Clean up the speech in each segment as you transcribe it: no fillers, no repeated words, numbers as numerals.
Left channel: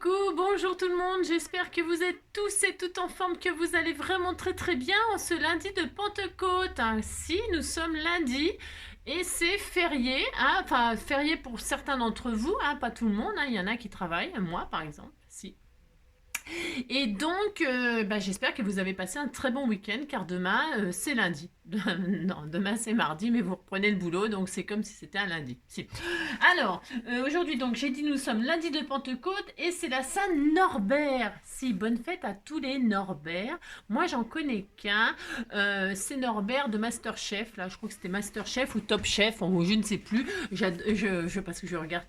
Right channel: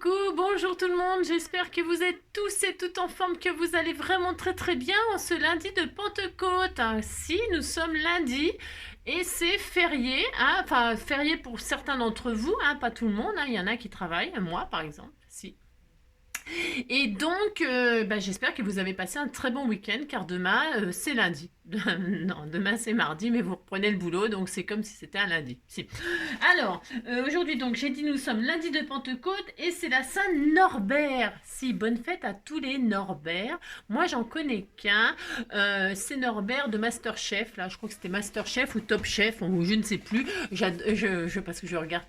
Coucou, bonjour tout le monde, j'espère que vous êtes tous et toutes en forme, que vous allez vraiment très bien en ce lundi de Pentecôte. Si, nous sommes lundi et c'est férié, enfin férié pour certains d'entre vous, pas tout le monde, il y en a qui travaillent, moi par exemple, si. Et donc, j'espère que vous avez passé un très bon week-end, car demain, c'est lundi. Non, demain c'est mardi, mais vous reprenez le boulot, donc c'est comme si c'était un lundi. Si. Alors, aujourd'hui, donc, j'ai dit nous sommes lundi de Pentecôte, et c'est la Saint-Norbert. Si, bonne fête à tous les Norbert. Moi, j'en connais qu'un. C'est Norbert de Masterchef, là, je crois que c'était Masterchef ou Top Chef, ou je ne sais plus. Parce que je regarde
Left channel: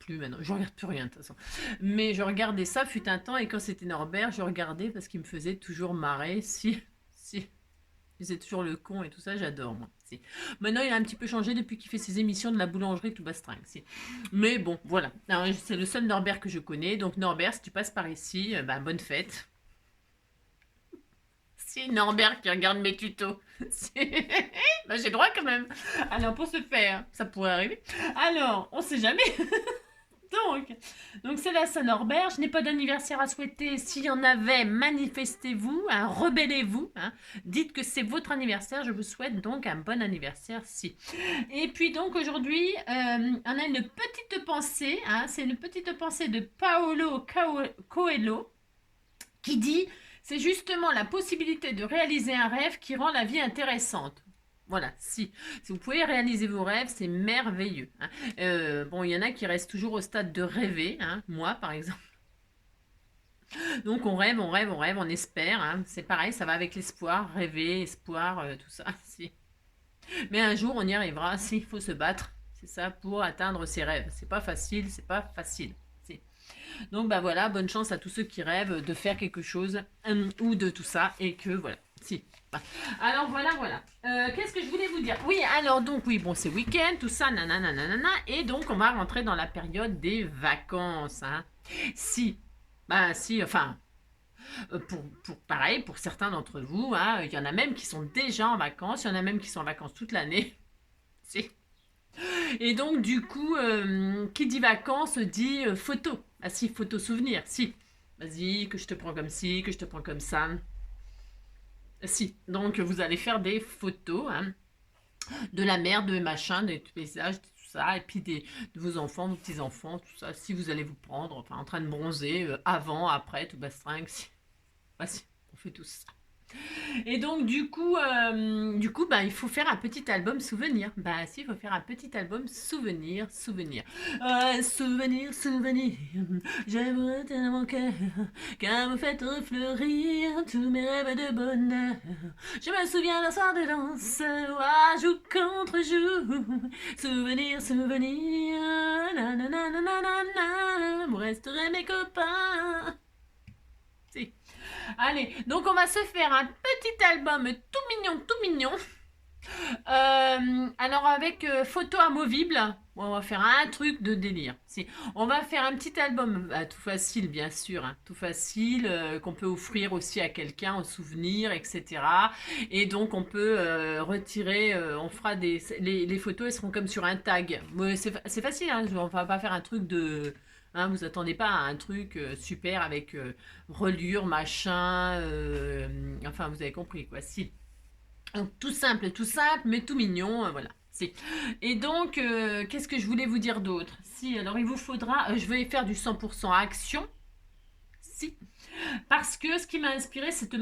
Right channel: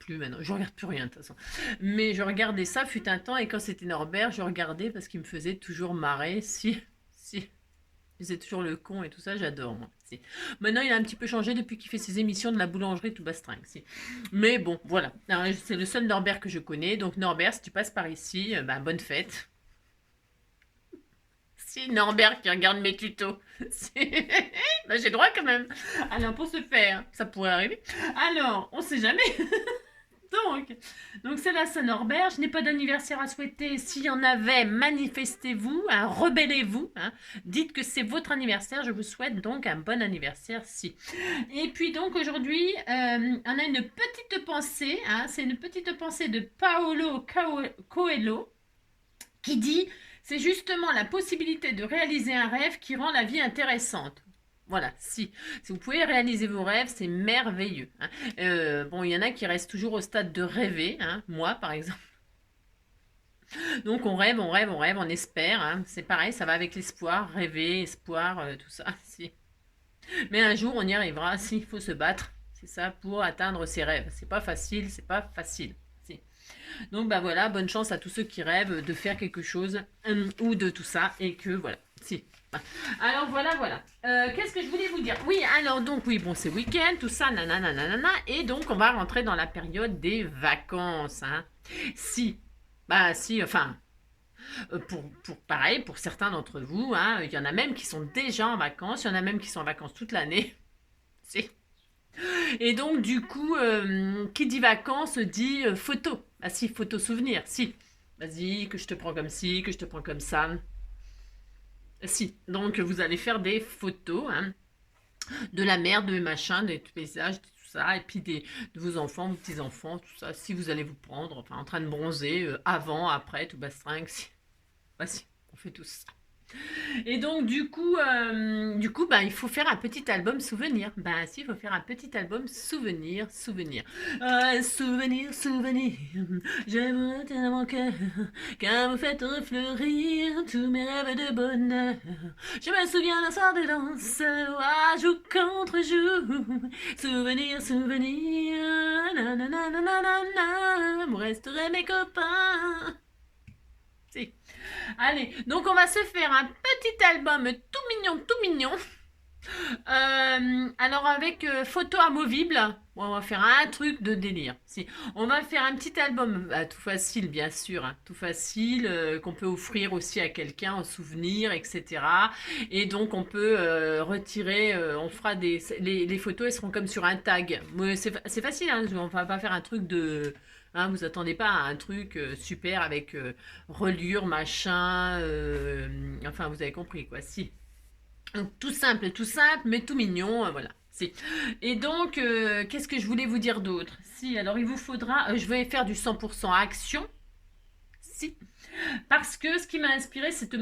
plus maintenant. Je regarde plus rien, de toute façon. Mais je regardais ça, fut un temps, et quand c'était Norbert, je regardais parce qu'il me faisait toujours marrer. Si. Il faisait toujours le con et tout ça, j'adore, moi. Si. Maintenant, il a un petit peu changé depuis qu'il fait ses émissions de la boulangerie tout bastringue. Si. Mais bon, voilà. C'est le seul Norbert que je connais. Donc, Norbert, si tu passes par ici, bonne fête. Si, Norbert qui regarde mes tutos. J'ai droit quand même. Alors, pour ce faire, ça pourrait arriver. Alors, on sait jamais. Donc c'est la Saint-Norbert. Je n'ai pas d'anniversaire à souhaiter. S'il y en avait, manifestez-vous, rebellez-vous. Dites que c'est votre anniversaire. Je vous souhaite donc un bon anniversaire. Si. Et puis donc aujourd'hui, on a une petite pensée. C'est une petite pensée de Paolo Coelho qui dit: c'est justement la possibilité de réaliser un rêve qui rend la vie intéressante. Voilà, si vous pouvez réaliser vos rêves, c'est merveilleux. Bon, il y en a qui restent toujours au stade de rêver, moi par exemple. Donc on rêve, on espère. C'est pareil, ça va avec l'espoir, rêver, espoir, tout ça. Si. Mais un jour, on y arrivera. S'il faut se battre, c'est ça, pour atteindre ses rêves. C'est pas facile. Si. Donc voilà, bonne chance à tous ceux qui rêvent de faire quelque chose ou de tout ça, et que voilà. Si. Alors voilà. Qu'est-ce que je voulais vous dire? Oui, alors donc oui, bon, c'est week-end, tout ça, nanana, et donc on va rentrer dans la période des vacances. Si, enfin, pareil, pour certains d'entre vous, il y en a même qui sont déjà en vacances, il y en a même qui sont en vacances toute l'année. Si. Et donc du coup, qui dit vacances dit photo. Ah si, photo souvenir, si. Vas-y, que je te prends comme ci, que je te prends comme ça. Si, donc vous allez faire des photos de la mer, de machin, des paysages, tout ça, et puis de vos enfants, vos petits-enfants, tout ça, si vous allez vous prendre, enfin en train de bronzer, avant, après, tout bastringue, si. Si, on fait tout ça. Et donc du coup, il faut faire un petit album souvenir. Si, il faut faire un petit album souvenir. Souvenir, j'aimerais tellement car vous faites refleurir tous mes rêves de bonheur. Je me souviens d'un soir de danse, jour contre jour. Souvenir, nanana, vous resterez mes copains. Si. Allez, donc on va se faire un petit album tout mignon. Alors avec photo amovible, on va faire un truc de délire. Si, on va faire un petit album tout facile, bien sûr, tout facile, qu'on peut offrir aussi à quelqu'un en souvenir, etc. Et donc on peut retirer, on fera les photos, elles seront comme sur un tag. C'est facile, on va pas faire un truc de... vous attendez pas à un truc super avec reliure, machin, enfin vous avez compris quoi, si. Donc, tout simple, mais tout mignon, voilà. Si. Et donc, qu'est-ce que je voulais vous dire d'autre? Si, alors il vous faudra, je vais faire du 100% action, si. Parce que ce qui m'a inspiré, c'est ce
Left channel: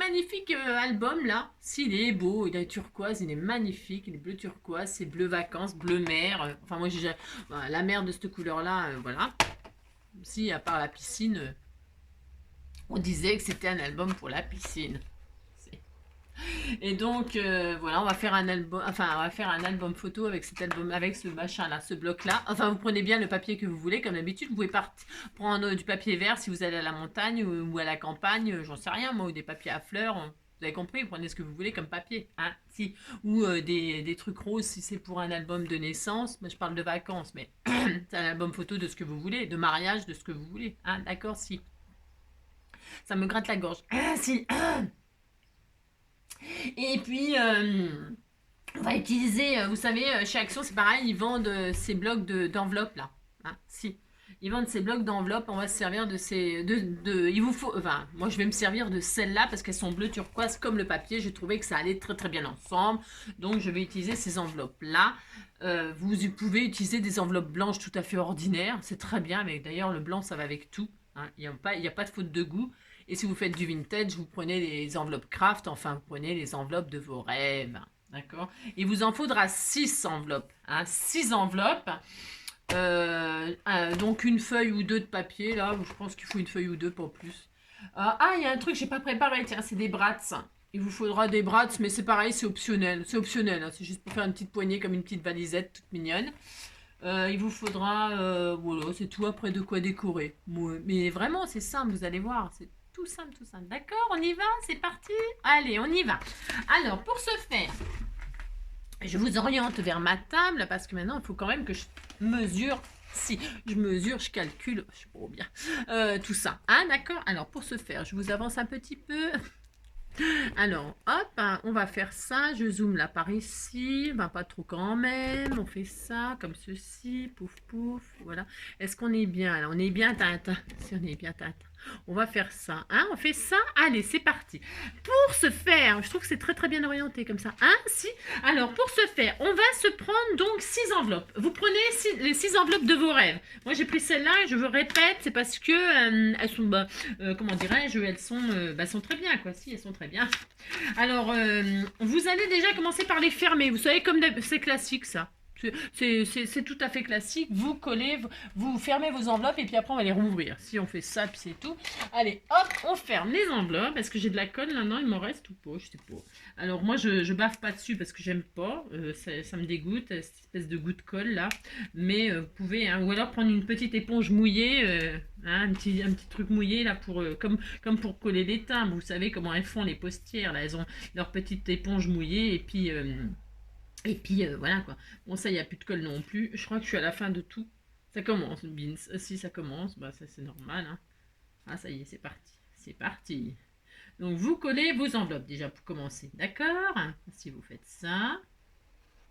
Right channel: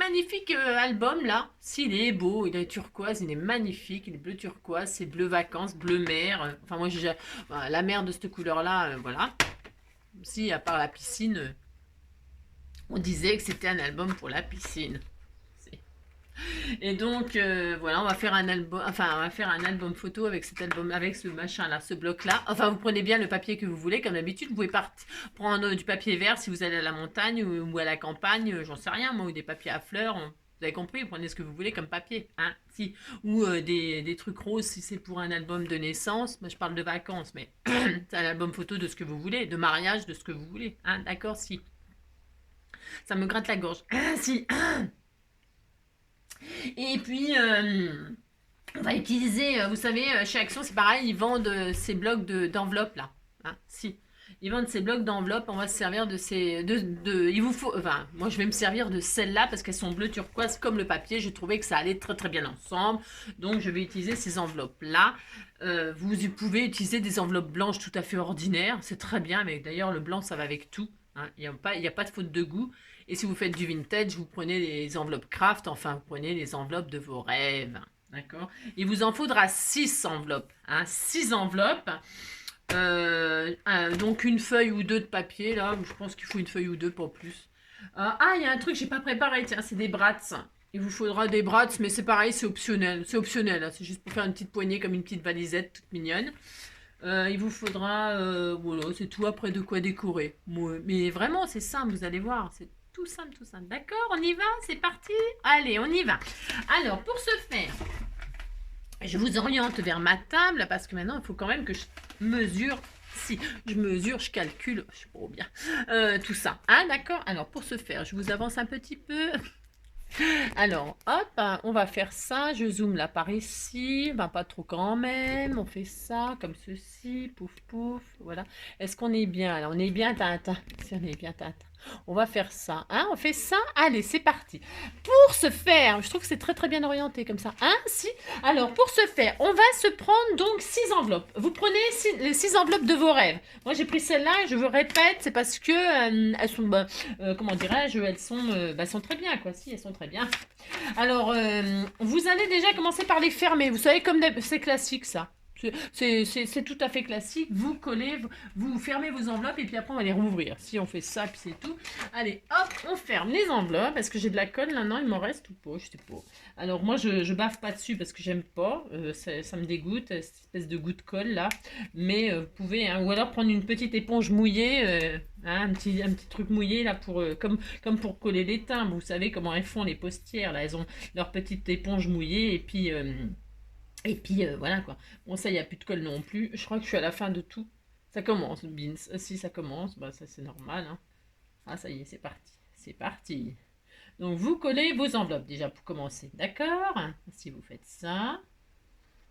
magnifique album là. S'il est beau, il est turquoise, il est magnifique, il est bleu turquoise, c'est bleu vacances, bleu mer. Enfin, moi, j'ai la mer de cette couleur-là, voilà. Si, à part la piscine, on disait que c'était un album pour la piscine. Et donc, voilà, on va faire un album photo avec cet album, avec ce machin-là, ce bloc-là. Enfin, vous prenez bien le papier que vous voulez, comme d'habitude. Vous pouvez prendre du papier vert si vous allez à la montagne ou à la campagne, j'en sais rien, moi, ou des papiers à fleurs. Vous avez compris, vous prenez ce que vous voulez comme papier, si. Ou des trucs roses si c'est pour un album de naissance. Moi, je parle de vacances, mais c'est un album photo de ce que vous voulez, de mariage, de ce que vous voulez. D'accord, si. Ça me gratte la gorge. Si. Et puis, on va utiliser, vous savez, chez Action, c'est pareil, ils vendent ces blocs d'enveloppes là. Si. Ils vendent ces blocs d'enveloppes. On va se servir de ces... il vous faut... Enfin, moi, je vais me servir de celles-là parce qu'elles sont bleu turquoise comme le papier. J'ai trouvé que ça allait très très bien ensemble. Donc, je vais utiliser ces enveloppes-là. Vous pouvez utiliser des enveloppes blanches tout à fait ordinaires. C'est très bien. Mais d'ailleurs, le blanc, ça va avec tout. Hein. Il n'y a pas de faute de goût. Et si vous faites du vintage, vous prenez les enveloppes craft. Enfin, vous prenez les enveloppes de vos rêves. D'accord. Il vous en faudra 6 enveloppes. Hein, 6 enveloppes. Donc une feuille ou deux de papier. Là, je pense qu'il faut une feuille ou deux pour plus. Il y a un truc que j'ai pas préparé. Tiens, c'est des brats. Il vous faudra des brats, mais c'est pareil, c'est optionnel. C'est optionnel. Hein, c'est juste pour faire une petite poignée comme une petite valisette toute mignonne. Il vous faudra... voilà, c'est tout après de quoi décorer. Mais vraiment, c'est simple, vous allez voir. C'est tout simple, tout simple. D'accord, on y va? C'est parti? Allez, on y va. Alors, pour ce faire, je vous oriente vers ma table parce que maintenant, il faut quand même que je mesure. Si je mesure, je calcule, je sais pas bien, tout ça. Hein, d'accord? Alors, pour ce faire, je vous avance un petit peu. Alors, hop, hein, on va faire ça. Je zoome là par ici. Ben, pas trop quand même. On fait ça comme ceci. Pouf, pouf. Voilà. Est-ce qu'on est bien? Alors, on est bien, Tintin. Si on est bien, Tintin. On va faire ça. Hein, on fait ça. Allez, c'est parti. Pour ce faire, je trouve que c'est très très bien orienté comme ça. Hein, si. Alors, pour ce faire, on va se prendre donc 6 enveloppes. Vous prenez les 6 enveloppes de vos rêves. Moi, j'ai pris celle-là. Je vous répète, c'est parce que elles sont, comment dirais-je, elles sont très bien, quoi. Si, elles sont très bien. Alors, vous allez déjà commencer par les fermer. Vous savez, comme c'est classique, ça. C'est tout à fait classique. Vous collez, vous fermez vos enveloppes et puis après on va les rouvrir. Si on fait ça, puis c'est tout. Allez, hop, on ferme les enveloppes. Est-ce que j'ai de la colle là? Non, il m'en reste ou pas? Je sais pas. Alors moi, je baffe pas dessus parce que j'aime pas. Ça me dégoûte, cette espèce de goût de colle là. Mais vous pouvez, hein, ou alors prendre une petite éponge mouillée, hein, un petit truc mouillé là pour comme pour coller les timbres. Vous savez comment elles font les postières là. Elles ont leur petite éponge mouillée et puis voilà quoi. Bon, ça, il n'y a plus de colle non plus. Je crois que je suis à la fin de tout. Ça commence, Beans. Si ça commence, bah ça c'est normal. Hein. Ah, ça y est, c'est parti. C'est parti. Donc, vous collez vos enveloppes déjà pour commencer. D'accord? Si vous faites ça.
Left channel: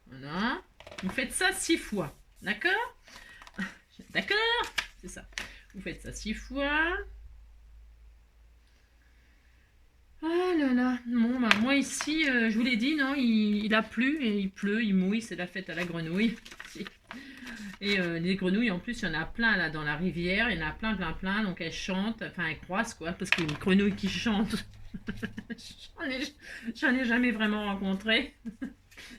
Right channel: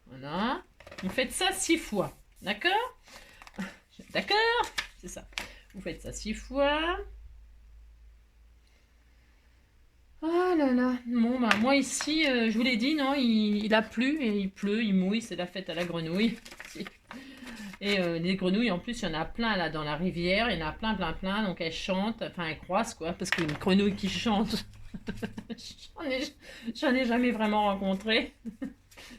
Voilà. Vous faites ça 6 fois. D'accord? D'accord? C'est ça. Vous faites ça 6 fois. Oh là là, bon bah moi ici, je vous l'ai dit, non, il a plu et il pleut, il mouille, c'est la fête à la grenouille. Et les grenouilles, en plus, il y en a plein là dans la rivière, il y en a plein, plein, plein, donc elles chantent, enfin elles croissent quoi, parce qu'une grenouille qui chante, j'en ai jamais vraiment rencontré.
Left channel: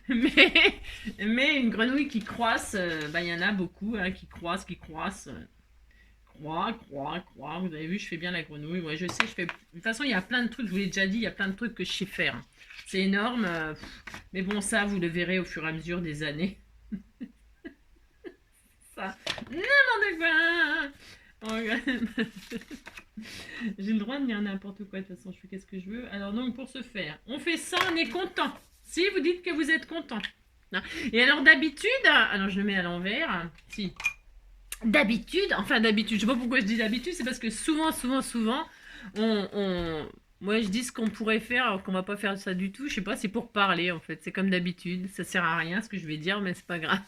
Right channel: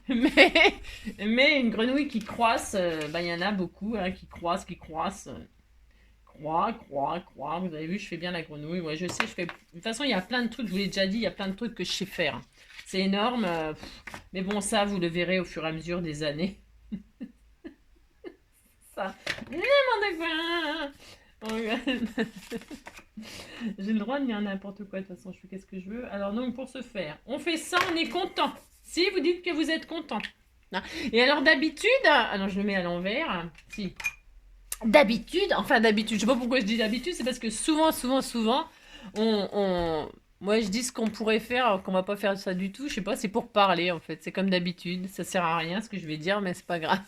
mais une grenouille qui croisse, bah il y en a beaucoup, hein, qui croissent. Croix. Vous avez vu, je fais bien la grenouille. Ouais, je sais, je fais. De toute façon, il y a plein de trucs, je vous l'ai déjà dit, il y a plein de trucs que je sais faire. C'est énorme. Mais bon, ça, vous le verrez au fur et à mesure des années. Ça. N'importe quoi. Oh, j'ai le droit de dire n'importe quoi, de toute façon, je fais qu'est-ce que je veux. Alors, donc, pour ce faire, on fait ça, on est content. Si vous dites que vous êtes content. Et alors, d'habitude, alors je le mets à l'envers. Si. D'habitude, je sais pas pourquoi je dis d'habitude, c'est parce que souvent, moi je dis ce qu'on pourrait faire alors qu'on va pas faire ça du tout, je sais pas, c'est pour parler en fait, c'est comme d'habitude, ça sert à rien ce que je vais dire, mais c'est pas grave.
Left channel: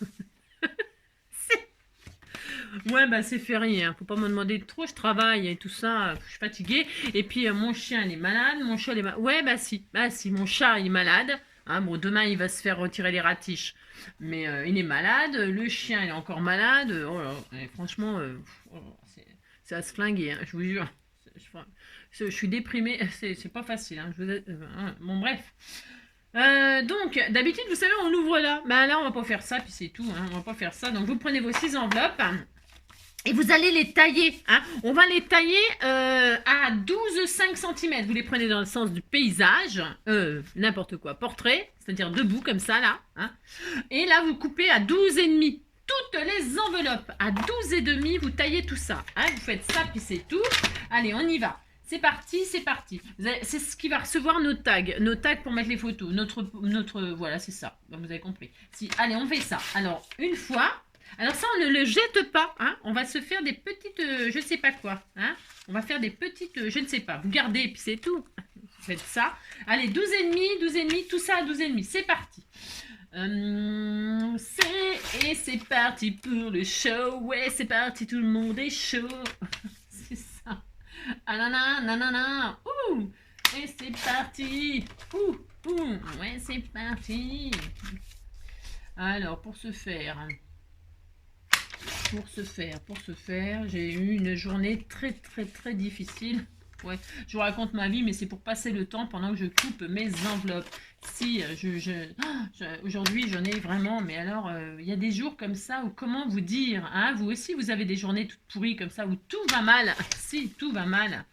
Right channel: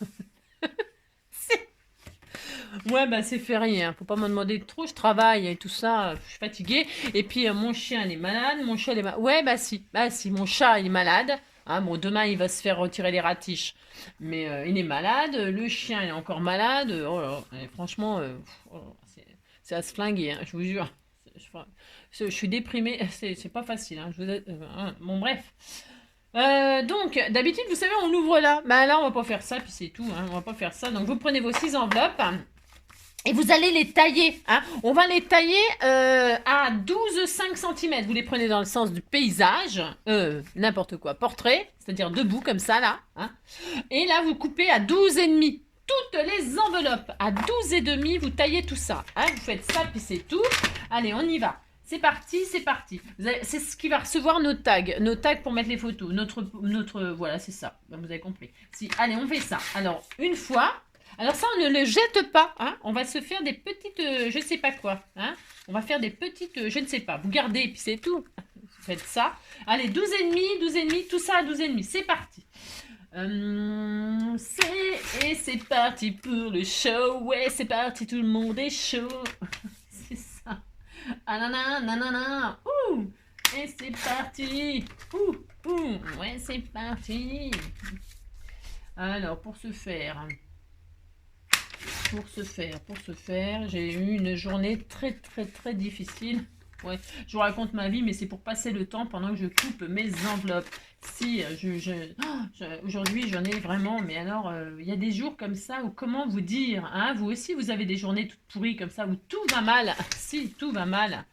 Ouais, bah c'est férié, hein. Faut pas me demander trop, je travaille et tout ça, je suis fatiguée, et puis mon chien il est malade, mon chat il est malade, ouais bah si, mon chat il est malade, hein, bon demain il va se faire retirer les ratiches. Mais il est malade, le chien est encore malade. Oh là, et franchement, c'est à se flinguer, hein, je vous jure. Je suis déprimée, c'est pas facile. Hein, bon, bref. Donc, d'habitude, vous savez, on l'ouvre là. Ben là, on va pas faire ça, puis c'est tout. Hein, on va pas faire ça. Donc, vous prenez vos 6 enveloppes. Et vous allez les tailler. Hein. On va les tailler à 12,5 cm. Vous les prenez dans le sens du paysage. N'importe quoi. Portrait. C'est-à-dire debout comme ça là. Hein. Et là, vous coupez à 12,5. Toutes les enveloppes à 12,5. Vous taillez tout ça. Hein. Vous faites ça, puis c'est tout. Allez, on y va. C'est parti, c'est parti. C'est ce qui va recevoir nos tags. Nos tags pour mettre les photos. Voilà, c'est ça. Vous avez compris. Si, allez, on fait ça. Alors, une fois... Alors ça, on ne le jette pas, hein. On va se faire des petites, je ne sais pas quoi, hein. On va faire des petites, je ne sais pas. Vous gardez et puis c'est tout. Vous faites ça. Allez, 12,5, tout ça à 12,5. C'est parti. Et c'est parti pour le show. Ouais, c'est parti, tout le monde est chaud. C'est ça. Ah nanana, nanana. Ouh. Et c'est parti. Ouh, ouh. Ouais, c'est parti. Alors, pour ce faire, j'ai eu une journée très, très, très difficile. Ouais, je vous raconte ma vie, mais c'est pour passer le temps pendant que je coupe mes enveloppes. Si, aujourd'hui, j'en ai vraiment, mais alors, il y a des jours comme ça où, comment vous dire, hein, vous aussi, vous avez des journées toutes pourries comme ça, où tout va mal. Si, tout va mal.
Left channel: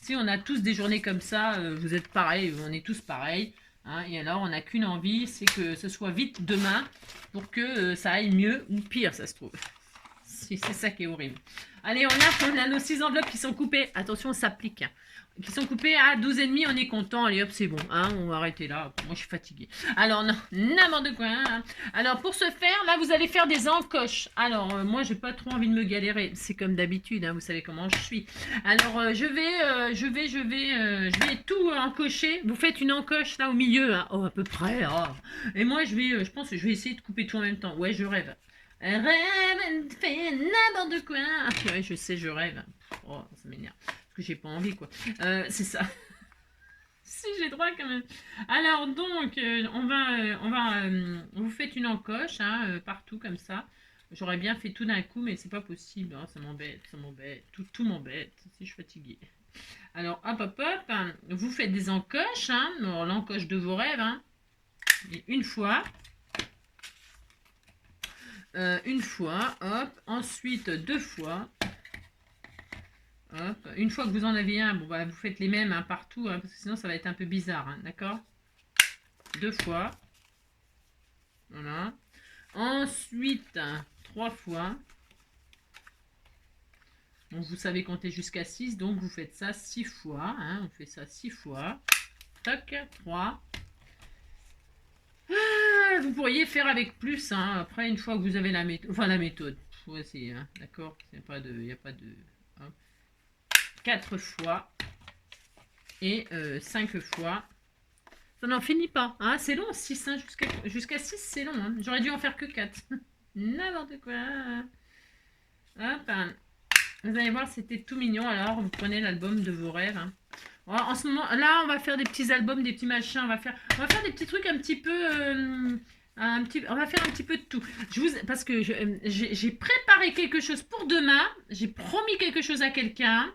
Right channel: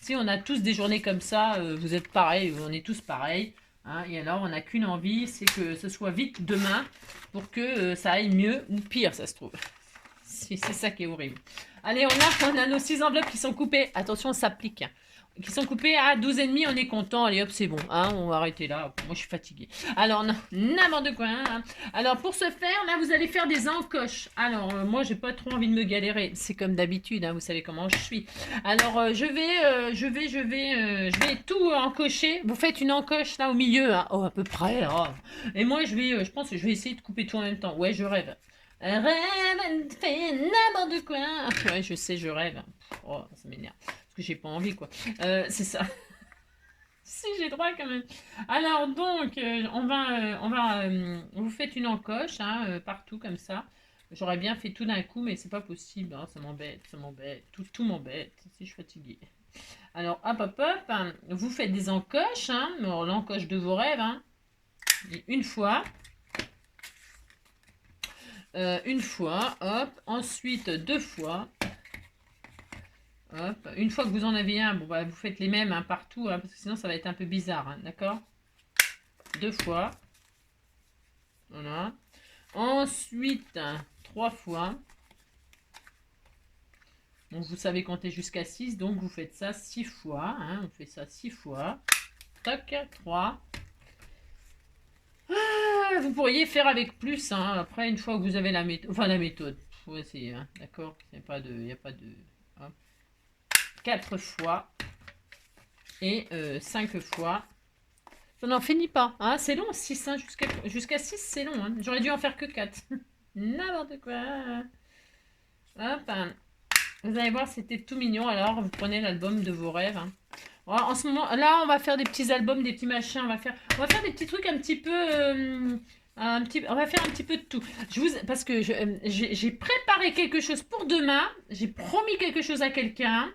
Si, on a tous des journées comme ça, vous êtes pareils, on est tous pareils. Hein, et alors, on n'a qu'une envie, c'est que ce soit vite demain pour que ça aille mieux ou pire, ça se trouve. C'est ça qui est horrible. Allez, on a nos 6 enveloppes qui sont coupées. Attention, ça pique. Qui sont coupées à 12,5, on est content. Allez hop, c'est bon. Hein, on va arrêter là. Moi, je suis fatiguée. Alors, n'importe quoi. Hein. Alors, pour ce faire, là, vous allez faire des encoches. Alors, moi, j'ai pas trop envie de me galérer. C'est comme d'habitude, hein, vous savez comment je suis. Alors, je vais tout encocher. Vous faites une encoche là au milieu. Hein. Oh, à peu près. Oh. Et moi, je pense que je vais essayer de couper tout en même temps. Ouais, je rêve. Rêve, fais n'importe quoi. Ouais, je sais, je rêve. Oh, ça m'énerve. Parce que j'ai pas envie, quoi. C'est ça. Si, j'ai droit quand même. Alors, donc, vous faites une encoche, hein, partout comme ça. J'aurais bien fait tout d'un coup, mais c'est pas possible. Hein, ça m'embête. Tout m'embête. Si, je suis fatiguée. Alors, hop. Hein, vous faites des encoches, hein. L'encoche de vos rêves, hein. Et une fois, hop, ensuite 2 fois, hop, une fois que vous en avez un, bon, bah, vous faites les mêmes hein, partout, hein, parce que sinon ça va être un peu bizarre, hein, d'accord? 2 fois, voilà, ensuite 3 fois, donc vous savez compter jusqu'à 6, donc vous faites ça 6 fois, hein, on fait ça 6 fois, toc, 3, vous pourriez faire avec plus, hein, après une fois que vous avez la méthode, ouais, c'est, hein, d'accord, il n'y a pas de, hop. 4 fois et 5 fois. Ça n'en finit pas. Hein, c'est long, 6. Hein, jusqu'à 6, c'est long. Hein. J'aurais dû en faire que 4. N'importe quoi. Hop. Hein. Vous allez voir, c'était tout mignon. Alors, vous prenez l'album de vos rêves. Hein. En ce moment, là, on va faire des petits albums, des petits machins. On va faire des petits trucs un petit peu... on va faire un petit peu de tout. Parce que j'ai préparé quelque chose pour demain. J'ai promis quelque chose à quelqu'un.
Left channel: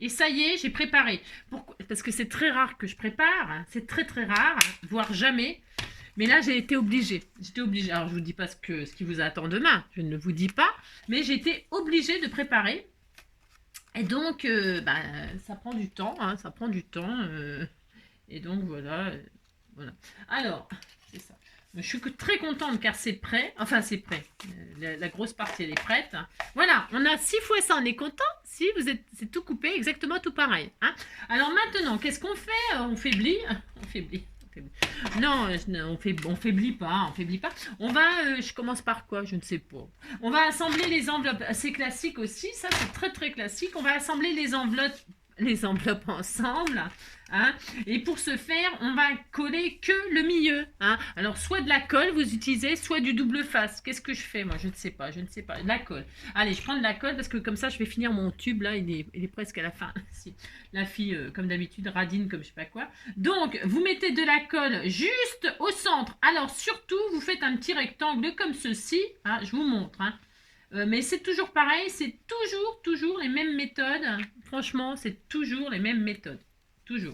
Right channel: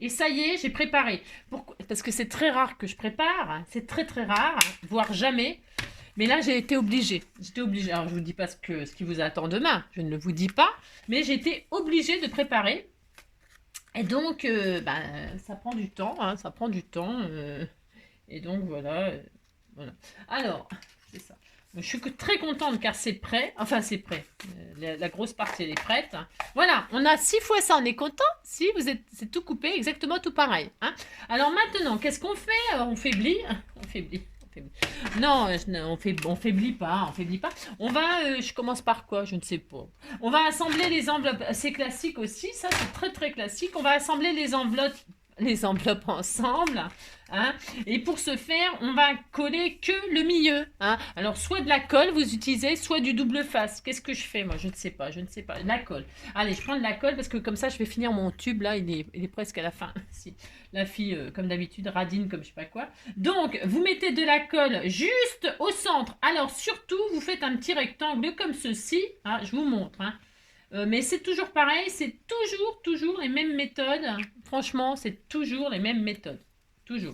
Et ça y est, j'ai préparé. Pourquoi? Parce que c'est très rare que je prépare. Hein. C'est très très rare, voire jamais. Mais là, j'ai été obligée. J'étais obligée. Alors, je ne vous dis pas ce qui vous attend demain. Je ne vous dis pas. Mais j'ai été obligée de préparer. Et donc, ça prend du temps. Hein, ça prend du temps. Et donc, voilà. Voilà. Alors, c'est ça. Je suis très contente car c'est prêt. Enfin, c'est prêt. La grosse partie, elle est prête. Voilà, on a 6 fois ça. On est content. Si, c'est tout coupé, exactement tout pareil. Hein. Alors maintenant, qu'est-ce qu'on fait? On faiblit. On faiblit. Non, on faiblit pas. On va, je commence par quoi? Je ne sais pas. On va assembler les enveloppes. C'est classique aussi. Ça, c'est très très classique. On va assembler les enveloppes ensemble. Hein. Et pour ce faire, on va coller que le milieu. Hein. Alors, soit de la colle, vous utilisez, soit du double face. Qu'est-ce que je fais, moi? Je ne sais pas. La colle. Allez, je prends de la colle parce que comme ça, je vais finir mon tube. Là, il est presque à la fin. Si. La fille, comme d'habitude, radine comme je sais pas quoi. Donc, vous mettez de la colle juste au centre. Alors, surtout, vous faites un petit rectangle comme ceci. Hein, je vous montre. Hein. Mais c'est toujours pareil. C'est toujours les mêmes méthodes. Franchement, c'est toujours les mêmes méthodes. Toujours.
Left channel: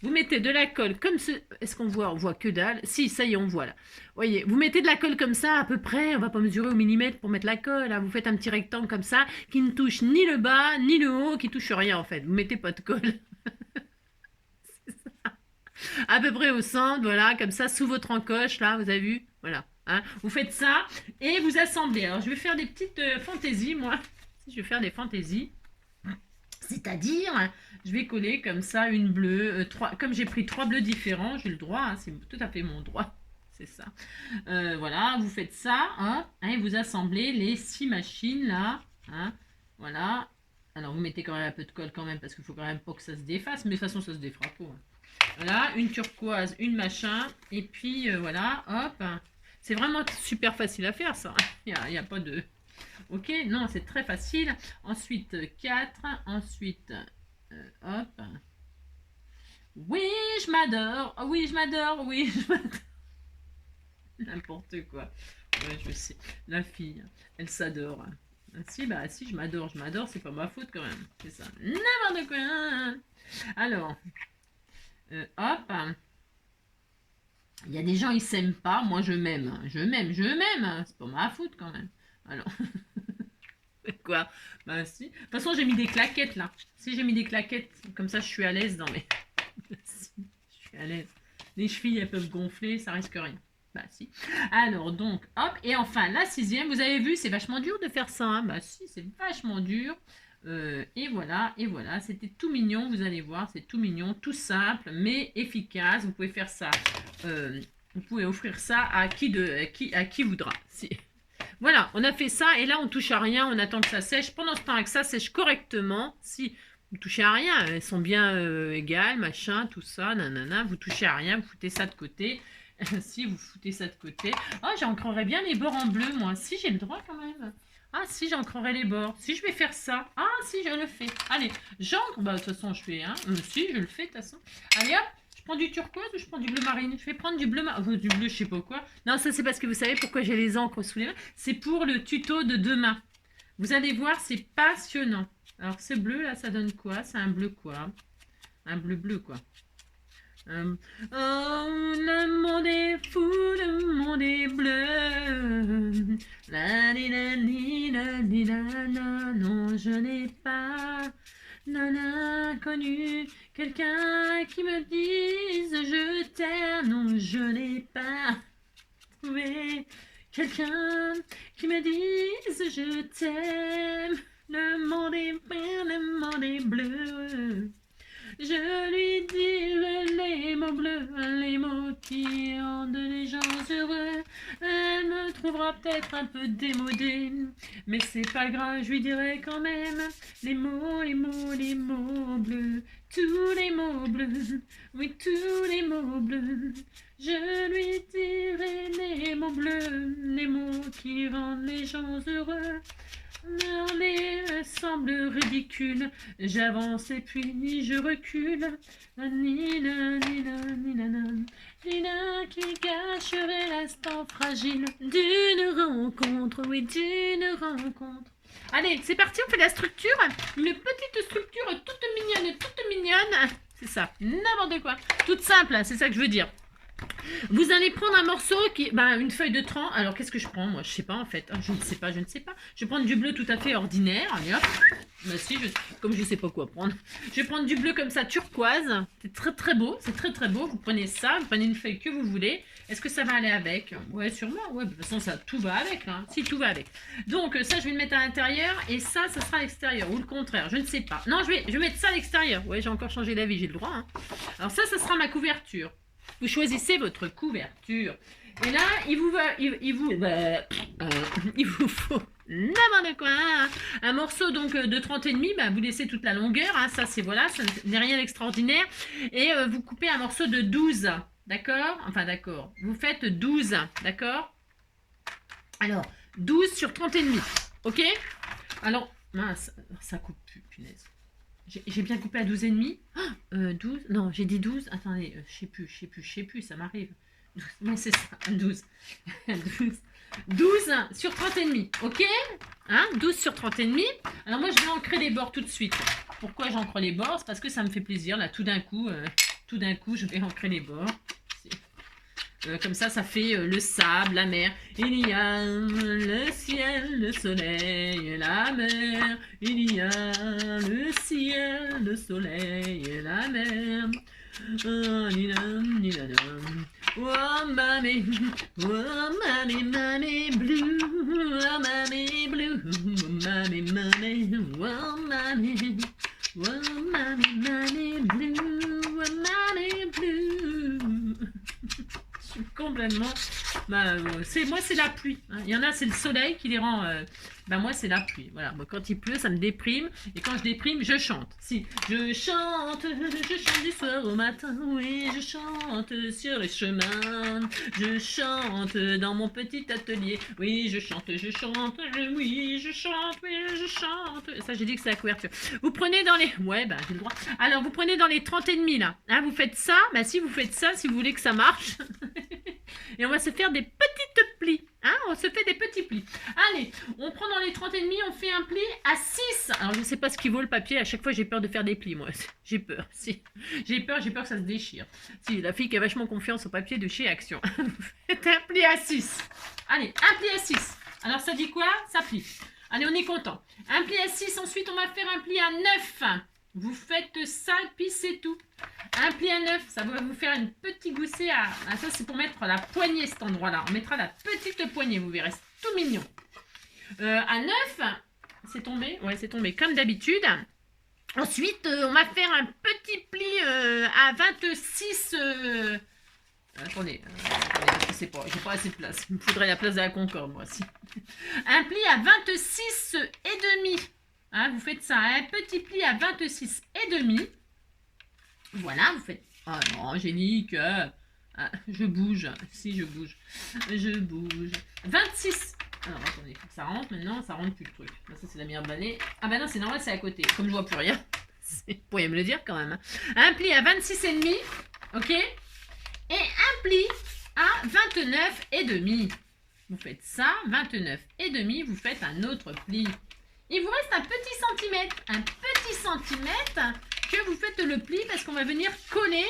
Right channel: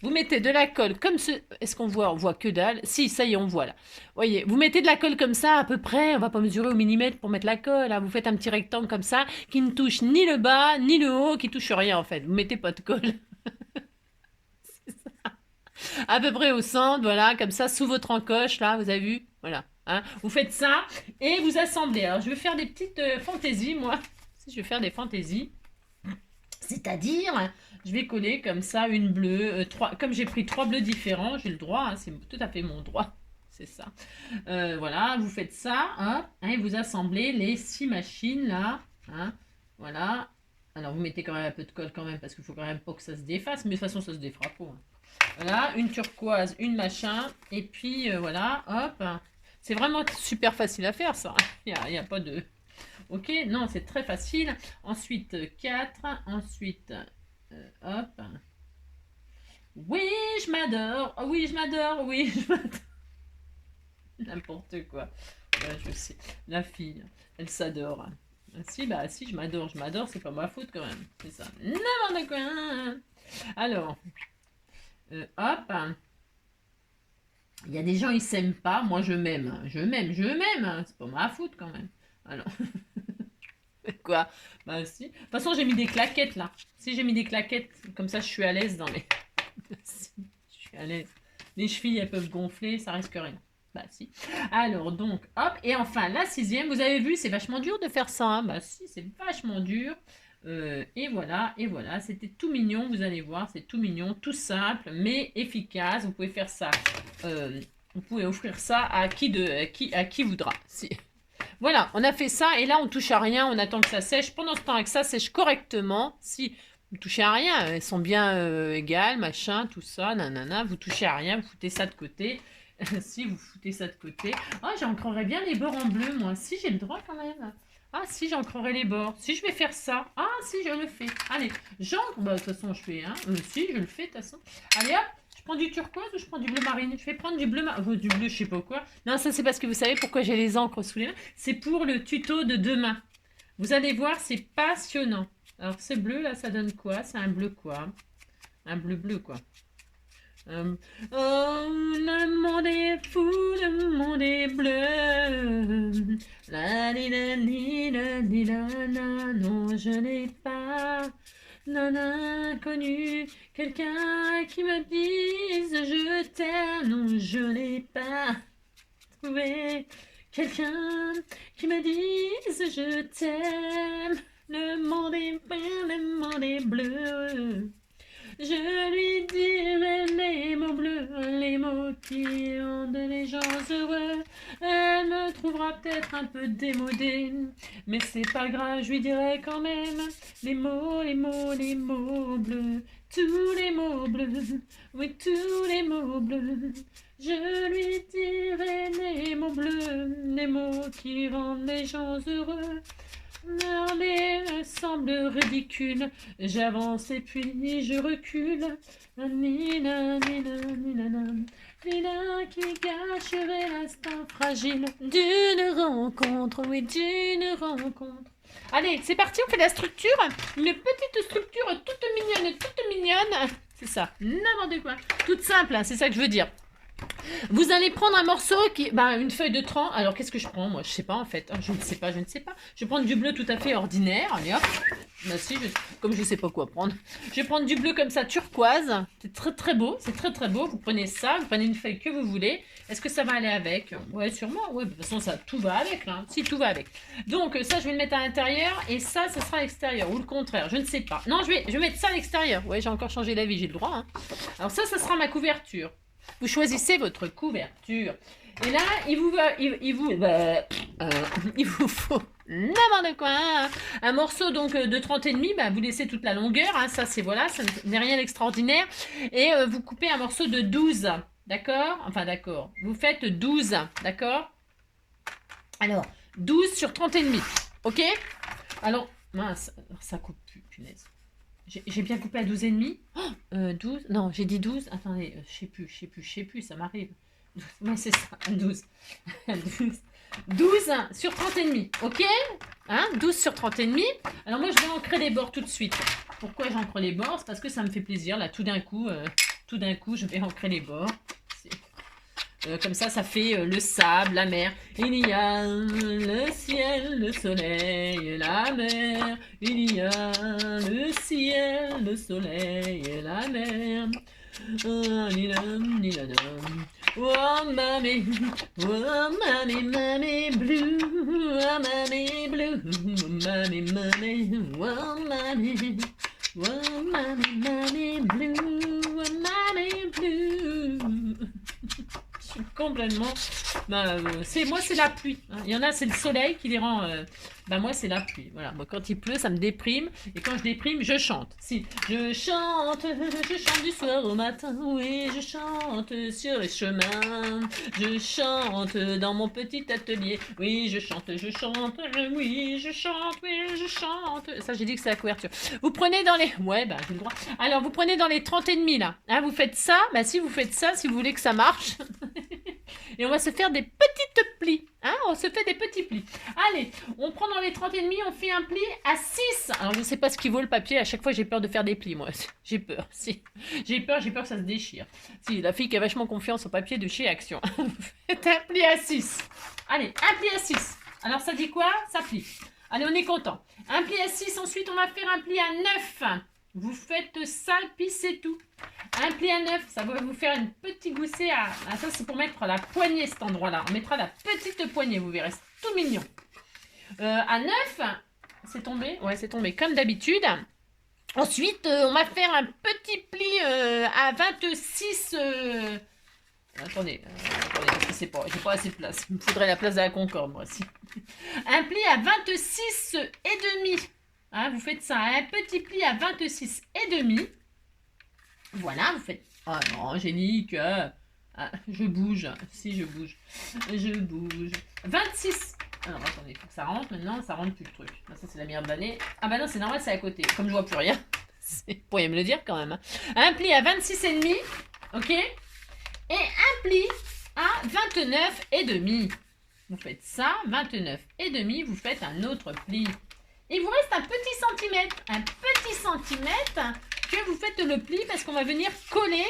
Vous mettez de la colle comme ce... Est-ce qu'on voit? On voit que dalle. Si, ça y est, on voit là. Voyez, vous mettez de la colle comme ça, à peu près. On va pas mesurer au millimètre pour mettre la colle. Hein. Vous faites un petit rectangle comme ça, qui ne touche ni le bas, ni le haut, qui touche rien en fait. Vous mettez pas de colle. À peu près au centre, voilà, comme ça, sous votre encoche, là, vous avez vu? Voilà. Hein. Vous faites ça et vous assemblez. Alors, je vais faire des petites fantaisies, moi. Je vais faire des fantaisies. C'est-à-dire, je vais coller comme ça une bleue, comme j'ai pris 3 bleus différents, j'ai le droit, hein, c'est tout à fait mon droit, c'est ça. Voilà, vous faites ça, hein, et vous assemblez les 6 machines là, hein, voilà. Alors vous mettez quand même un peu de colle quand même, parce qu'il faut quand même pas que ça se défasse, mais de toute façon ça se défera pas. Hein. Voilà, une turquoise, une machin, et puis voilà, hop, C'est vraiment super facile à faire, ça. Il y a pas de... Ok, non, c'est très facile. Ensuite, 4. Ensuite, hop. Oui, je m'adore. Oh, oui, je m'adore. Oui, je m'adore. N'importe quoi. Ouais, je sais. La fille, elle s'adore. Si, bah si, je m'adore, c'est pas ma faute quand même. C'est ça. N'importe quoi. Alors, hop. Il y a des gens, ils s'aiment pas. Moi, je m'aime. Je m'aime. C'est pas ma faute quand même. Alors, quoi? Bah si. De toute façon, j'ai mis des claquettes là. Si j'ai mis des claquettes, comme ça, je suis à l'aise dans les... je suis à l'aise. Les chevilles, elles peuvent gonfler, ça risque rien. Bah si. Alors donc, hop. Et enfin, la 6e, vous avez vu, c'est vachement dur de faire ça. Hein. Bah si, c'est vachement dur. Et voilà, c'était tout mignon, vous allez voir, c'est tout mignon, tout simple, mais efficace. Vous pouvez faire ça, vous pouvez offrir ça à qui voudra. Si. Voilà, on a fait ça, et là, on touche à rien, on attend que ça sèche. Pendant ce temps que ça sèche correctement, si vous touchez à rien, elles sont bien égales, machin, tout ça, nanana, vous touchez à rien, vous foutez ça de côté. Si vous foutez ça de côté. Oh, j'ancrerais bien les bords en bleu, moi. Si, j'ai le droit quand même. Ah, si, j'ancrerai les bords. Si, je vais faire ça. Ah, si, je le fais. Allez, j'ancre. Bah, de toute façon, je fais, hein. Si, je le fais, de toute façon. Allez, hop. Je prends du turquoise ou je prends du bleu marine? Je vais prendre du bleu du bleu, je sais pas quoi. Non, ça, c'est parce que vous savez pourquoi j'ai les encres sous les mains. C'est pour le tuto de demain. Vous allez voir, c'est passionnant. Alors, ce bleu, là, ça donne quoi? C'est un bleu quoi? Un bleu, quoi. Oh, le monde est fou, le monde est bleu. La li la li la li la la. Non, je n'ai pas connu quelqu'un qui me dise je t'aime. Non, je n'ai pas trouvé quelqu'un qui me dise je t'aime. Le monde est bleu, le monde est bleu. Je lui dirai les mots bleus, les mots qui rendent les gens heureux. Elle me trouvera peut-être un peu démodée, mais c'est pas grave, je lui dirai quand même les mots, les mots, les mots bleus. Tous les mots bleus, oui, tous les mots bleus. Je lui dirai les mots bleus, les mots qui rendent les gens heureux. L'armée me semble ridicule, j'avance et puis je recule. Nina, nina, nina, nina qui gâcherait l'instant fragile d'une rencontre, oui, d'une rencontre. Allez, c'est parti, on fait la structure. Une petite structure toute mignonne. C'est ça, n'importe quoi. Toute simple, hein, c'est ça que je veux dire. Vous allez prendre un morceau qui... une feuille de 30. Alors, qu'est-ce que je prends? Moi, je sais pas, en fait. Je ne sais pas. Je vais prendre du bleu tout à fait ordinaire. Allez, hop. Bah, si, comme je sais pas quoi prendre. Je vais prendre du bleu comme ça, turquoise. C'est très, très beau. C'est très, très beau. Vous prenez ça. Vous prenez une feuille que vous voulez. Est-ce que ça va aller avec? Ouais, sûrement. Ouais, de toute façon, ça, tout va avec. Hein. Si, tout va avec. Donc, ça, je vais le mettre à l'intérieur. Et ça sera à l'extérieur. Ou le contraire. Je ne sais pas. Non, je vais mettre ça à l'extérieur. Ouais, j'ai encore changé d'avis. J'ai le droit. Hein. Alors, ça sera ma couverture. Vous choisissez votre couverture. Et là, il vous faut n'importe quoi. Hein. Un morceau donc de 30,5, vous laissez toute la longueur. Hein. Ça, c'est voilà, ça n'est rien d'extraordinaire. Et vous coupez un morceau de 12. D'accord? Enfin, d'accord. Vous faites 12. D'accord? Alors, 12 sur 30,5. Ok? Alors, mince, ça coupe plus, punaise. J'ai bien coupé à 12,5. 12. Non, j'ai dit 12. Attendez, je sais plus, ça m'arrive. Non, c'est ça, 12. 12 sur 30,5. Ok? Hein? 12 sur 30,5. Alors moi, je vais ancrer les bords tout de suite. Pourquoi j'ancre les bords? C'est parce que ça me fait plaisir. Là, tout d'un coup, je vais ancrer les bords. Comme ça fait le sable, la mer. Il y a le ciel, le soleil, la mer. Il y a le ciel, le soleil, la mer. Oh, mamie blue, oh, mamie blue, mamie, oh, mamie, oh, mamie blue, oh, mamie blue. Je suis complètement Bah, moi, c'est la pluie. Hein. Il y en a, c'est le soleil qui les rend. Bah, moi, c'est la pluie. Voilà. Moi, quand il pleut, ça me déprime. Et quand je déprime, je chante. Si, je chante du soir au matin. Oui, je chante sur les chemins. Je chante dans mon petit atelier. Oui, je chante, oui, je chante, oui, je chante. Ça, j'ai dit que c'est la couverture. Vous prenez dans les. Ouais, bah, j'ai le droit. Alors, vous prenez dans les 30 et demi, là. Hein, vous faites ça. Bah, si vous faites ça, si vous voulez que ça marche. Et on va se faire des petites plis. Hein, on se fait des petits plis. Allez, on prend dans les 30 et demi, on fait un pli à 6. Alors, je ne sais pas ce qui vaut le papier. À chaque fois, j'ai peur de faire des plis, moi. J'ai peur. Si. J'ai peur que ça se déchire. Si, la fille qui a vachement confiance au papier de chez Action. Faites un pli à 6. Allez, un pli à 6. Alors, ça dit quoi? Ça plie. Allez, on est content. Un pli à 6. Ensuite, on va faire un pli à 9. Vous faites ça, puis c'est tout. Un pli à 9, ça va vous faire une petite goussée à... Ah, ça, c'est pour mettre la poignée, cet endroit-là. On mettra la petite poignée, vous verrez. C'est tout mignon. À 9, c'est tombé. Ouais, c'est tombé comme d'habitude. Ensuite, on va faire un petit pli à 26... Attendez, je sais pas, j'ai pas assez de place. Il me faudrait la place de la Concorde, moi aussi. Un pli à 26 et demi. Hein, vous faites ça, un petit pli à 26 et demi. Voilà, vous faites... Oh non, Angélique, je bouge. Si, je bouge. Je bouge. 26. Alors, attendez, il faut que ça rentre maintenant. Ça rentre plus le truc. Ça, c'est la merde d'année. Ah bah non, c'est normal, c'est à côté. Comme je vois plus rien. Vous pourriez me le dire quand même. Hein. Un pli à 26 et demi. Ok. Et un pli à 29 et demi. Vous faites ça, 29 et demi. Vous faites un autre pli. Il vous reste un petit centimètre. Un petit centimètre que vous faites le pli parce qu'on va venir coller.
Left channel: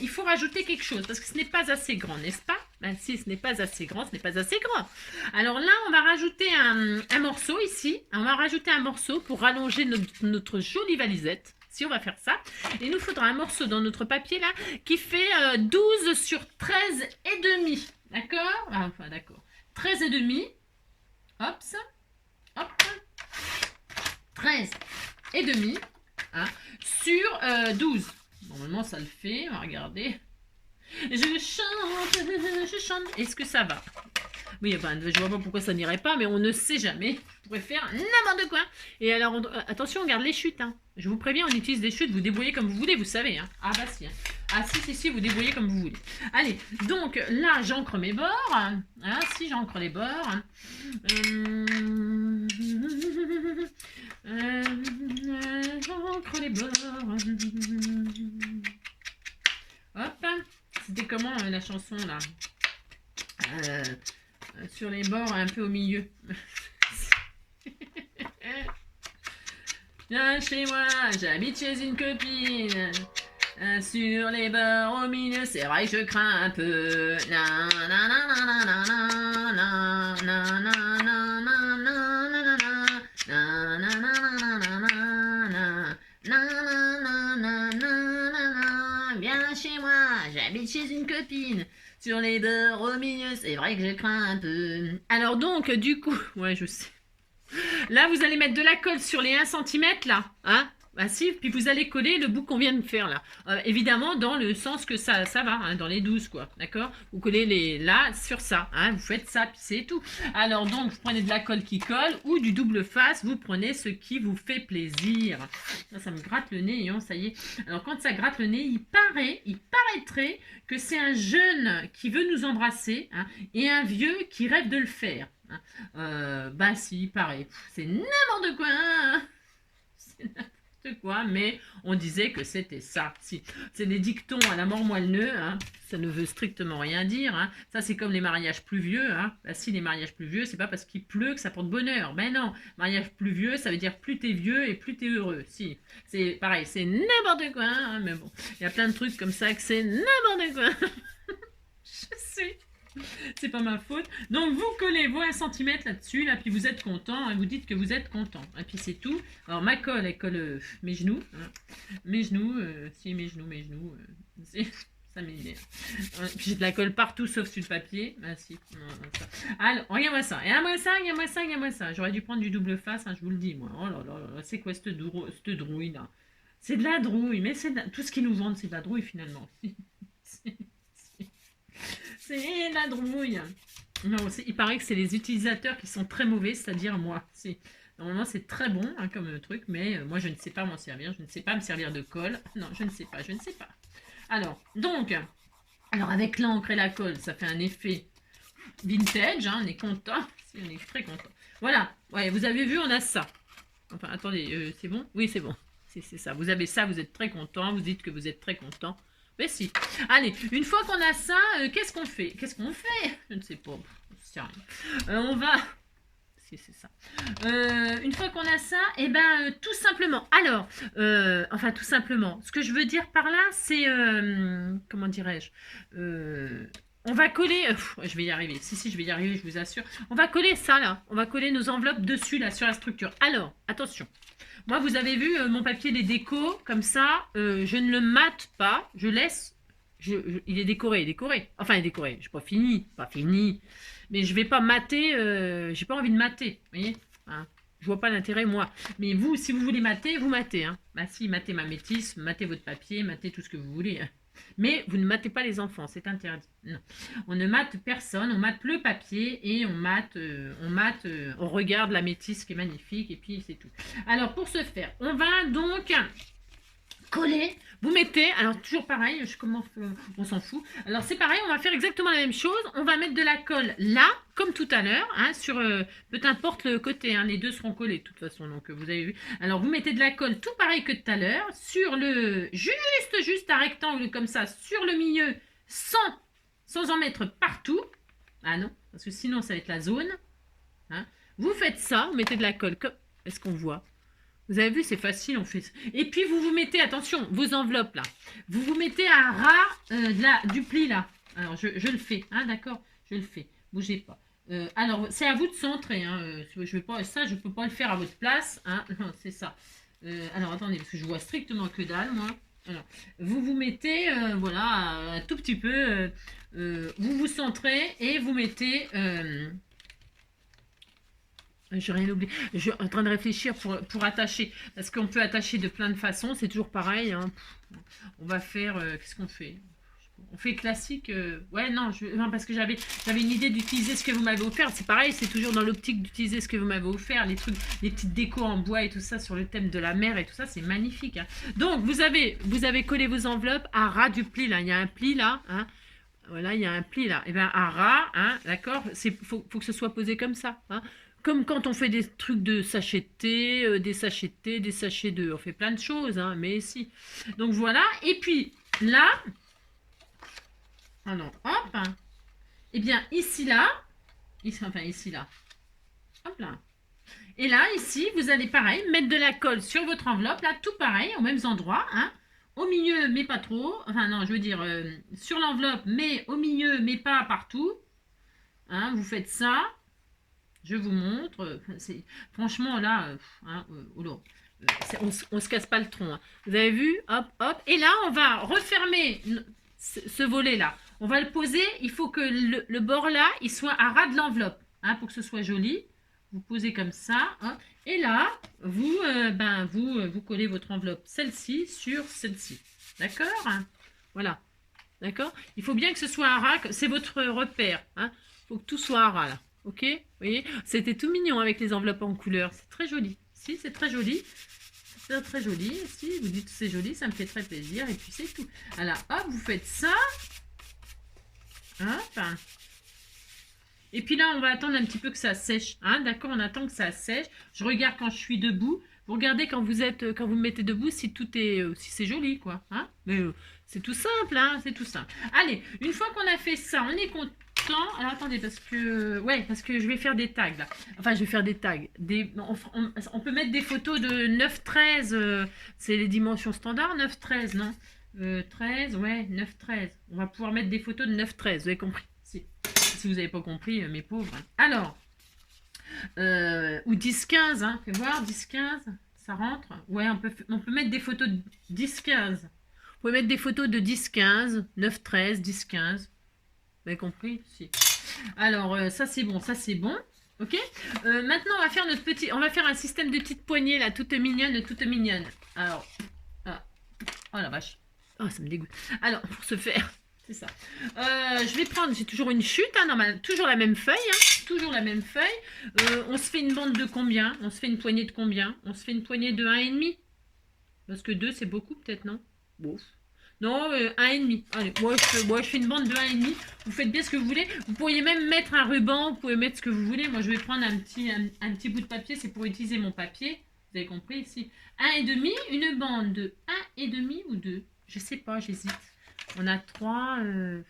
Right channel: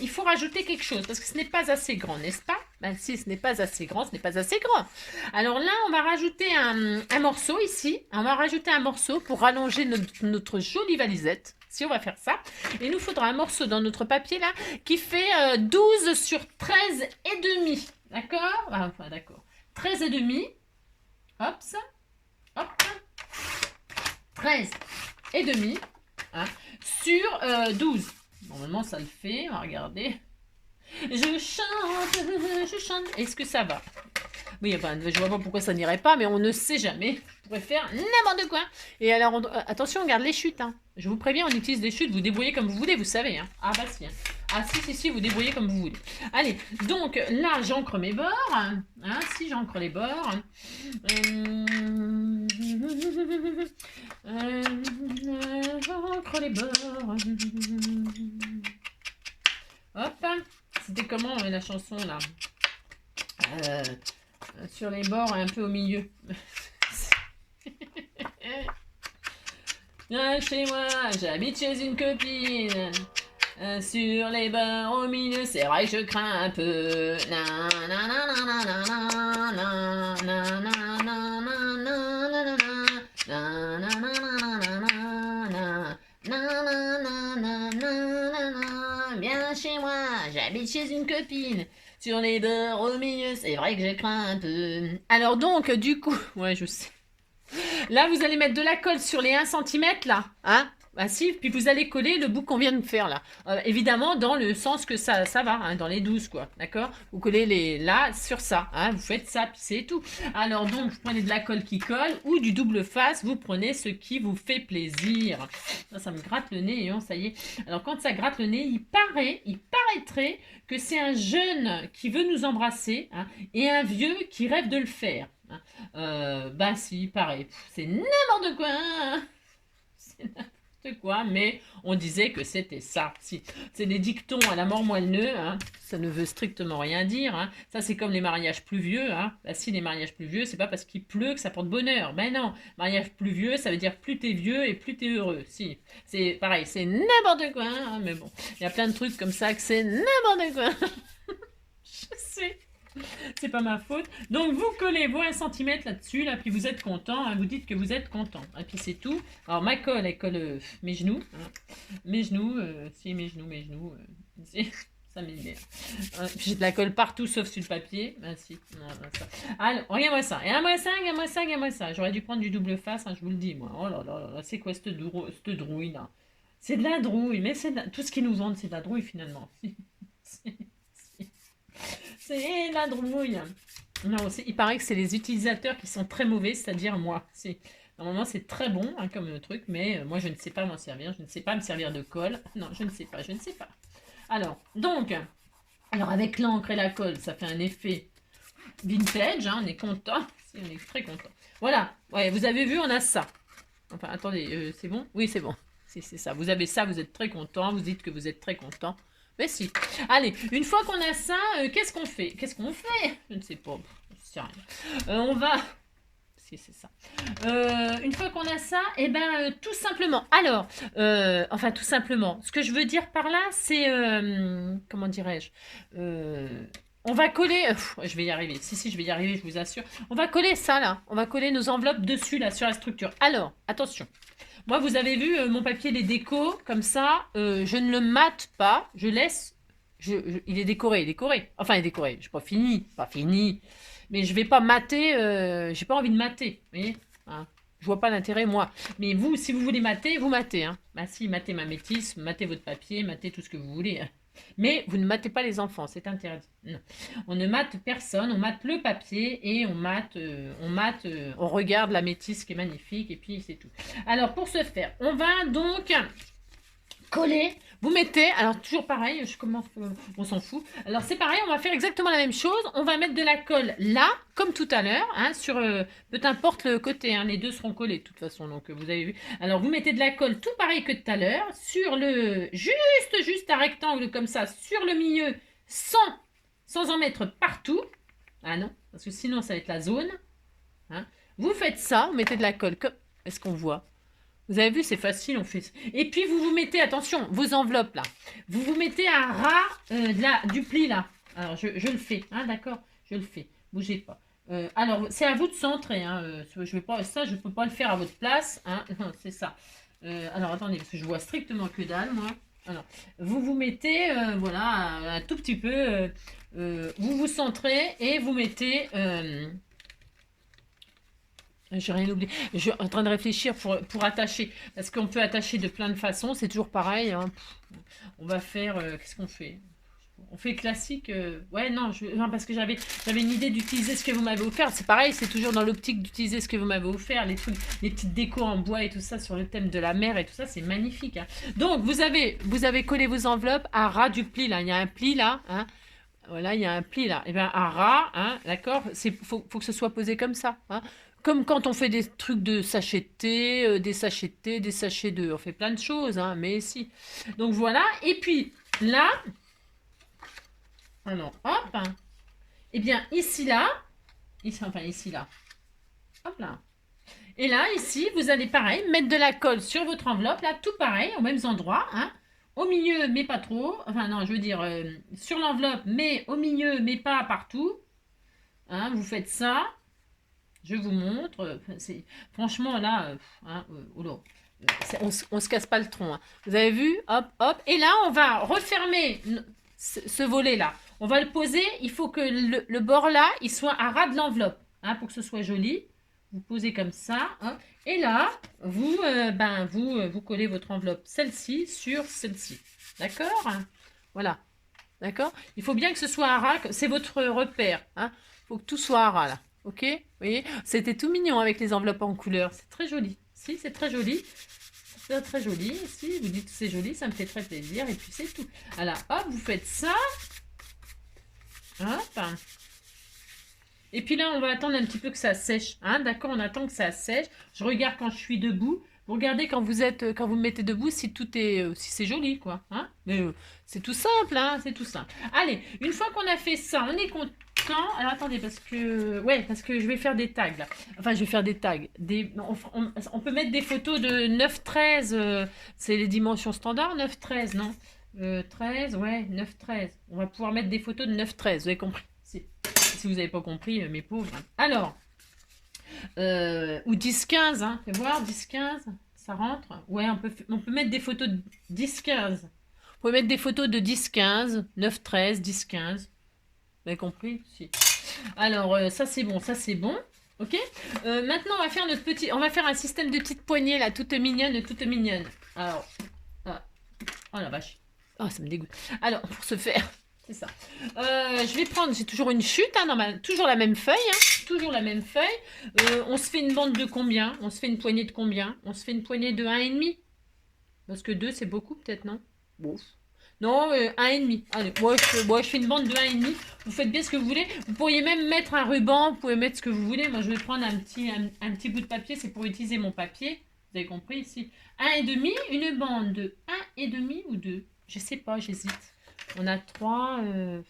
Il faut rajouter quelque chose parce que ce n'est pas assez grand, n'est-ce pas? Ben si, ce n'est pas assez grand, ce n'est pas assez grand. Alors là, on va rajouter un morceau ici. On va rajouter un morceau pour rallonger notre jolie valisette. Si on va faire ça. Et il nous faudra un morceau dans notre papier là qui fait 12 sur 13 et demi. D'accord? Enfin, d'accord. 13 et demi. Hop, ça. Hop. 13 et demi. Hein, sur 12. Normalement, ça le fait. On va regarder. Je chante. Est-ce que ça va? Oui, enfin, je vois pas pourquoi ça n'irait pas, mais on ne sait jamais. Je pourrais faire n'importe quoi. Et alors, attention, on garde les chutes. Hein. Je vous préviens, on utilise des chutes. Vous débrouillez comme vous voulez, vous savez. Hein. Ah bah si. Hein. Ah si, vous débrouillez comme vous voulez. Allez, donc là, j'encre mes bords. Hein, si j'encre les bords. J'encre les bords. Hop. C'était comment la chanson là? Sur les bords, un peu au milieu. Viens chez moi, j'habite chez une copine. Sur les bords au milieu, c'est vrai que je crains un peu. Viens chez moi, j'habite chez une copine. Sur les bords au milieu, c'est vrai que je crains un peu. Alors donc, du coup, ouais, je sais. Là, vous allez mettre de la colle sur les 1 cm, là. Hein? Ah si, puis vous allez coller le bout qu'on vient de faire, là. Évidemment, dans le sens que ça va, hein, dans les 12, quoi. D'accord? Vous collez les là sur ça. Hein? Vous faites ça, puis c'est tout. Alors donc, vous prenez de la colle qui colle ou du double face. Vous prenez ce qui vous fait plaisir. Ça me gratte le nez, ça y est. Alors, quand ça gratte le nez, il paraîtrait que c'est un jeune qui veut nous embrasser, hein, et un vieux qui rêve de le faire. Hein. Bah si, il paraît. C'est n'importe quoi. Hein. C'est n'importe quoi, mais on disait que c'était ça. Si. C'est des dictons à la mort moelle-neu, hein. Ça ne veut strictement rien dire. Hein. Ça, c'est comme les mariages pluvieux. Hein. Bah, si, les mariages pluvieux, c'est pas parce qu'il pleut que ça porte bonheur. Ben non, mariage pluvieux, ça veut dire plus t'es vieux et plus t'es heureux. Si, c'est pareil, c'est n'importe quoi. Hein. Mais bon, il y a plein de trucs comme ça que c'est n'importe quoi. Je sais. C'est pas ma faute. Donc, vous collez vos 1 cm là-dessus, là, puis vous êtes content, hein, vous dites que vous êtes content. Et puis, c'est tout. Alors, ma colle, elle colle mes genoux. Hein. Mes genoux, ça m'énerve. Puis, j'ai de la colle partout, sauf sur le papier. Ah, si. Ça. Alors, regarde-moi ça. Et regarde-moi ça. J'aurais dû prendre du double face, hein, je vous le dis, moi. Oh là là là, c'est quoi cette drouille, là? C'est de la drouille, mais tout ce qu'ils nous vendent, c'est de la drouille, finalement. C'est la drouille. Non, il paraît que c'est les utilisateurs qui sont très mauvais, c'est-à-dire moi. Normalement, c'est très bon hein, comme truc, mais moi, je ne sais pas m'en servir. Je ne sais pas me servir de colle. Non, je ne sais pas, je ne sais pas. Alors, avec l'encre et la colle, ça fait un effet vintage. Hein, on est content. On est très content. Voilà, ouais, vous avez vu, on a ça. Enfin, attendez, c'est bon? Oui, c'est bon. C'est ça. Vous avez ça, vous êtes très content. Vous dites que vous êtes très content. Mais si. Allez, une fois qu'on a ça, qu'est-ce qu'on fait? Qu'est-ce qu'on fait? Je ne sais pas. Je ne sais rien. On va... Si, c'est ça. Une fois qu'on a ça, et ben tout simplement. Alors, enfin tout simplement. Ce que je veux dire par là, c'est... comment dirais-je on va coller... je vais y arriver. Si, je vais y arriver, je vous assure. On va coller ça, là. On va coller nos enveloppes dessus, là, sur la structure. Alors, attention. Moi, vous avez vu mon papier, les décos, comme ça. Je ne le mate pas. Je laisse... il est décoré. Enfin, il est décoré. Je n'ai pas fini. Mais je ne vais pas mater. J'ai pas envie de mater. Vous voyez hein, je vois pas l'intérêt, moi. Mais vous, si vous voulez mater, vous matez. Hein. Bah si, matez ma métisse, matez votre papier, matez tout ce que vous voulez. Hein. Mais vous ne matez pas les enfants, c'est interdit. Non. On ne mate personne, on mate le papier et on regarde la métisse qui est magnifique et puis c'est tout. Alors pour ce faire, on va donc coller. Vous mettez, alors toujours pareil, on s'en fout. Alors c'est pareil, on va faire exactement la même chose. On va mettre de la colle là, comme tout à l'heure, hein, sur peu importe le côté, hein, les deux seront collés de toute façon. Donc vous avez vu. Alors vous mettez de la colle tout pareil que tout à l'heure, sur le juste un rectangle comme ça, sur le milieu, sans en mettre partout. Ah non, parce que sinon ça va être la zone. Hein. Vous faites ça, vous mettez de la colle comme. Est-ce qu'on voit? Vous avez vu, c'est facile, on fait. Et puis, vous mettez, attention, vos enveloppes, là. Vous mettez un ras du pli, là. Alors, je le fais, hein, d'accord? Je le fais. Bougez pas. Alors, c'est à vous de centrer, hein. Je peux pas le faire à votre place, hein. C'est ça. Alors, attendez, parce que je vois strictement que dalle, moi. Alors, vous mettez, voilà, un tout petit peu. Vous centrez et vous mettez... j'ai rien oublié. Je suis en train de réfléchir pour attacher. Parce qu'on peut attacher de plein de façons. C'est toujours pareil. Hein. On va faire... qu'est-ce qu'on fait? On fait classique. Ouais, non, parce que j'avais une idée d'utiliser ce que vous m'avez offert. C'est pareil, c'est toujours dans l'optique d'utiliser ce que vous m'avez offert. Les petites décos en bois et tout ça sur le thème de la mer et tout ça, c'est magnifique. Hein. Donc, vous avez collé vos enveloppes à ras du pli. Là. Il y a un pli là. Hein. Voilà, il y a un pli là. Et bien, à ras, hein, d'accord? Faut que ce soit posé comme ça. Hein. Comme quand on fait des trucs de sachets de thé, des sachets de thé, des sachets de... On fait plein de choses, hein, mais si. Donc voilà. Et puis, là... Alors, hop. Hein, et bien, ici, là... Ici, là. Hop là. Et là, ici, vous allez, pareil, mettre de la colle sur votre enveloppe. Là, tout pareil, aux mêmes endroits. Hein, au milieu, mais pas trop. Enfin, non, je veux dire, sur l'enveloppe, mais au milieu, mais pas partout. Hein, vous faites ça. Je vous montre. Franchement, là, on se casse pas le tronc. Hein. Vous avez vu? Hop, hop. Et là, on va refermer ce volet-là. On va le poser. Il faut que le bord là, il soit à ras de l'enveloppe. Hein, pour que ce soit joli. Vous posez comme ça. Hein. Et là, vous collez votre enveloppe, celle-ci, sur celle-ci. D'accord? Voilà. D'accord? Il faut bien que ce soit à ras. C'est votre repère. Hein. Il faut que tout soit à ras, là. Ok, vous voyez, c'était tout mignon avec les enveloppes en couleur. C'est très joli. Si, c'est très joli. C'est très joli. Si, vous dites que c'est joli, ça me fait très plaisir. Et puis, c'est tout. Voilà, hop, vous faites ça. Hop. Et puis là, on va attendre un petit peu que ça sèche. Hein, d'accord, on attend que ça sèche. Je regarde quand je suis debout. Vous regardez quand vous me mettez debout si tout est... si c'est joli, quoi. Hein, mais c'est tout simple, hein, c'est tout simple. Allez, une fois qu'on a fait ça, on est content. Alors attendez, parce que je vais faire des tags là. Enfin, je vais faire des tags. On peut mettre des photos de 9-13. C'est les dimensions standards, 9-13, non 13, ouais, 9-13. On va pouvoir mettre des photos de 9-13, vous avez compris. Si vous n'avez pas compris, mes pauvres. Alors, ou 10-15, hein. Fais voir, 10-15, ça rentre. Ouais, on peut mettre des photos de 10-15. Vous pouvez mettre des photos de 10-15, 9-13, 10-15. Vous avez compris? Si. Alors, ça c'est bon, ok. Maintenant, on va faire un système de petites poignées là, toutes mignonnes. Alors, oh la vache, oh ça me dégoûte. Alors, pour ce faire, C'est ça. Je vais prendre, j'ai toujours une chute, hein, toujours la même feuille, hein, toujours la même feuille. On se fait une bande de combien? On se fait une poignée de combien? On se fait une poignée de 1,5. Parce que 2, c'est beaucoup peut-être, non? Bon. Non, 1,5. Allez, moi je fais une bande de 1,5. Vous faites bien ce que vous voulez. Vous pourriez même mettre un ruban, vous pouvez mettre ce que vous voulez. Moi, je vais prendre un petit bout de papier, c'est pour utiliser mon papier. Vous avez compris ici. 1,5, une bande de 1,5 ou 2. Je sais pas, j'hésite. On a 3. 1,5,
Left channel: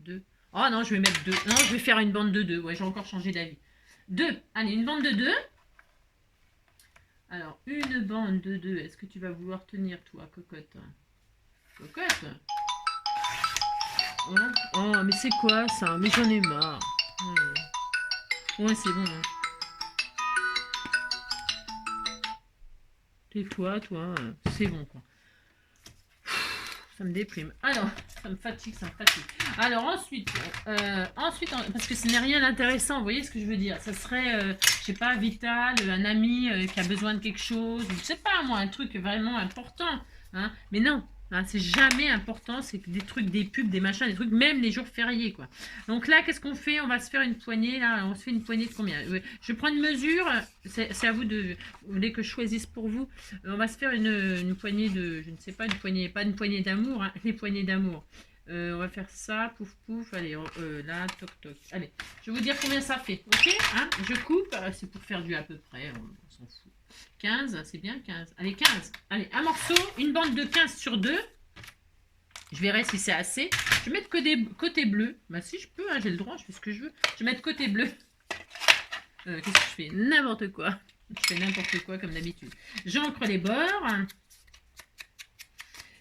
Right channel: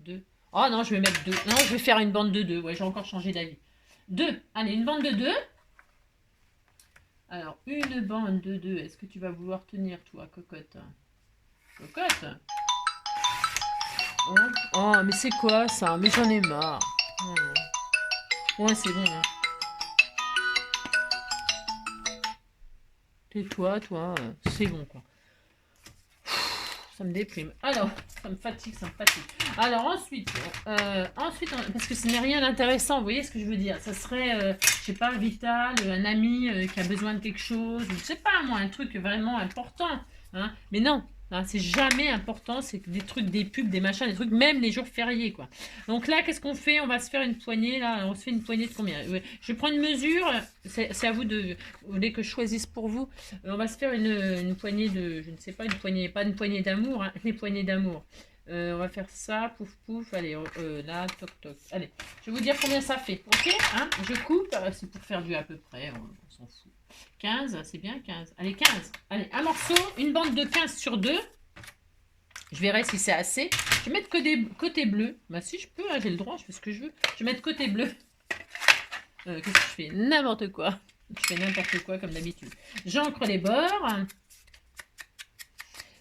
2. Oh non, je vais mettre 2. Non, je vais faire une bande de 2. Ouais, j'ai encore changé d'avis. 2. Allez, une bande de 2. Alors, une bande de 2. Est-ce que tu vas vouloir tenir, toi, cocotte? Cocotte? Oh, mais c'est quoi ça? Mais j'en ai marre. Ouais, c'est bon. Hein. Tais-toi, toi. C'est bon, quoi. Ça me déprime. Alors, ça me fatigue, ça me fatigue. Alors, ensuite, parce que ce n'est rien d'intéressant, vous voyez ce que je veux dire? Ça serait, je sais pas, vital, un ami qui a besoin de quelque chose, je sais pas, moi, un truc vraiment important. Hein? Mais non, hein, c'est jamais important, c'est des trucs, des pubs, des machins, des trucs, même les jours fériés, quoi. Donc là, qu'est-ce qu'on fait? On va se faire une poignée, là, on se fait une poignée de combien? Je prends une mesure, c'est à vous de... Vous voulez que je choisisse pour vous? On va se faire une poignée de... Je ne sais pas, une poignée, pas une poignée d'amour, hein, une poignée d'amour. On va faire ça, pouf pouf, allez, là, toc toc. Allez, je vais vous dire combien ça fait, ok hein? Je coupe, c'est pour faire du à peu près, on s'en fout. 15, c'est bien 15. Allez, 15. Allez, un morceau, une bande de 15 sur 2. Je verrai si c'est assez. Je vais mettre côté bleu. Bah si je peux, hein, j'ai le droit, je fais ce que je veux. Je vais mettre côté bleu. Qu'est-ce que je fais? N'importe quoi. Je fais n'importe quoi comme d'habitude. J'encre les bords.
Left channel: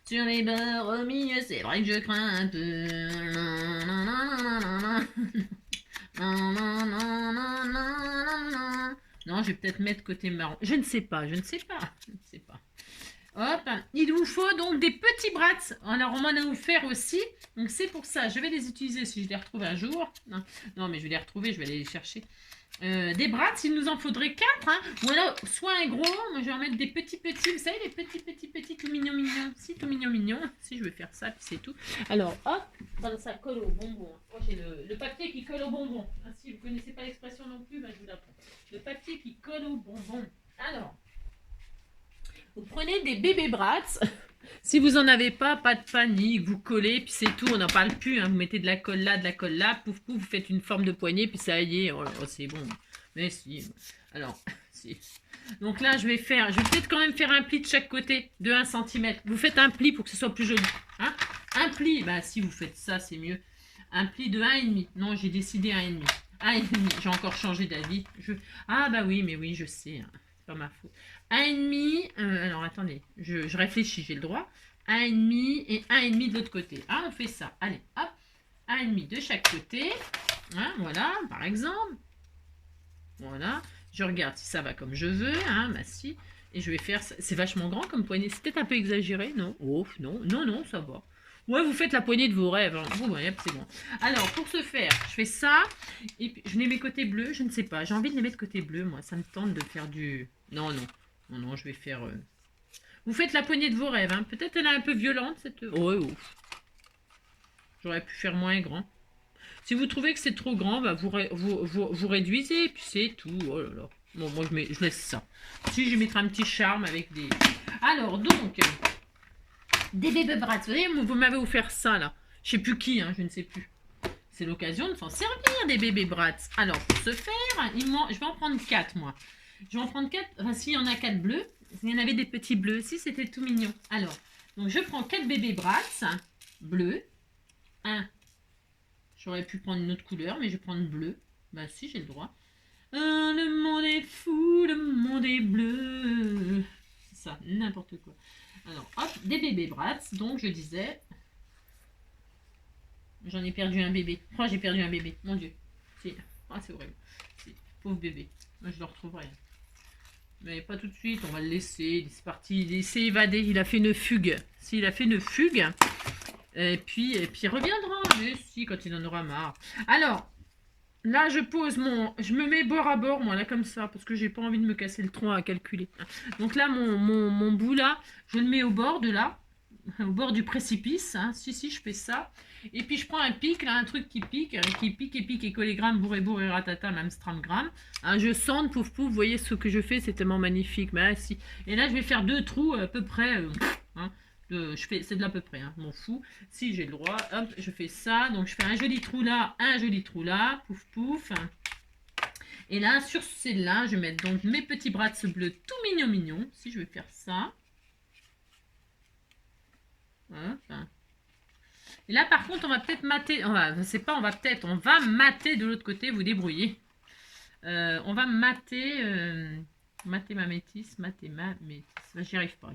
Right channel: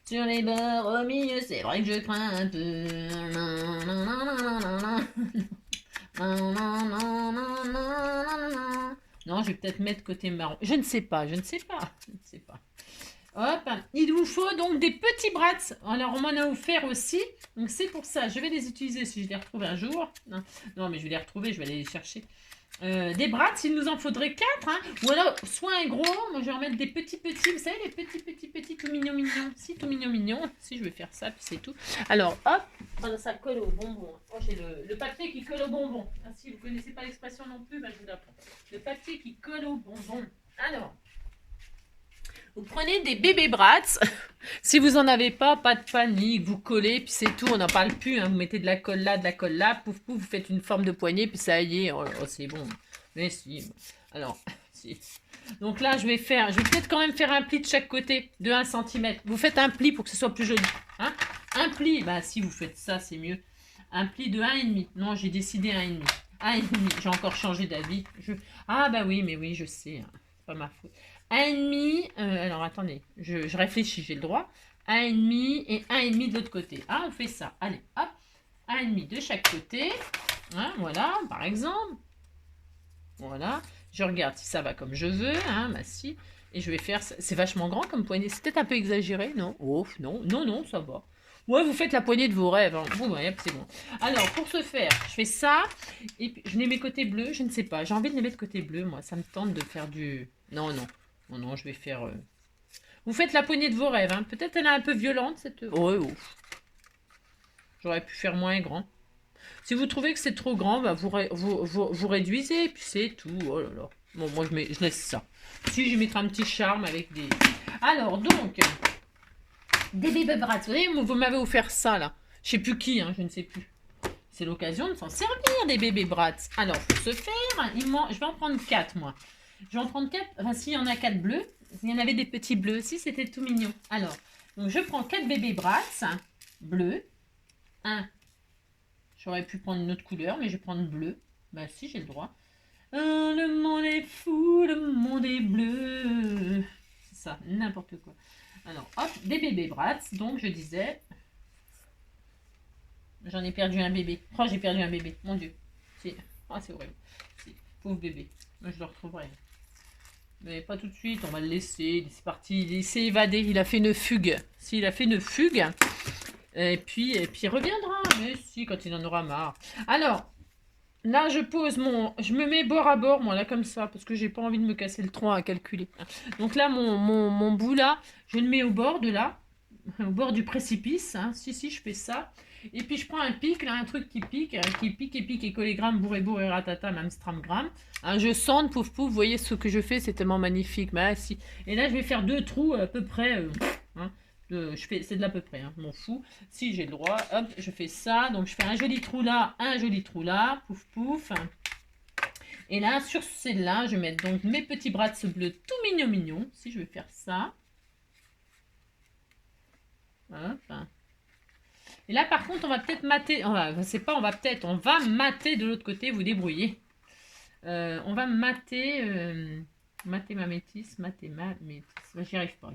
Sur les bords au milieu, c'est vrai que je crains un peu. Non, je vais peut-être mettre côté marron. Je ne sais pas, je ne sais pas. Je ne sais pas. Hop, il vous faut donc des petits brats. Alors, on m'en a offert aussi. Donc, c'est pour ça. Je vais les utiliser si je les retrouve un jour. Non, mais je vais les retrouver, je vais aller les chercher. Des brats, il nous en faudrait 4. Hein. Ou alors, soit un gros. Moi, je vais en mettre des petits. Vous savez, les petits, tout mignons. Si, tout mignon. Si, je vais faire ça, puis c'est tout. Alors, hop. Voilà, ça colle au bonbon. Oh, j'ai le papier qui colle au bonbon. Ah, si vous ne connaissez pas l'expression non plus, bah, je vous l'apprends. Le papier qui colle au bonbon. Alors. Vous prenez des bébés brats. Si vous n'en avez pas, pas de panique. Vous collez, puis c'est tout. On n'en parle plus. Hein. Vous mettez de la colle là. Pouf, pouf. Vous faites une forme de poignée, puis ça y est. Oh, c'est bon. Mais si. Alors, si. Donc là, je vais peut-être quand même faire un pli de chaque côté de 1 cm. Vous faites un pli pour que ce soit plus joli. Hein un pli. Bah, si vous faites ça, c'est mieux. Un pli de 1,5. Non, j'ai décidé 1,5. 1,5. J'ai encore changé d'avis. Ah, bah oui, mais oui, je sais. Hein. C'est pas ma faute. 1,5, alors attendez, je réfléchis, j'ai le droit. 1,5 et 1,5 de l'autre côté. Ah, on fait ça. Allez, hop, 1,5 de chaque côté. Hein, voilà, par exemple. Voilà, je regarde si ça va comme je veux. Hein, bah si. Et je vais faire ça. C'est vachement grand comme poignée. C'est peut-être un peu exagéré, non? Oh, non, ça va. Ouais, vous faites la poignée de vos rêves. Hein. Bon, bah, c'est bon. Alors, pour ce faire, je fais ça. Et puis, je les mets côté bleu. Je ne sais pas. J'ai envie de les mettre côté bleu, moi. Ça me tente de faire du... Non, je vais faire... Vous faites la poignée de vos rêves. Hein. Peut-être elle est un peu violente, cette... Oh. J'aurais pu faire moins grand. Si vous trouvez que c'est trop grand, bah, vous réduisez. Et puis c'est tout. Oh là là. Bon, moi, je laisse ça. Si, je vais mettre un petit charme avec des... Alors, donc... Des bébés brats. Vous voyez, vous m'avez offert ça, là. Je sais plus qui, hein, je ne sais plus. C'est l'occasion de s'en servir, des bébés brats. Alors, pour ce faire, je vais en prendre 4, moi. Je vais en prendre 4. Enfin, s'il y en a 4 bleus. Il y en avait des petits bleus aussi, c'était tout mignon. Alors, donc je prends 4 bébés brats bleus. 1. J'aurais pu prendre une autre couleur, mais je vais prendre bleu. Bah si, j'ai le droit. Le monde est fou, le monde est bleu. C'est ça, n'importe quoi. Alors, hop, des bébés brats. Donc, je disais... J'en ai perdu un bébé. Oh, j'ai perdu un bébé. Mon Dieu. Ah, c'est horrible. Pauvre bébé. Moi, je le retrouverai. Mais pas tout de suite. On va le laisser. C'est parti. Il s'est évadé. Il a fait une fugue. S'il a fait une fugue. Et puis il reviendra. Mais si, quand il en aura marre. Alors, là, je pose je me mets bord à bord, moi, là, comme ça. Parce que j'ai pas envie de me casser le tronc à calculer. Donc là, mon bout, là, je le mets au bord de là. au bord du précipice. Hein. Si, je fais ça. Et puis je prends un pic, là, un truc qui pique et pique, et collégramme, bourré, ratata, l'amstramgramme. Hein, je sens, pouf, pouf, vous voyez ce que je fais, c'est tellement magnifique. Mais, ah, si. Et là, je vais faire 2 trous à peu près. Hein, c'est de l'à peu près, hein, je m'en fous. Si j'ai le droit, hop, je fais ça. Donc je fais un joli trou là, pouf, pouf. Et là, sur celle-là, je vais mettre donc mes petits bras de ce bleu tout mignon. Si je vais faire ça. Hop. Et là, par contre, on va peut-être mater. On va mater de l'autre côté, vous débrouillez. On va mater. Mater ma métisse. J'y arrive pas.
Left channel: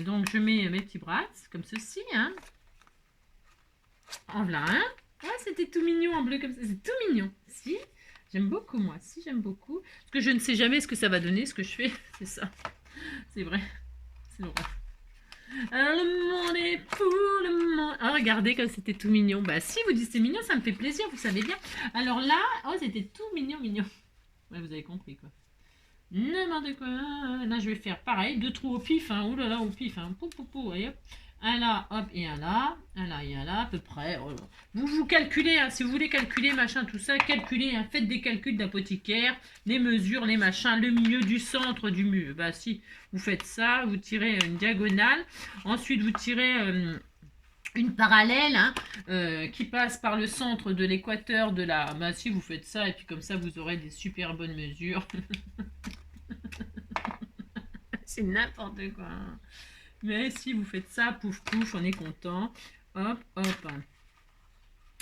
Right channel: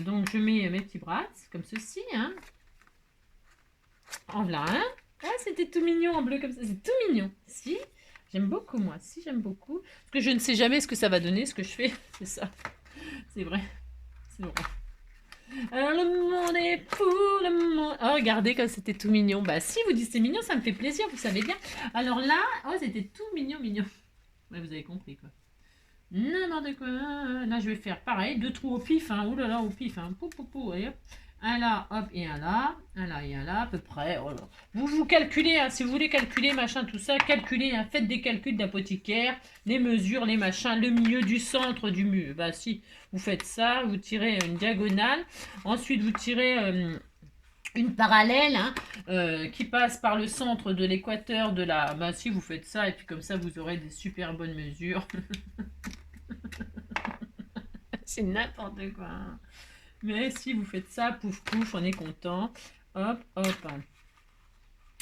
Donc, je mets mes petits bras, comme ceci. Hein. En voilà un. Ah, c'était tout mignon en bleu comme ça. C'est tout mignon. Si, j'aime beaucoup, moi. Si, j'aime beaucoup. Parce que je ne sais jamais ce que ça va donner, ce que je fais. C'est ça. C'est vrai. C'est vrai. Alors, le monde est fou, le monde... Oh, regardez comme c'était tout mignon. Bah, si vous dites c'est mignon, ça me fait plaisir, vous savez bien. Alors là, oh, c'était tout mignon. Ouais, vous avez compris, quoi. N'importe quoi. Là, je vais faire pareil. 2 trous au pif, hein. Ouh là là, au pif, hein. Voyez. Un là, hop, et un là. Un là et un là, à peu près. Oh là. Vous calculez, hein, si vous voulez calculer, machin, tout ça, calculez, hein, faites des calculs d'apothicaire, les mesures, les machins, le milieu du centre du mur. Bah si, vous faites ça, vous tirez une diagonale. Ensuite, vous tirez une parallèle hein, qui passe par le centre de l'équateur de la... Bah si, vous faites ça, et puis comme ça, vous aurez des super bonnes mesures. C'est n'importe quoi. Hein. Mais si vous faites ça, pouf pouf, on est content. Hop, hop.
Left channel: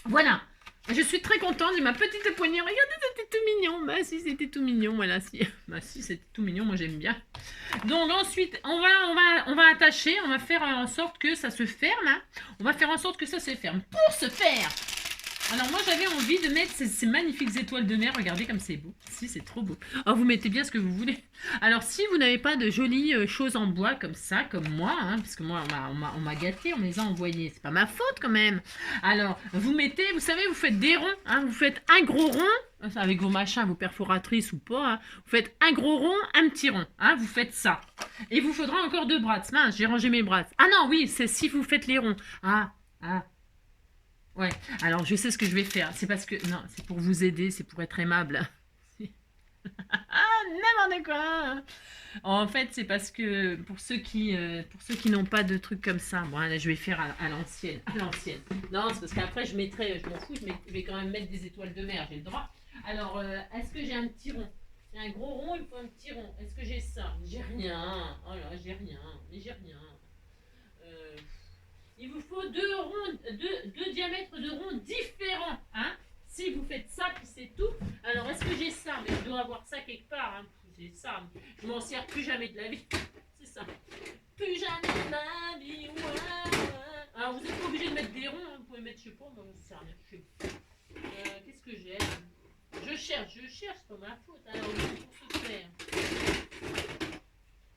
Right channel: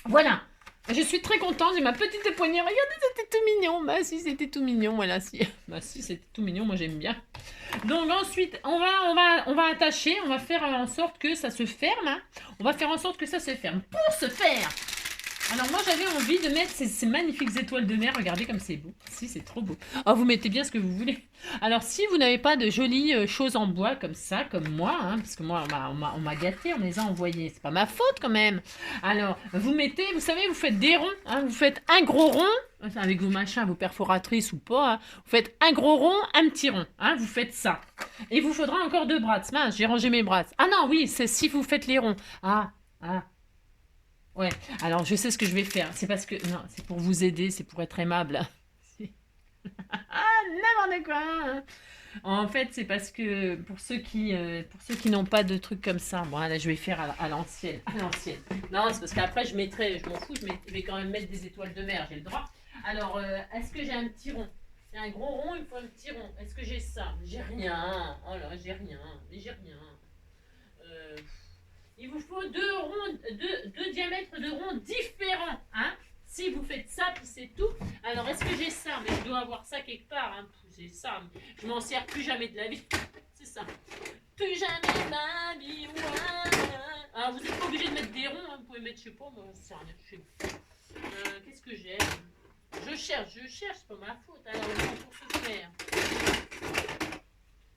Voilà. Je suis très contente, j'ai ma petite poignée. Regardez, c'était tout mignon. Bah si, c'était tout mignon. Voilà, si. Bah si, c'était tout mignon. Moi, j'aime bien. Donc ensuite, on va attacher. On va faire en sorte que ça se ferme. Hein. On va faire en sorte que ça se ferme. Pour ce faire, alors moi j'avais envie de mettre ces magnifiques étoiles de mer, regardez comme c'est beau, si c'est trop beau. Oh, vous mettez bien ce que vous voulez. Alors si vous n'avez pas de jolies choses en bois comme ça, comme moi, hein, parce que moi on m'a gâté, on me les a envoyés, c'est pas ma faute quand même. Alors vous mettez, vous savez, vous faites des ronds, hein, vous faites un gros rond, avec vos machins, vos perforatrices ou pas, hein, vous faites un gros rond, un petit rond, hein, vous faites ça. Et il vous faudra encore 2 bras, mince, j'ai rangé mes bras. Ah non, oui, c'est si vous faites les ronds. Ouais, alors je sais ce que je vais faire. C'est parce que... Non, c'est pour vous aider, c'est pour être aimable. N'importe quoi. En fait, c'est parce que pour ceux qui n'ont pas de trucs comme ça, bon, là, je vais faire à l'ancienne. Non, c'est parce qu'après, je m'en fous, je vais quand même mettre des étoiles de mer, j'ai le droit. Alors, est-ce que j'ai un petit rond? J'ai un gros rond, il me faut un petit rond. Est-ce que j'ai ça? J'ai rien. Oh là, j'ai rien. Il vous faut 2 diamètres de ronds différents. Hein. Si vous faites ça, puis c'est tout. Alors, est-ce que j'ai ça? Mais je dois avoir ça quelque part. Hein. J'ai ça. Je m'en sers plus jamais de la vie. C'est ça. Plus jamais de ma vie. Alors, vous n'êtes pas obligé de mettre des ronds. Hein. Vous pouvez mettre, je sais pas, moi, c'est rien. Qu'est-ce que j'ai? Je cherche. C'est pas ma faute. Alors, pour se faire.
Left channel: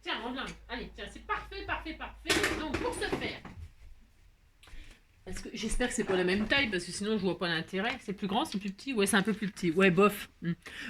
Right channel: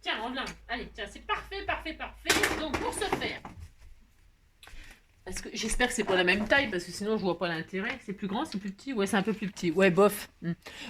Tiens, en blanc. Allez, tiens, c'est parfait. Donc, pour se faire. Parce que j'espère que c'est pas la même taille, parce que sinon je vois pas l'intérêt. C'est plus grand, c'est plus petit? Ouais, c'est un peu plus petit. Ouais, bof.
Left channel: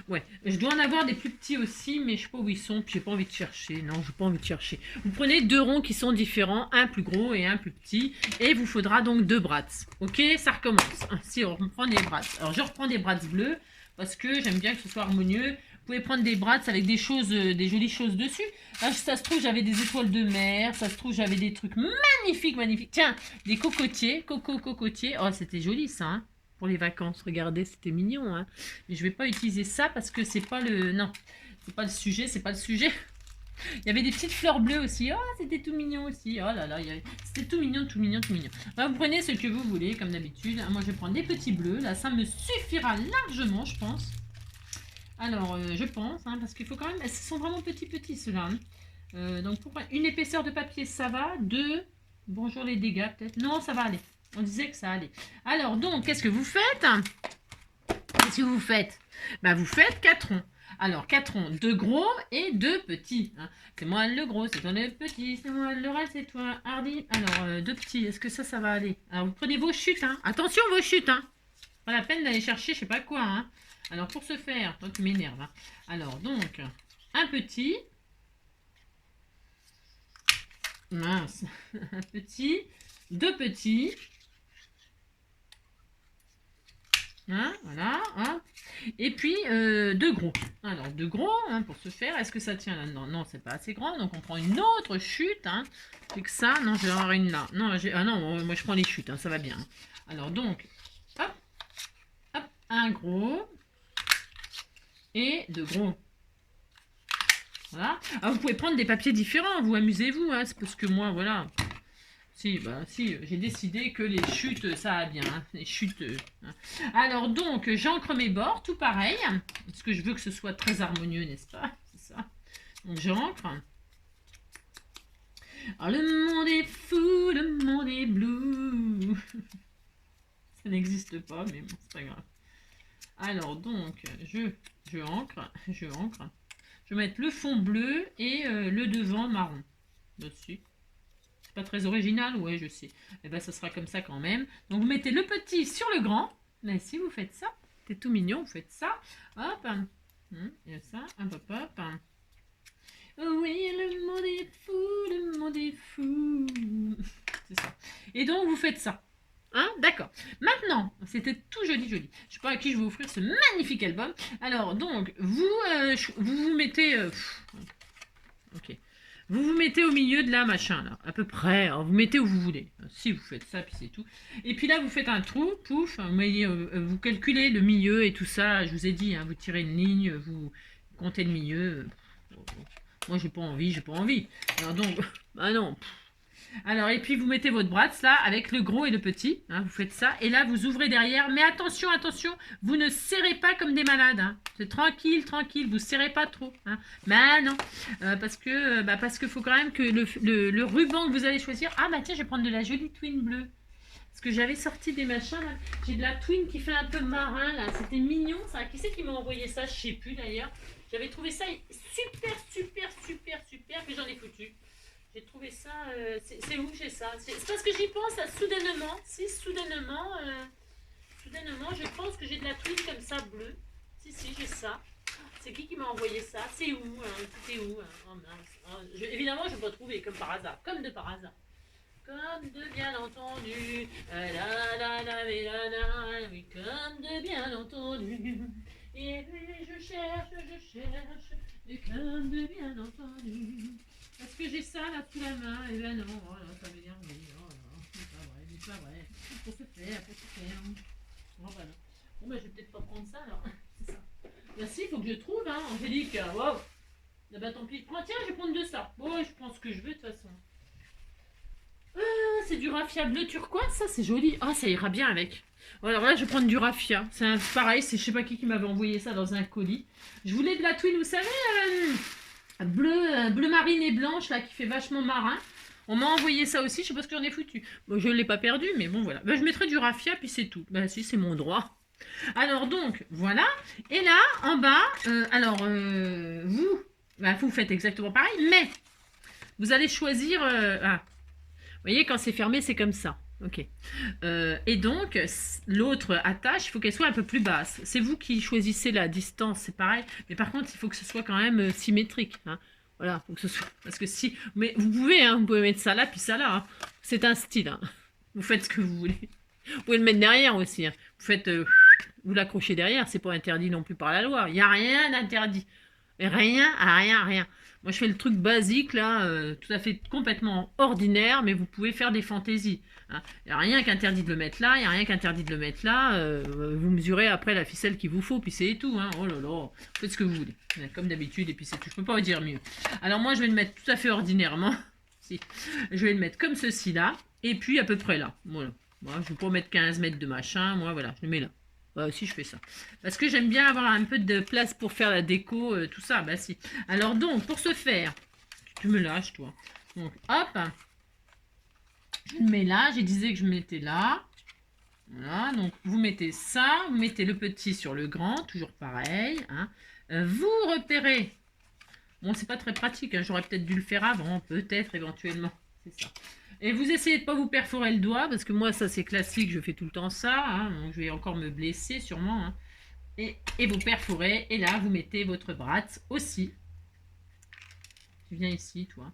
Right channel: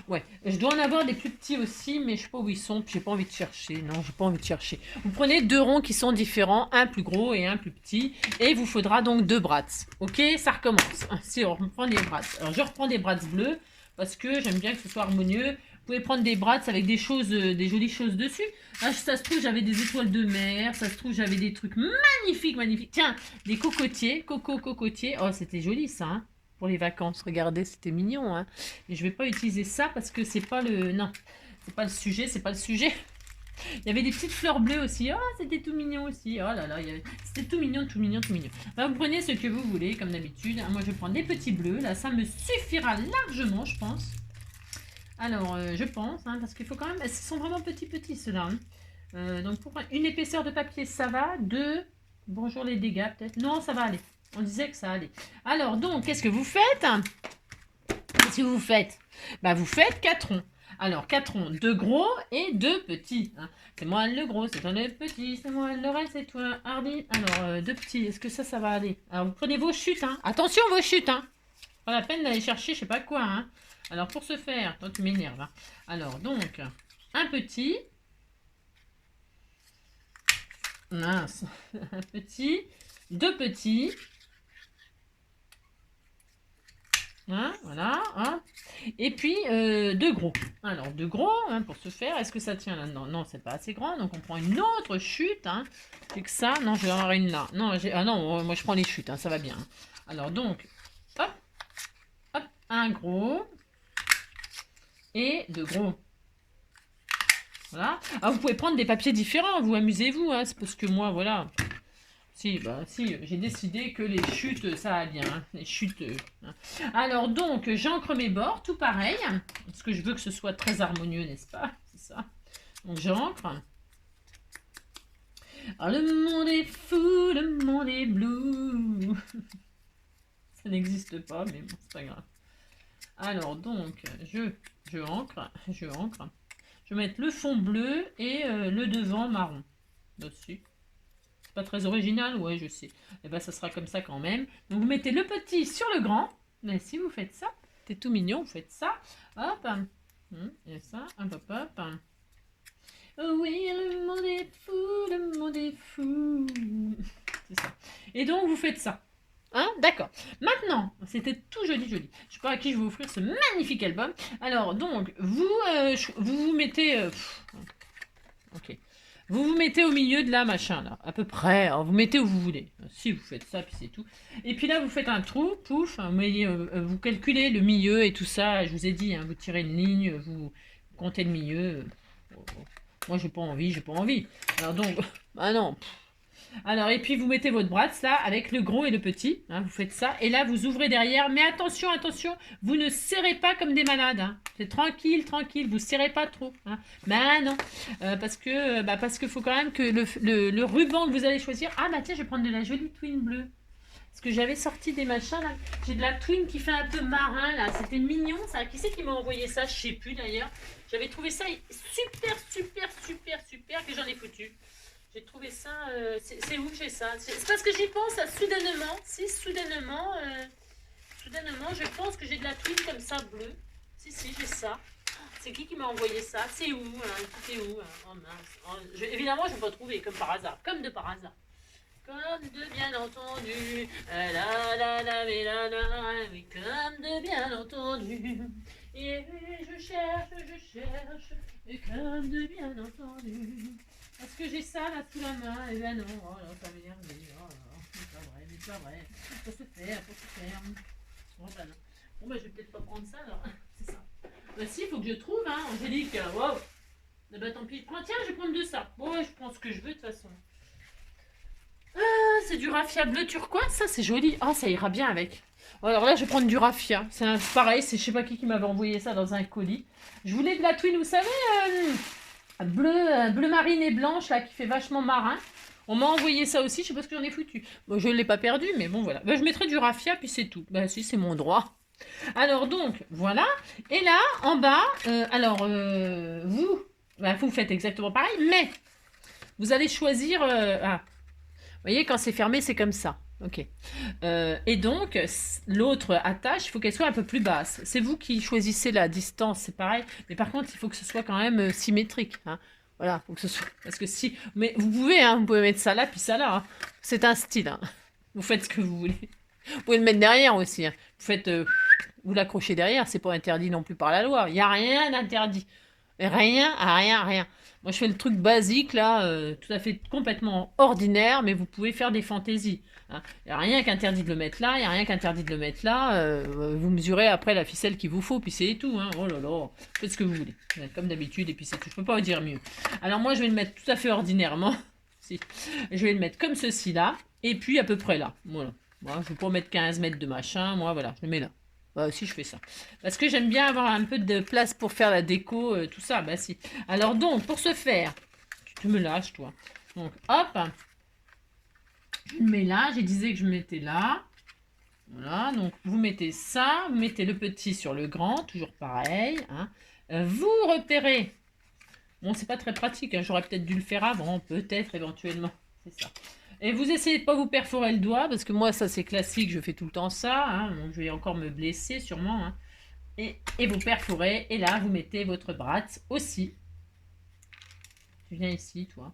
Ouais, je dois en avoir des plus petits aussi, mais je sais pas où ils sont. J'ai pas envie de chercher. Non, j'ai pas envie de chercher. Vous prenez 2 ronds qui sont différents, un plus gros et un plus petit, et il vous faudra donc 2 brats. Ok, ça recommence. Si on reprend des brats. Alors je reprends des brats bleus parce que j'aime bien que ce soit harmonieux. Vous pouvez prendre des brats avec des jolies choses dessus. Là, ça se trouve, j'avais des étoiles de mer. Ça se trouve, j'avais des trucs magnifiques. Tiens, des cocotiers. Cocotiers. Oh, c'était joli, ça, hein, pour les vacances. Regardez, c'était mignon. Hein. Mais je ne vais pas utiliser ça parce que c'est pas le... Non, c'est pas le sujet. Il y avait des petites fleurs bleues aussi. Oh, c'était tout mignon aussi. Oh là là, c'était tout mignon. Bah, vous prenez ce que vous voulez, comme d'habitude. Moi, je vais prendre des petits bleus. Là, ça me suffira largement, je pense. Alors, je pense, hein, parce qu'il faut quand même... Ils sont vraiment petits, ceux-là. Hein. Donc, pour une épaisseur de papier, ça va. 2. Bonjour les dégâts, peut-être. Non, ça va aller. On disait que ça allait. Alors, donc, qu'est-ce que vous faites? Bah, vous faites 4 ronds. Alors, 4 ronds. 2 gros et 2 petits. Hein. C'est moi le gros, c'est toi le petit. C'est moi le reste, c'est toi, Hardy. Alors, 2 petits. Est-ce que ça va aller? Alors, vous prenez vos chutes. Hein. Attention, vos chutes. Hein. Pas la peine d'aller chercher je sais pas quoi. Hein. Alors, pour ce faire, toi, tu m'énerves. Hein. Alors, donc, un petit. mince, un petit, deux petits, hein, voilà, hein. Et puis deux gros. Alors deux gros, hein, pour ce faire, est-ce que ça tient là-dedans? Non, c'est pas assez grand, donc on prend une autre chute, hein. C'est que ça, non, je vais avoir une là. Non, ah non, moi je prends les chutes, hein, ça va bien. Alors donc, hop, hop, un gros et deux gros. Voilà. Alors vous pouvez prendre des papiers différents, vous amusez-vous, hein, c'est parce que moi, voilà. Si, bah, si, j'ai décidé que les chutes, ça va bien, hein, les chutes. Hein. Alors donc, j'encre mes bords, tout pareil, parce que je veux que ce soit très harmonieux, n'est-ce pas? C'est ça. Donc j'encre. Alors le monde est fou, le monde est bleu. Ça n'existe pas, mais bon, c'est pas grave. Alors donc, je encre. Je vais mettre le fond bleu et le devant marron. Là-dessus. Pas très original, ouais, je sais. Et ben, ça sera comme ça quand même. Donc, vous mettez le petit sur le grand. Mais si vous faites ça, c'est tout mignon, vous faites ça. Hop, il y a ça, hop, hop, hop. Oh oui, le monde est fou, le monde est fou. C'est ça. Et donc, vous faites ça. Hein, d'accord. Maintenant, c'était tout joli, joli. Je sais pas à qui je vais offrir ce magnifique album. Alors, donc, vous mettez... ok. Vous vous mettez au milieu de là, machin, là, à peu près. Alors, vous mettez où vous voulez. Si vous faites ça, puis c'est tout. Et puis là, vous faites un trou, pouf. Vous calculez le milieu et tout ça. Je vous ai dit, hein, vous tirez une ligne, vous comptez le milieu. Moi, j'ai pas envie. Alors donc, ah non. Alors, et puis vous mettez votre brasse là, avec le gros et le petit. Hein, vous faites ça. Et là, vous ouvrez derrière. Mais attention, attention, vous ne serrez pas comme des malades. Hein. C'est tranquille, tranquille. Vous serrez pas trop. Hein. Mais non. Parce que faut quand même que le ruban que vous allez choisir. Ah bah tiens, je vais prendre de la jolie twin bleue. Parce que j'avais sorti des machins là. J'ai de la twin qui fait un peu marin là. C'était mignon ça. Qui c'est qui m'a envoyé ça? Je sais plus d'ailleurs. J'avais trouvé ça super que j'en ai foutu. J'ai trouvé ça. C'est où que j'ai ça? C'est parce que j'y pense là, soudainement. Si, soudainement, je pense que j'ai de la twine comme ça bleue. Si, j'ai ça. C'est qui m'a envoyé ça? C'est où? C'était où? Oh mince. Évidemment, je ne vais pas trouver comme par hasard. Comme de par hasard. Comme de bien entendu. Oui, comme de bien entendu. Et je cherche. Et comme de bien entendu. Est-ce que j'ai ça là sous la main? Eh ben non, oh là, ça m'énerve. Oh là, c'est pas vrai. Faut se faire. Bon bah non. Bon bah je vais peut-être pas prendre ça alors. C'est ça. Bah si, il faut que je trouve, hein, Angélique. Waouh. Bah tant pis. Tiens, je vais prendre de ça. Bon, je prends ce que je veux de toute façon. Ah, c'est du raffia bleu turquoise, ça c'est joli. Oh, ça ira bien avec. Alors là, je vais prendre du raffia. C'est pareil, c'est je sais pas qui m'avait envoyé ça dans un colis. Je voulais de la twine, vous savez, bleu marine et blanche, là, qui fait vachement marin. On m'a envoyé ça aussi, je sais pas ce que j'en ai foutu. Bon, je ne l'ai pas perdu, mais bon, voilà. Bah, je mettrai du raffia, puis c'est tout. Bah si, c'est mon droit. Alors donc, voilà. Et là, en bas, vous faites exactement pareil, mais vous allez choisir... vous voyez, quand c'est fermé, c'est comme ça. Ok. Et donc, l'autre attache, il faut qu'elle soit un peu plus basse. C'est vous qui choisissez la distance, c'est pareil. Mais par contre, il faut que ce soit quand même symétrique. Hein. Voilà, faut que ce soit. Parce que si. Mais vous pouvez mettre ça là, puis ça là. Hein. C'est un style. Hein. Vous faites ce que vous voulez. Vous pouvez le mettre derrière aussi. Hein. Vous faites. Vous l'accrochez derrière, c'est pas interdit non plus par la loi. Il n'y a rien d'interdit. Rien. Moi, je fais le truc basique, là, tout à fait complètement ordinaire, mais vous pouvez faire des fantaisies. Hein. Il n'y a rien qu'interdit de le mettre là, il n'y a rien qu'interdit de le mettre là. Vous mesurez après la ficelle qu'il vous faut, puis c'est tout. Hein. Oh là là, faites ce que vous voulez. Comme d'habitude, et puis c'est tout. Je peux pas vous dire mieux. Alors moi, je vais le mettre tout à fait ordinairement. Si. Je vais le mettre comme ceci là, et puis à peu près là. Voilà. Moi, je ne vais pas mettre 15 mètres de machin. Moi, voilà, je le mets là. Bah si, je fais ça. Parce que j'aime bien avoir un peu de place pour faire la déco, tout ça. Bah si. Alors donc, pour ce faire, tu me lâches, toi. Donc, hop. Je le mets là. Je disais que je mettais là. Voilà. Donc, vous mettez ça. Vous mettez le petit sur le grand. Toujours pareil. Hein. Vous repérez. Bon, c'est pas très pratique. Hein. J'aurais peut-être dû le faire avant. Peut-être, éventuellement. C'est ça. Et vous essayez de pas vous perforer le doigt, parce que moi, ça, c'est classique, je fais tout le temps ça. Hein, donc, je vais encore me blesser, sûrement. Hein. Et vous perforez, et là, vous mettez votre bratte aussi. Tu viens ici, toi.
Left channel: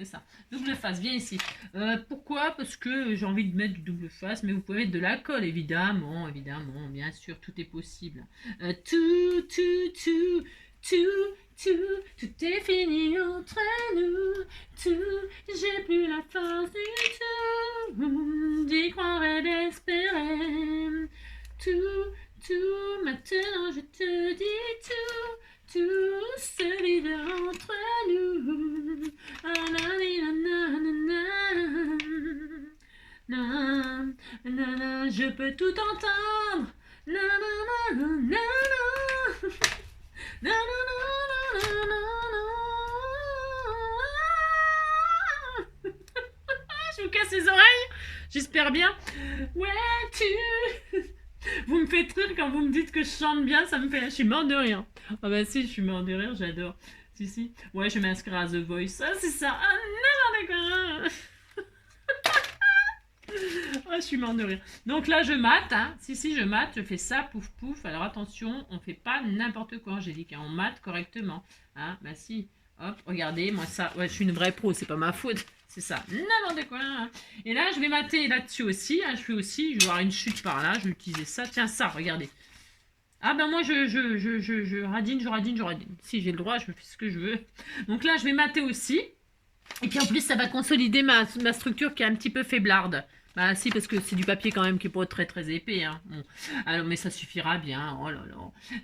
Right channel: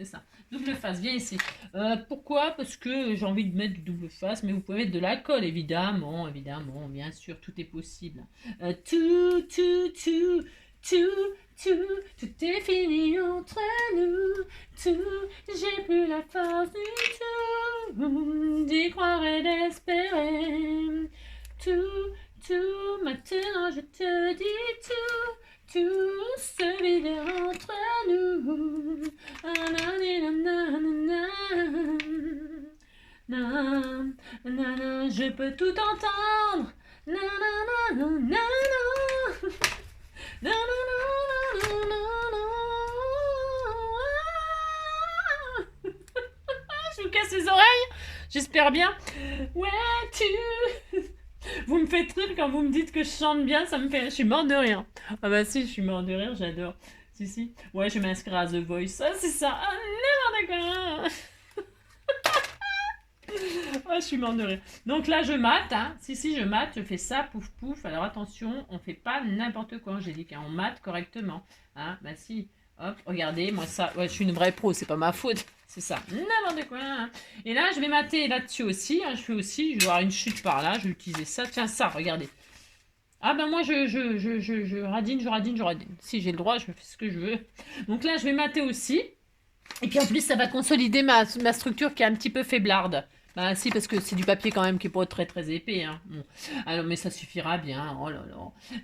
c'est ça. Double face, viens ici. Pourquoi? Parce que j'ai envie de mettre du double face, mais vous pouvez mettre de la colle, évidemment, évidemment, bien sûr, tout est possible. Tout, tout est fini entre nous, tout, j'ai plus la force du tout, d'y croire et d'espérer. Tout, maintenant je te dis tout se vide entre nous. Je peux tout entendre. Je vous casse les oreilles. J'espère bien. Ouais, vous me faites rire quand vous me dites que je chante bien, ça me fait... Je suis morte de rire. Ah bah si, je suis morte de rire, j'adore. Si. Ouais, je vais m'inscrire à The Voice. Ah, c'est ça. Ah, n'importe quoi. Oh, je suis morte de rire. Donc là, je mate. Hein. Si, je mate. Je fais ça, pouf, pouf. Alors attention, on fait pas n'importe quoi, Angélique. Hein. On mate correctement. Hein. Bah si. Hop, regardez, moi ça... Ouais, je suis une vraie pro, c'est pas ma faute. C'est ça, n'importe quoi. Hein. Et là, je vais mater là-dessus aussi. Hein. Je vais avoir une chute par là. Je vais utiliser ça. Tiens, ça, regardez. Ah ben moi, je radine. Si j'ai le droit, je fais ce que je veux. Donc là, je vais mater aussi. Et puis en plus, ça va consolider ma structure qui est un petit peu faiblarde. Bah si, parce que c'est du papier quand même qui est pas très très épais. Hein. Bon. Alors, mais ça suffira bien. Oh là là.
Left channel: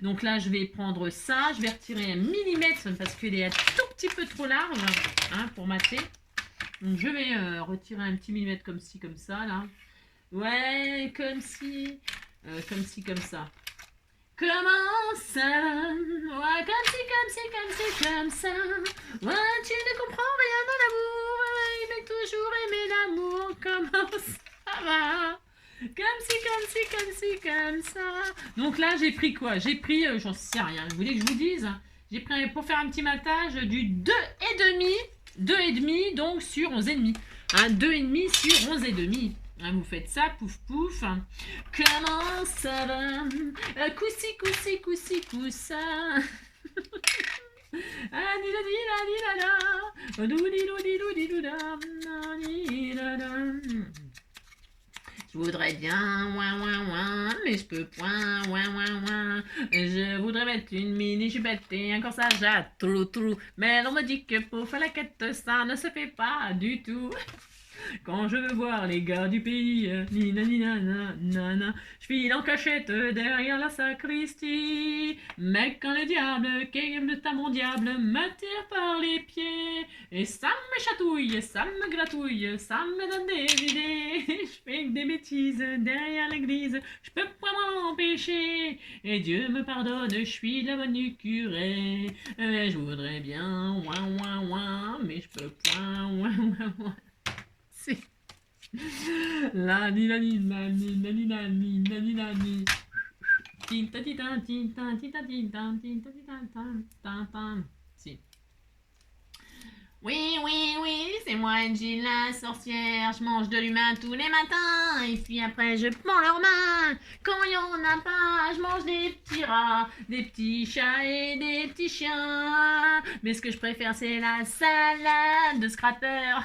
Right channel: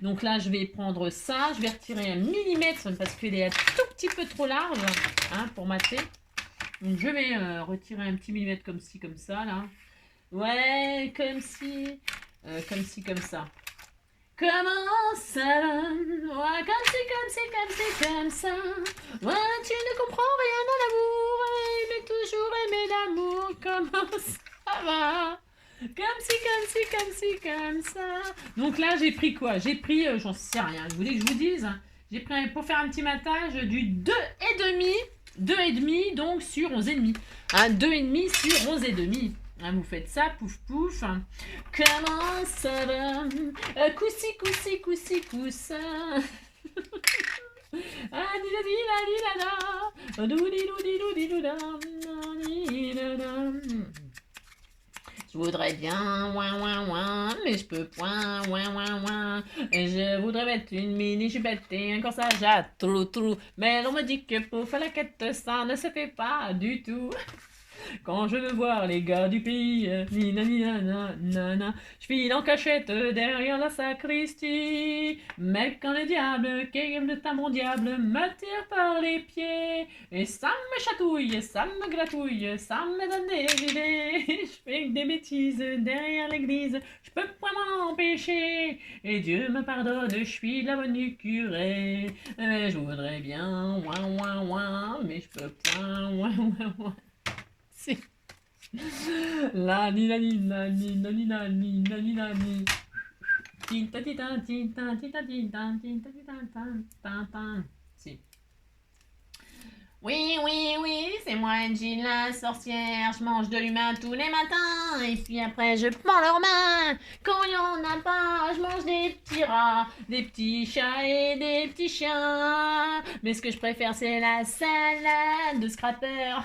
Donc là, je vais prendre ça. Je vais retirer 1 millimètre parce qu'il est un tout petit peu trop large hein, pour mater. Donc je vais retirer un petit millimètre comme ci, comme ça, là. Ouais, comme ci, comme ça. Comment ça va? Ouais, comme ça. Ouais, tu ne comprends rien dans l'amour. Mais toujours aimer l'amour. Comment ça va? Comme ça. Donc là, j'ai pris quoi? J'ai pris, j'en sais rien. Vous voulez que je vous dise? J'ai pris, pour faire un petit matage, du 2,5, donc sur 11,5. Hein, 2,5 sur 11,5. Hein, vous faites ça, pouf pouf. Comment ça va? Coussi, coussa. Ah, je voudrais bien, ouin, mais je peux point, ouin. Je voudrais mettre une mini jupette et un corsage à trou. Mais on me dit que pour faire la quête, ça ne se fait pas du tout. Quand je veux voir les gars du pays, nina, je file en cachette derrière la sacristie. Mais quand le diable, quel ta mon diable, me tire par les pieds, et ça me chatouille, ça me gratouille, ça me donne des idées. Je fais des bêtises derrière l'église, je peux pas m'en empêcher. Et Dieu me pardonne, je suis la bonne curée. Je voudrais bien, ouin, mais je peux point, ouin. La ni si. Oui, c'est moi Angie la sorcière. Je mange de l'humain tous les matins. Et puis après je prends leurs mains. Quand il y en a pas, je mange des petits rats, des petits chats et des petits chiens. Mais ce que je préfère c'est la salade de scrapper.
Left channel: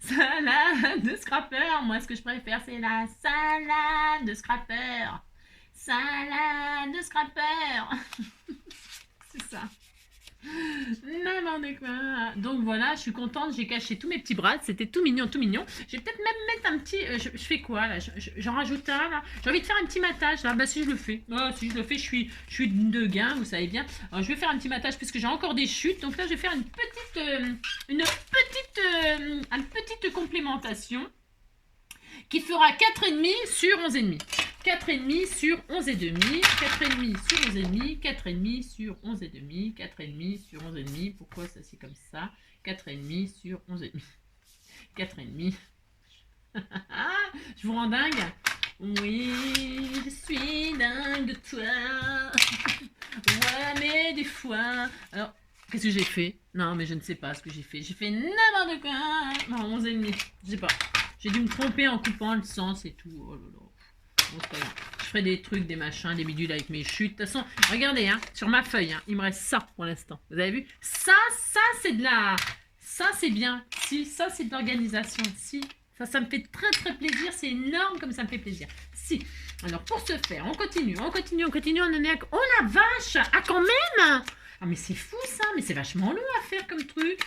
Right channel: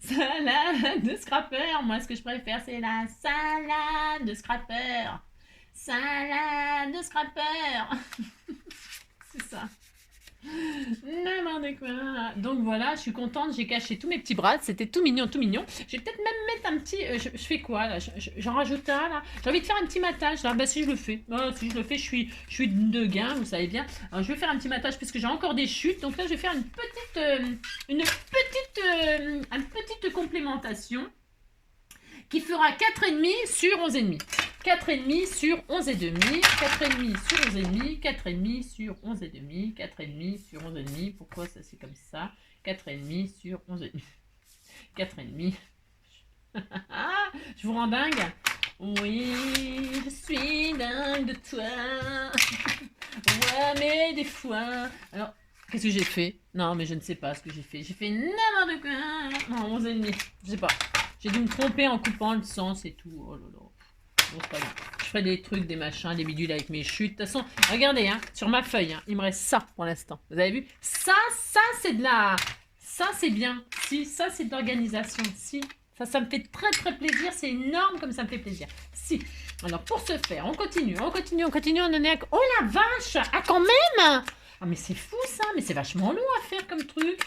Salade de scrapper. Moi, ce que je préfère, c'est la salade de scrapper. Salade de scrapper. C'est ça. N'importe quoi. Donc voilà, je suis contente. J'ai caché tous mes petits bras. C'était tout mignon. Je vais peut-être même mettre un petit... je fais quoi, là? J'en rajoute un, là. J'ai envie de faire un petit matage, là. Bah, si je le fais. Je suis de gain, vous savez bien. Alors, je vais faire un petit matage puisque j'ai encore des chutes. Donc là, je vais faire une petite complémentation qui fera 4,5 sur 11,5. 4,5 sur 11,5, 4,5 sur 11,5, 4,5 sur 11,5, 4,5 sur 11,5. Pourquoi ça c'est comme ça? 4,5 sur 11,5. 4,5. Je vous rends dingue? Oui, je suis dingue de toi. Ouais, mais des fois... Alors, qu'est-ce que j'ai fait? Non, mais je ne sais pas ce que j'ai fait. J'ai fait n'importe quoi. Non, 11,5. Je sais pas. J'ai dû me tromper en coupant le sens et tout. Oh là là. Bon, c'est pas grave. Je ferai des trucs, des machins, des bidules avec mes chutes. De toute façon, regardez, hein, sur ma feuille, hein, il me reste ça pour l'instant. Vous avez vu? Ça, c'est de la... Ça, c'est bien. Si, ça, c'est de l'organisation. Si, ça me fait très, très plaisir. C'est énorme comme ça me fait plaisir. Si. Alors, pour ce faire, on continue. On en est à... Oh la vache! Ah, quand même! Ah, mais c'est fou, ça. Mais c'est vachement long à faire comme truc.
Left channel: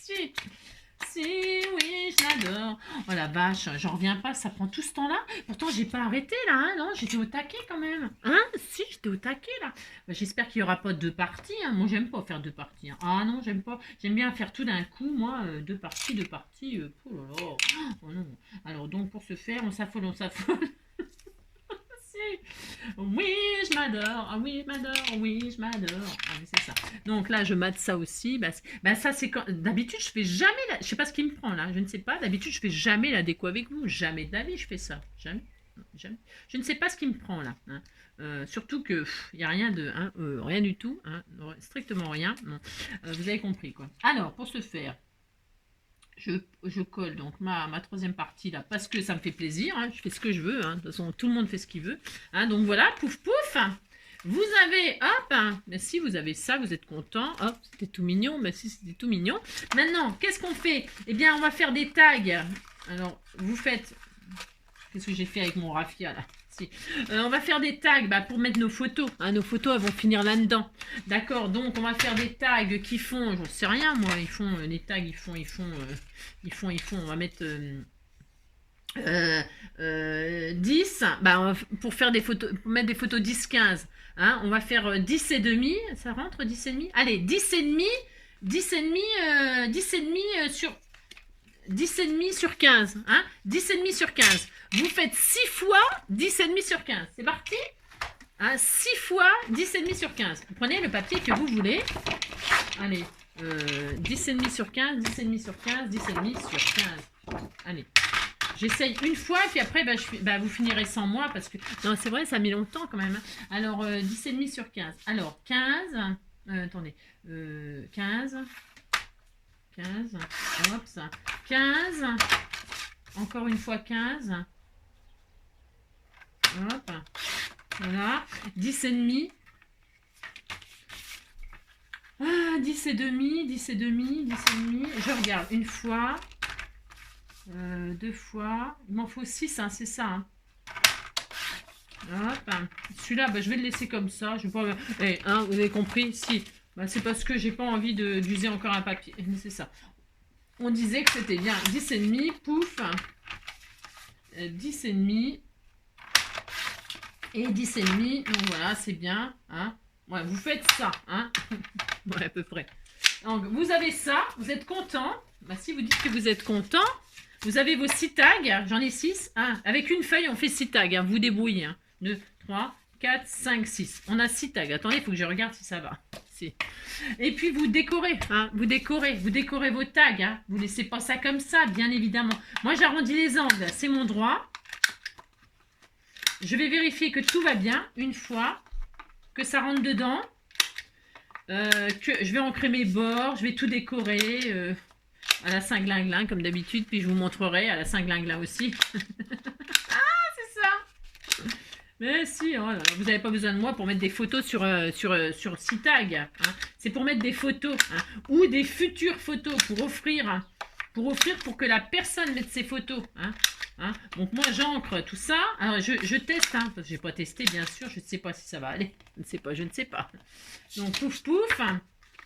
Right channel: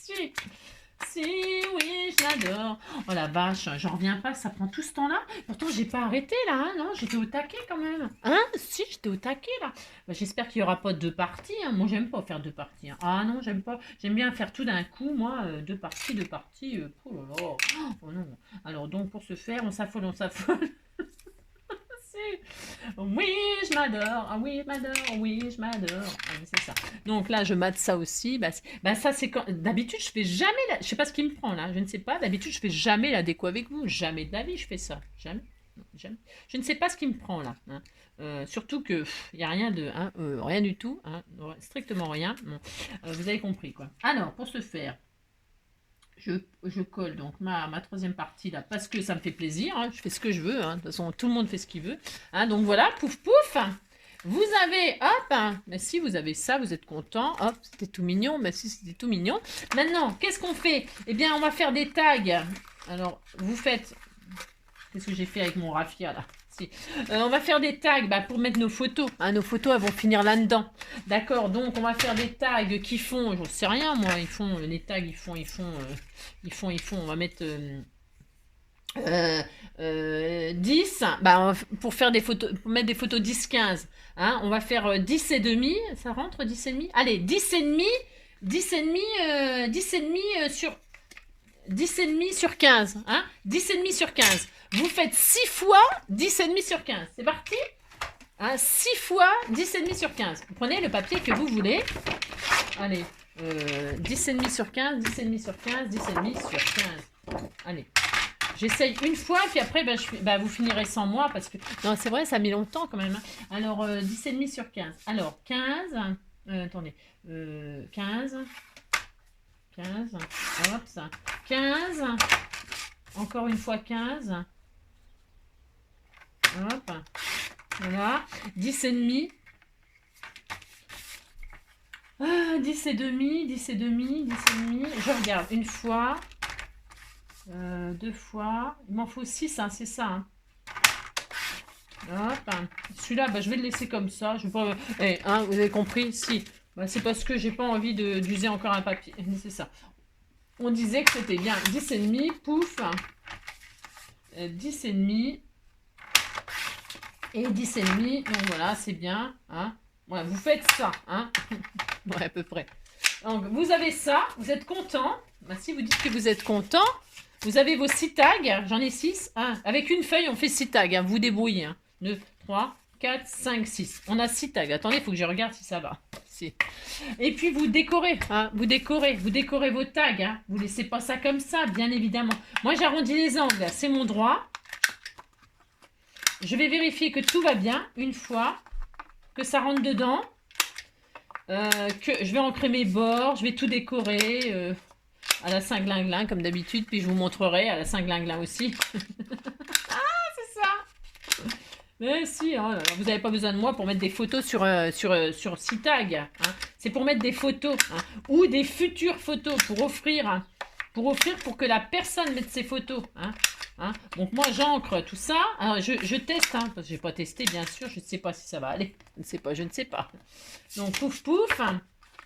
Si. Si, oui, je l'adore. Oh la vache, j'en reviens pas, ça prend tout ce temps-là. Pourtant, j'ai pas arrêté là, hein, non, j'étais au taquet quand même. Hein, si, j'étais au taquet là. Bah, j'espère qu'il y aura pas 2 parties. Hein. Moi, j'aime pas faire 2 parties. Hein. Ah non, j'aime pas. J'aime bien faire tout d'un coup, moi, 2 parties. Oh là là. Oh non. Alors donc, pour ce faire, on s'affole. Oui, je m'adore. Ah oui, je m'adore. Oui, je m'adore. Ah, c'est ça. Donc là, je mate ça aussi. Bah ça, c'est quand. D'habitude, je fais jamais. Je sais pas ce qui me prend là. Je ne sais pas. D'habitude, je fais jamais la déco avec vous. Jamais de la vie, je fais ça. Jamais. Non, jamais. Je ne sais pas ce qui me prend là. Hein. Surtout que il n'y a rien de. Hein, rien du tout. Hein, strictement rien. Bon. Vous avez compris quoi. Alors, pour ce faire. Je colle donc ma 3e partie là parce que ça me fait plaisir, hein, je fais ce que je veux, hein, de toute façon tout le monde fait ce qu'il veut, hein, donc voilà, pouf pouf, vous avez, hop, hein, mais si vous avez ça, vous êtes content, hop, c'était tout mignon, mais si c'était tout mignon, maintenant, qu'est-ce qu'on fait? Eh bien, on va faire des tags, alors, vous faites, qu'est-ce que j'ai fait avec mon raffia là? On va faire des tags pour mettre nos photos. Hein, nos photos, elles vont finir là-dedans. D'accord, donc on va faire des tags qui font, je ne sais rien moi, ils font, les tags, ils font, on va mettre 10, pour faire des photos, pour mettre des photos 10-15. Hein, on va faire 10 et demi, ça rentre 10 et demi? Allez, 10 et demi, 10 et demi, 10 et demi sur... 10 et demi sur 15. Hein, 10 et demi sur 15. Vous faites 6 fois 10 et demi sur 15. C'est parti, hein, 6 fois 10 et demi sur 15. Vous prenez le papier que vous voulez. Allez, 10 et demi sur 15, 10 et demi sur 15, 10 et demi sur 15. Allez. J'essaye une fois, puis après, vous finirez sans moi, parce que... Non, c'est vrai, ça met longtemps quand même. Hein. Alors, 10 et demi sur 15. Alors, 15... attendez. 15... 15, hop, ça. 15, encore une fois 15, hop, voilà, 10 et demi, 10 et demi, 10 et demi, 10 et demi, je regarde, une fois, 2 fois, il m'en faut 6, hein, c'est ça, hein. Hop, celui-là, je vais le laisser comme ça, je vais pas... hein, vous avez compris, si... c'est parce que j'ai pas envie d'user encore un papier. C'est ça. On disait que c'était bien. 10 et demi, pouf. 10 et demi. Et 10 et demi. Donc voilà, c'est bien. Hein. Ouais, vous faites ça. Hein. Ouais, à peu près. Donc, vous avez ça. Vous êtes content. Si vous dites que vous êtes content, vous avez vos 6 tags. J'en ai 6. Hein. Avec une feuille, on fait 6 tags. Hein. Vous débrouillez. Hein. 2, 3, 4, 5, 6. On a 6 tags. Attendez, il faut que je regarde si ça va. Et puis vous décorez, hein, vous décorez vos tags, hein, vous laissez pas ça comme ça, bien évidemment. Moi j'arrondis les angles, c'est mon droit. Je vais vérifier que tout va bien, une fois que ça rentre dedans, que je vais ancrer mes bords, je vais tout décorer à la Saint-Glinglin comme d'habitude, puis je vous montrerai à la Saint-Glinglin aussi. Mais si, hein, vous n'avez pas besoin de moi pour mettre des photos sur 6 tags. Hein. C'est pour mettre des photos hein, ou des futures photos pour offrir pour que la personne mette ses photos. Hein. Hein. Donc moi j'encre tout ça. Alors je teste, hein, parce que je n'ai pas testé bien sûr. Je ne sais pas si ça va aller. Je ne sais pas. Donc pouf pouf.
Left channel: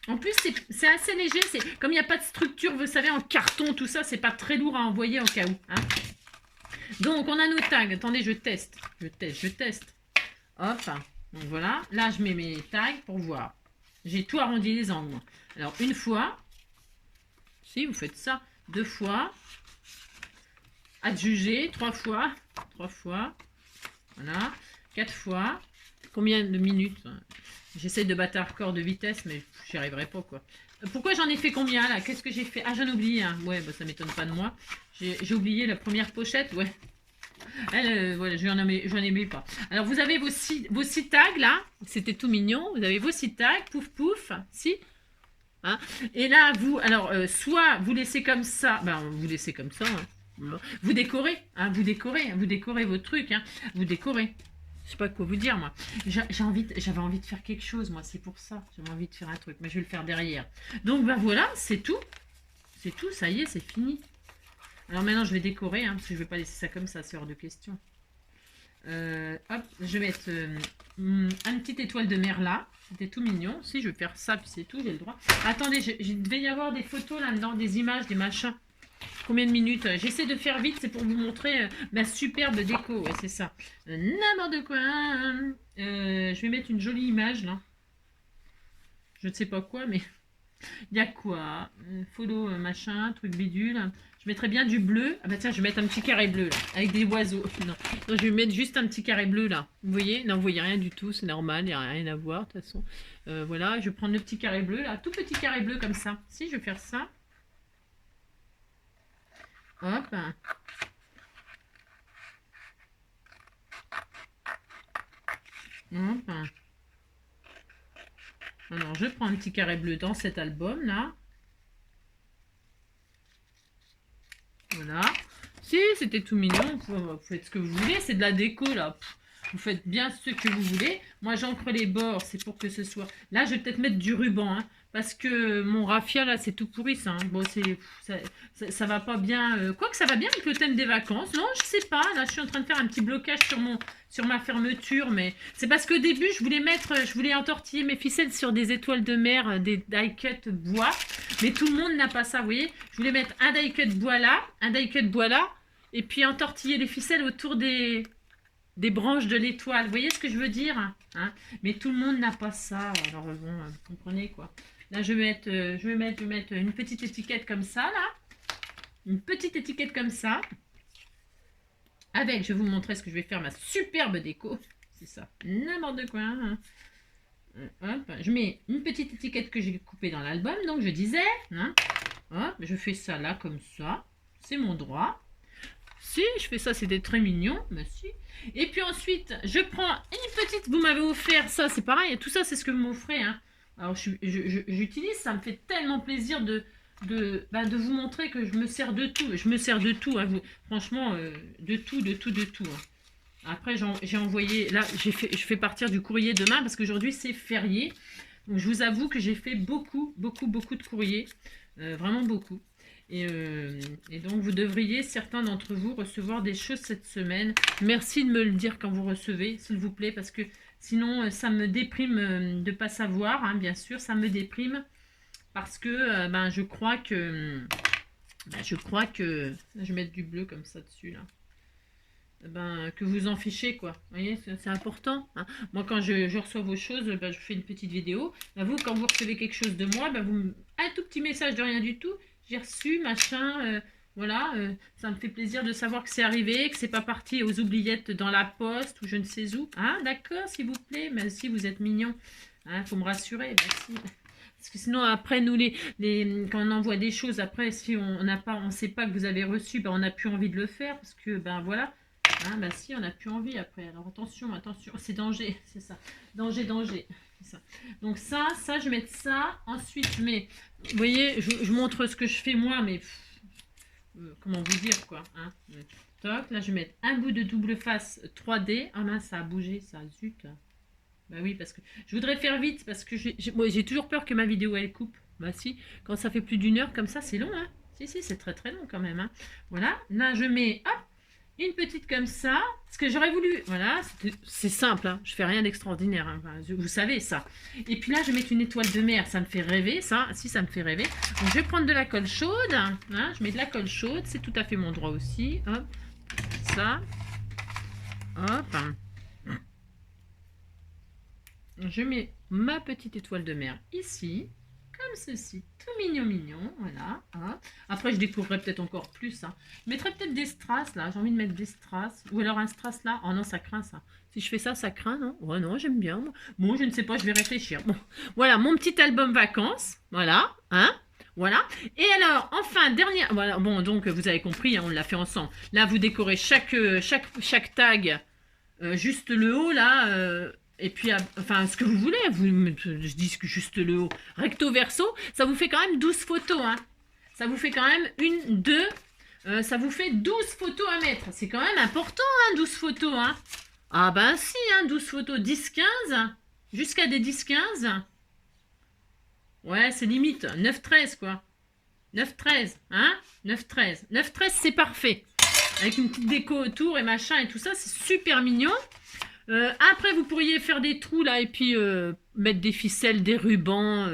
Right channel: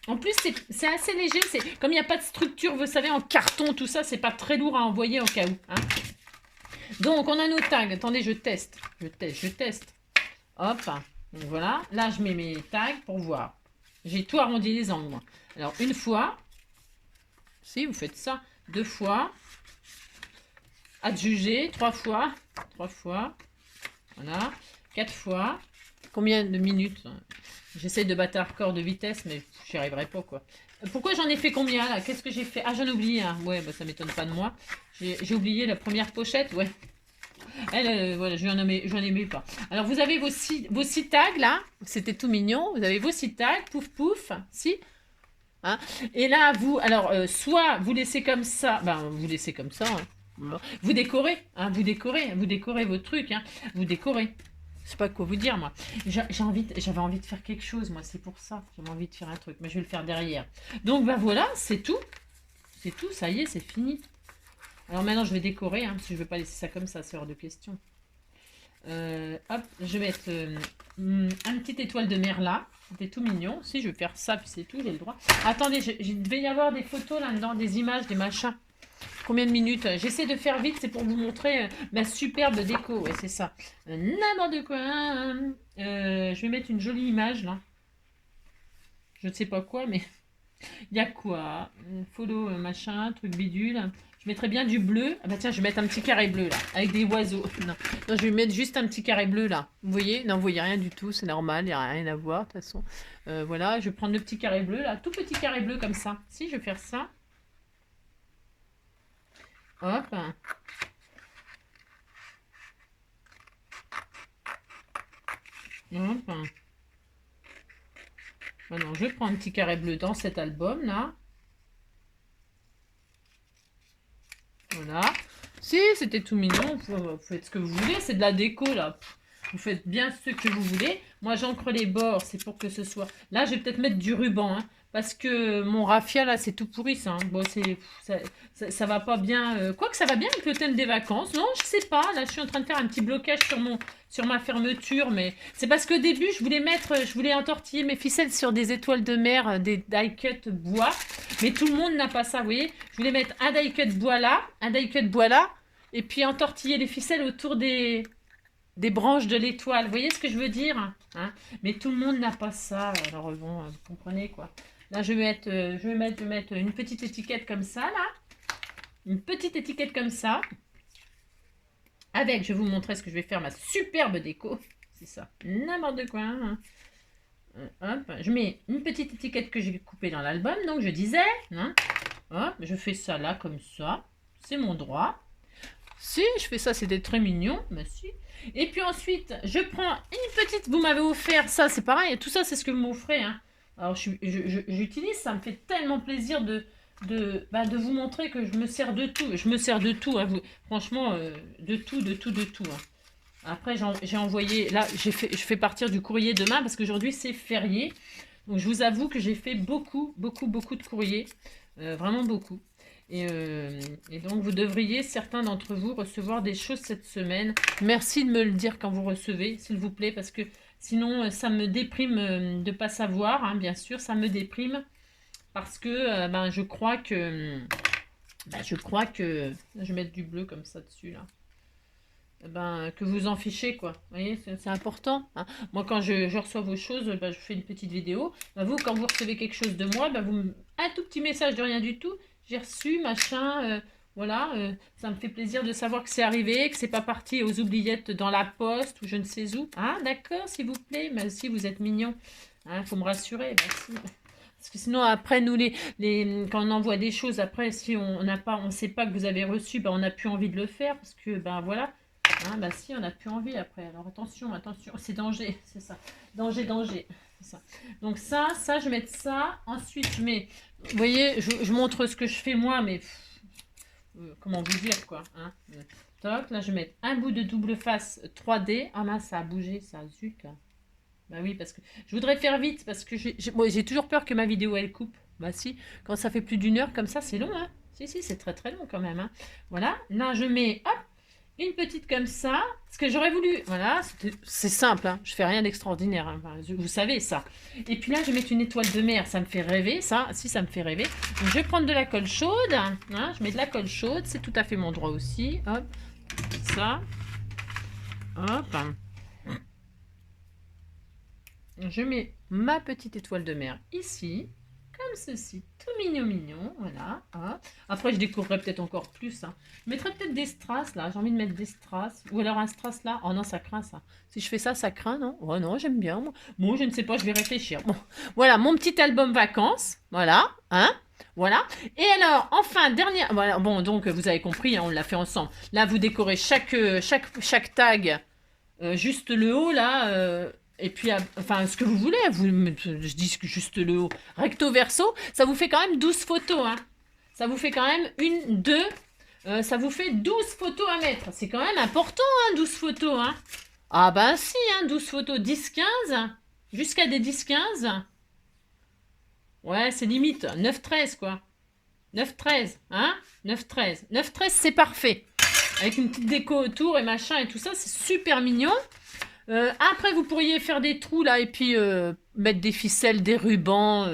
En plus c'est assez léger. Comme il n'y a pas de structure, vous savez, en carton, tout ça, c'est pas très lourd à envoyer au cas où. Hein. Donc, on a nos tags. Attendez, je teste. Hop. Donc, voilà. Là, je mets mes tags pour voir. J'ai tout arrondi les angles, moi. Alors, une fois. Si, vous faites ça. 2 fois. Adjuger. 3 fois. 3 fois. Voilà. 4 fois. Combien de minutes? J'essaie de battre un record de vitesse, mais j'y arriverai pas, quoi. Pourquoi j'en ai fait combien, là? Qu'est-ce que j'ai fait? Ah, j'en ai oublié un. Ouais, ça m'étonne pas de moi. J'ai oublié la première pochette, ouais. Voilà, j'en aimais pas. Alors, vous avez vos 6 tags, là. C'était tout mignon. Vous avez vos 6 tags. Pouf, pouf. Si. Hein. Et là, soit vous laissez comme ça. Vous laissez comme ça. Hein. Vous décorez. Hein, vous décorez vos trucs. Hein. Vous décorez. Je sais pas quoi vous dire, moi. J'avais envie de faire quelque chose, moi. C'est pour ça. J'avais envie de faire un truc. Mais je vais le faire derrière. Donc, voilà. C'est tout. C'est tout, ça y est, c'est fini. Alors maintenant, je vais décorer, hein, parce que je ne vais pas laisser ça comme ça, c'est hors de question. Hop, je vais mettre une petite étoile de mer là. C'était tout mignon. Si, je vais faire ça, puis c'est tout, j'ai le droit. Attendez, il devait y avoir des photos là-dedans, des images, des machins. Combien de minutes? J'essaie de faire vite, c'est pour vous montrer ma superbe déco. Ouais, c'est ça. N'importe quoi. Je vais mettre une jolie image là. Je ne sais pas quoi, mais il y a quoi? Photo, machin, truc bidule. Je mettrais bien du bleu. Ah bah tiens, je vais mettre un petit carré bleu là, avec des oiseaux. Non, non, je vais mettre juste un petit carré bleu là. Vous voyez? Non, vous voyez rien du tout, c'est normal, il n'y a rien à voir de toute façon. Voilà, je vais prendre le petit carré bleu là, tout petit carré bleu comme ça. Si, je vais faire ça. Hop. Hop. Alors, je prends un petit carré bleu dans cet album là. Voilà. Si, c'était tout mignon. Vous faites ce que vous voulez. C'est de la déco, là. Vous faites bien ce que vous voulez. Moi, j'encre les bords. C'est pour que ce soit... Là, je vais peut-être mettre du ruban. Hein, parce que mon raffia, là, c'est tout pourri, ça. Hein. Bon, ça va pas bien... Quoique, ça va bien avec le thème des vacances. Non, je sais pas. Là, je suis en train de faire un petit blocage sur ma fermeture. Mais c'est parce qu'au début, je voulais entortiller mes ficelles sur des étoiles de mer, des die-cut bois. Mais tout le monde n'a pas ça, vous voyez. Je voulais mettre un die-cut bois là, un die-cut bois là, et puis entortiller les ficelles autour des branches de l'étoile. Vous voyez ce que je veux dire, hein? Mais tout le monde n'a pas ça. Alors bon, vous comprenez quoi. Là, je vais mettre une petite étiquette comme ça, là. Une petite étiquette comme ça. Avec, je vais vous montrer ce que je vais faire, ma superbe déco. C'est ça, n'importe quoi, hein. Hop, je mets une petite étiquette que j'ai coupée dans l'album, donc je disais, hein, hop, je fais ça là comme ça, c'est mon droit. Si, je fais ça, c'était très mignon, bah si. Et puis ensuite, je prends une petite, vous m'avez offert ça, c'est pareil, tout ça c'est ce que vous m'offrez, hein. Alors j'utilise, ça me fait tellement plaisir de vous montrer que je me sers de tout, hein, franchement, de tout, hein. Après, j'ai envoyé, là, je fais partir du courrier demain parce qu'aujourd'hui, c'est férié. Donc, je vous avoue que j'ai fait beaucoup de courriers. Vraiment beaucoup. Et donc, vous devriez, certains d'entre vous, recevoir des choses cette semaine. Merci de me le dire quand vous recevez, s'il vous plaît, parce que sinon, ça me déprime de ne pas savoir, hein, bien sûr. Ça me déprime parce que je crois que... je vais mettre du bleu comme ça dessus, là. Que vous en fichez, quoi. Vous voyez, c'est important, hein. Moi, quand je reçois vos choses, je fais une petite vidéo. Vous, quand vous recevez quelque chose de moi, un tout petit message de rien du tout. J'ai reçu, machin, voilà. Ça me fait plaisir de savoir que c'est arrivé, que c'est pas parti aux oubliettes dans la poste ou je ne sais où. Hein, d'accord, s'il vous plaît. Si vous êtes mignon. Hein, faut me rassurer. Si. Parce que sinon, après, nous, quand on envoie des choses, après, si on ne sait pas que vous avez reçu, on n'a plus envie de le faire. Parce que, voilà. Ah, si, on n'a plus envie après. Alors, attention, c'est danger, c'est ça. Danger, c'est ça. Donc, ça, je vais mettre ça. Ensuite, je mets... Vous voyez, je montre ce que je fais moi, mais... comment vous dire, quoi, hein. Toc, là, je vais mettre un bout de double face 3D. Ah, mince, ça a bougé, ça, zut, là. Bah oui, parce que... Je voudrais faire vite, parce que j'ai toujours peur que ma vidéo, elle coupe. Bah si, quand ça fait plus d'1 heure comme ça, c'est long, hein. Si, c'est très très long quand même, hein. Voilà, là, je mets... Hop, une petite comme ça, ce que j'aurais voulu, voilà, c'est simple, hein, je fais rien d'extraordinaire, hein, vous savez ça. Et puis là, je vais mettre une étoile de mer, ça me fait rêver, ça, si ça me fait rêver. Donc, je vais prendre de la colle chaude, hein, je mets de la colle chaude, c'est tout à fait mon droit aussi, hop, ça, hop. Je mets ma petite étoile de mer ici, comme ceci, tout mignon, voilà. Hop. Après, je découvrirai peut-être encore plus. Hein. Je mettrai peut-être des strass, là. J'ai envie de mettre des strass. Ou alors un strass, là. Oh non, ça craint, ça. Si je fais ça, ça craint, non? Oh non, j'aime bien. Moi. Bon, je ne sais pas, je vais réfléchir. Bon, voilà, mon petit album vacances. Voilà, hein. Voilà. Et alors, enfin, dernière... Voilà, bon, donc, vous avez compris, hein, on l'a fait ensemble. Là, vous décorez chaque tag, juste le haut, là... et puis, enfin, ce que vous voulez, je dis que juste le haut, recto verso, ça vous fait quand même 12 photos, hein. Ça vous fait quand même 1, 2, ça vous fait 12 photos à mettre. C'est quand même important, hein, 12 photos, hein. Ah ben si, hein, 12 photos, 10, 15, jusqu'à des 10, 15. Ouais, c'est limite, 9, 13, quoi. 9-13, hein? 9-13. 9-13, c'est parfait. Avec une petite déco autour et machin et tout ça, c'est super mignon. Après, vous pourriez faire des trous là et puis mettre des ficelles, des rubans.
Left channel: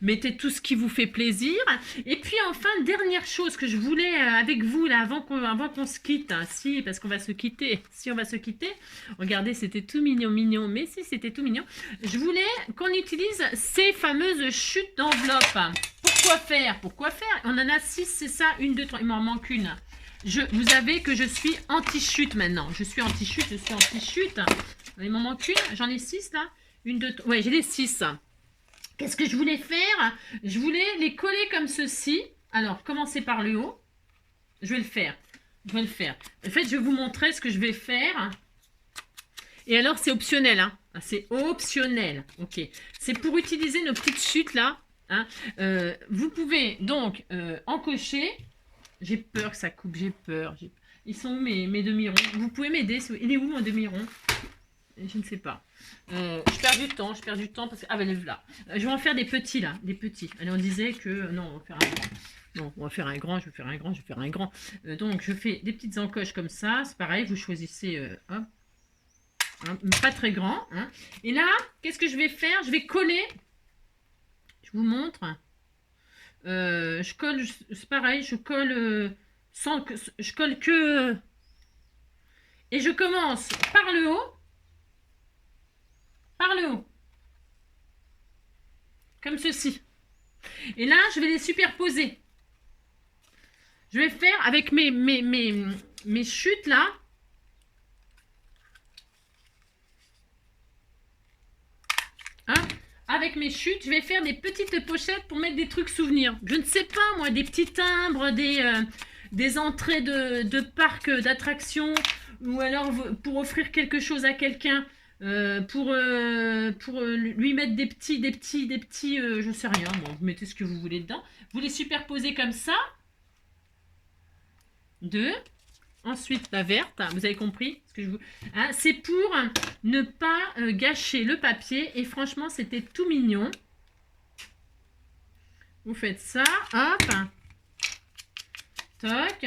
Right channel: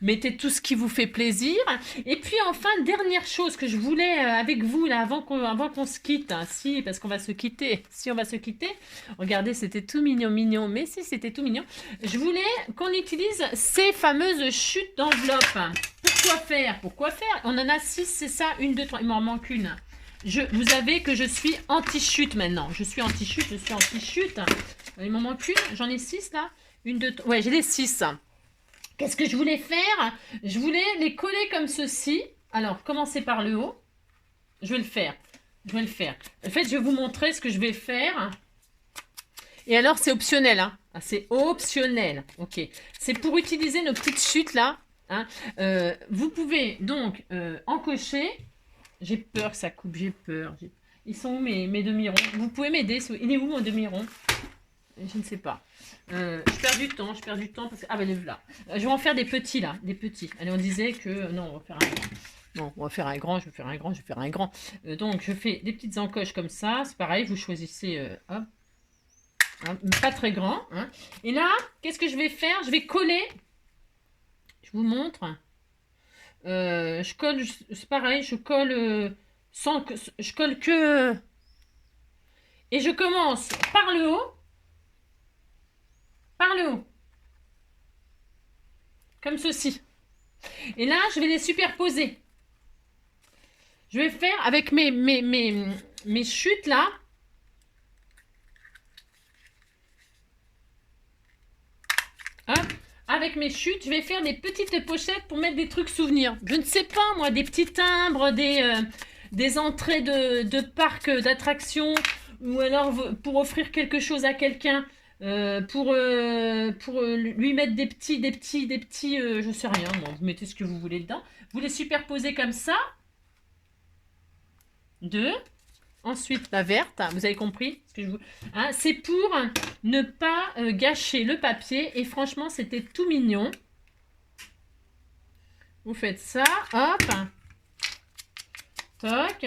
Mettez tout ce qui vous fait plaisir. Et puis enfin, dernière chose que je voulais avec vous là avant qu'on se quitte. Hein, si, parce qu'on va se quitter. Si on va se quitter. Regardez, c'était tout mignon, mignon. Mais si, c'était tout mignon. Je voulais qu'on utilise ces fameuses chutes d'enveloppe. Pourquoi faire? Pourquoi faire? On en a 6, c'est ça? 1, 2, 3. Il m'en manque une. Vous savez que je suis anti-chute maintenant. Je suis anti-chute, je suis anti-chute. Il m'en manque une. J'en ai 6 là. 1, 2, 3. Ouais, j'ai les 6. Qu'est-ce que je voulais faire? Je voulais les coller comme ceci. Alors, commencer par le haut. Je vais le faire. Je vais le faire. En fait, je vais vous montrer ce que je vais faire. Et alors, c'est optionnel. Hein. C'est optionnel. Ok. C'est pour utiliser nos petites chutes là. Hein. Vous pouvez donc encocher. J'ai peur que ça coupe, j'ai peur. Ils sont où mes demi-ronds? Vous pouvez m'aider? Il est où mon demi-rond? Je ne sais pas. Je perds du temps, parce que... Ah ben là. Je vais en faire des petits là, des petits. Allez, on disait que... Non, on va faire un grand. Non, on va faire un grand, je vais faire un grand, je vais faire un grand. Donc, je fais des petites encoches comme ça. C'est pareil, vous choisissez... hop. Hein, pas très grand. Hein. Et là, qu'est-ce que je vais faire? Je vais coller. Je vous montre. Je colle, c'est pareil, je colle sans que... Je colle que... Et je commence par le haut. Par le haut. Comme ceci. Et là, je vais les superposer. Je vais faire avec mes chutes là. Hein? Avec mes chutes, je vais faire des petites pochettes pour mettre des trucs souvenirs. Je ne sais pas, moi, des petits timbres, des entrées de parcs d'attractions, ou alors pour offrir quelque chose à quelqu'un, pour lui mettre des petits, je sais rien, moi, vous mettez ce que vous voulez dedans. Vous les superposez comme ça. 2. Ensuite, la verte, vous avez compris ce que je vous... Hein, c'est pour ne pas gâcher le papier. Et franchement, c'était tout mignon. Vous faites ça, hop. Toc.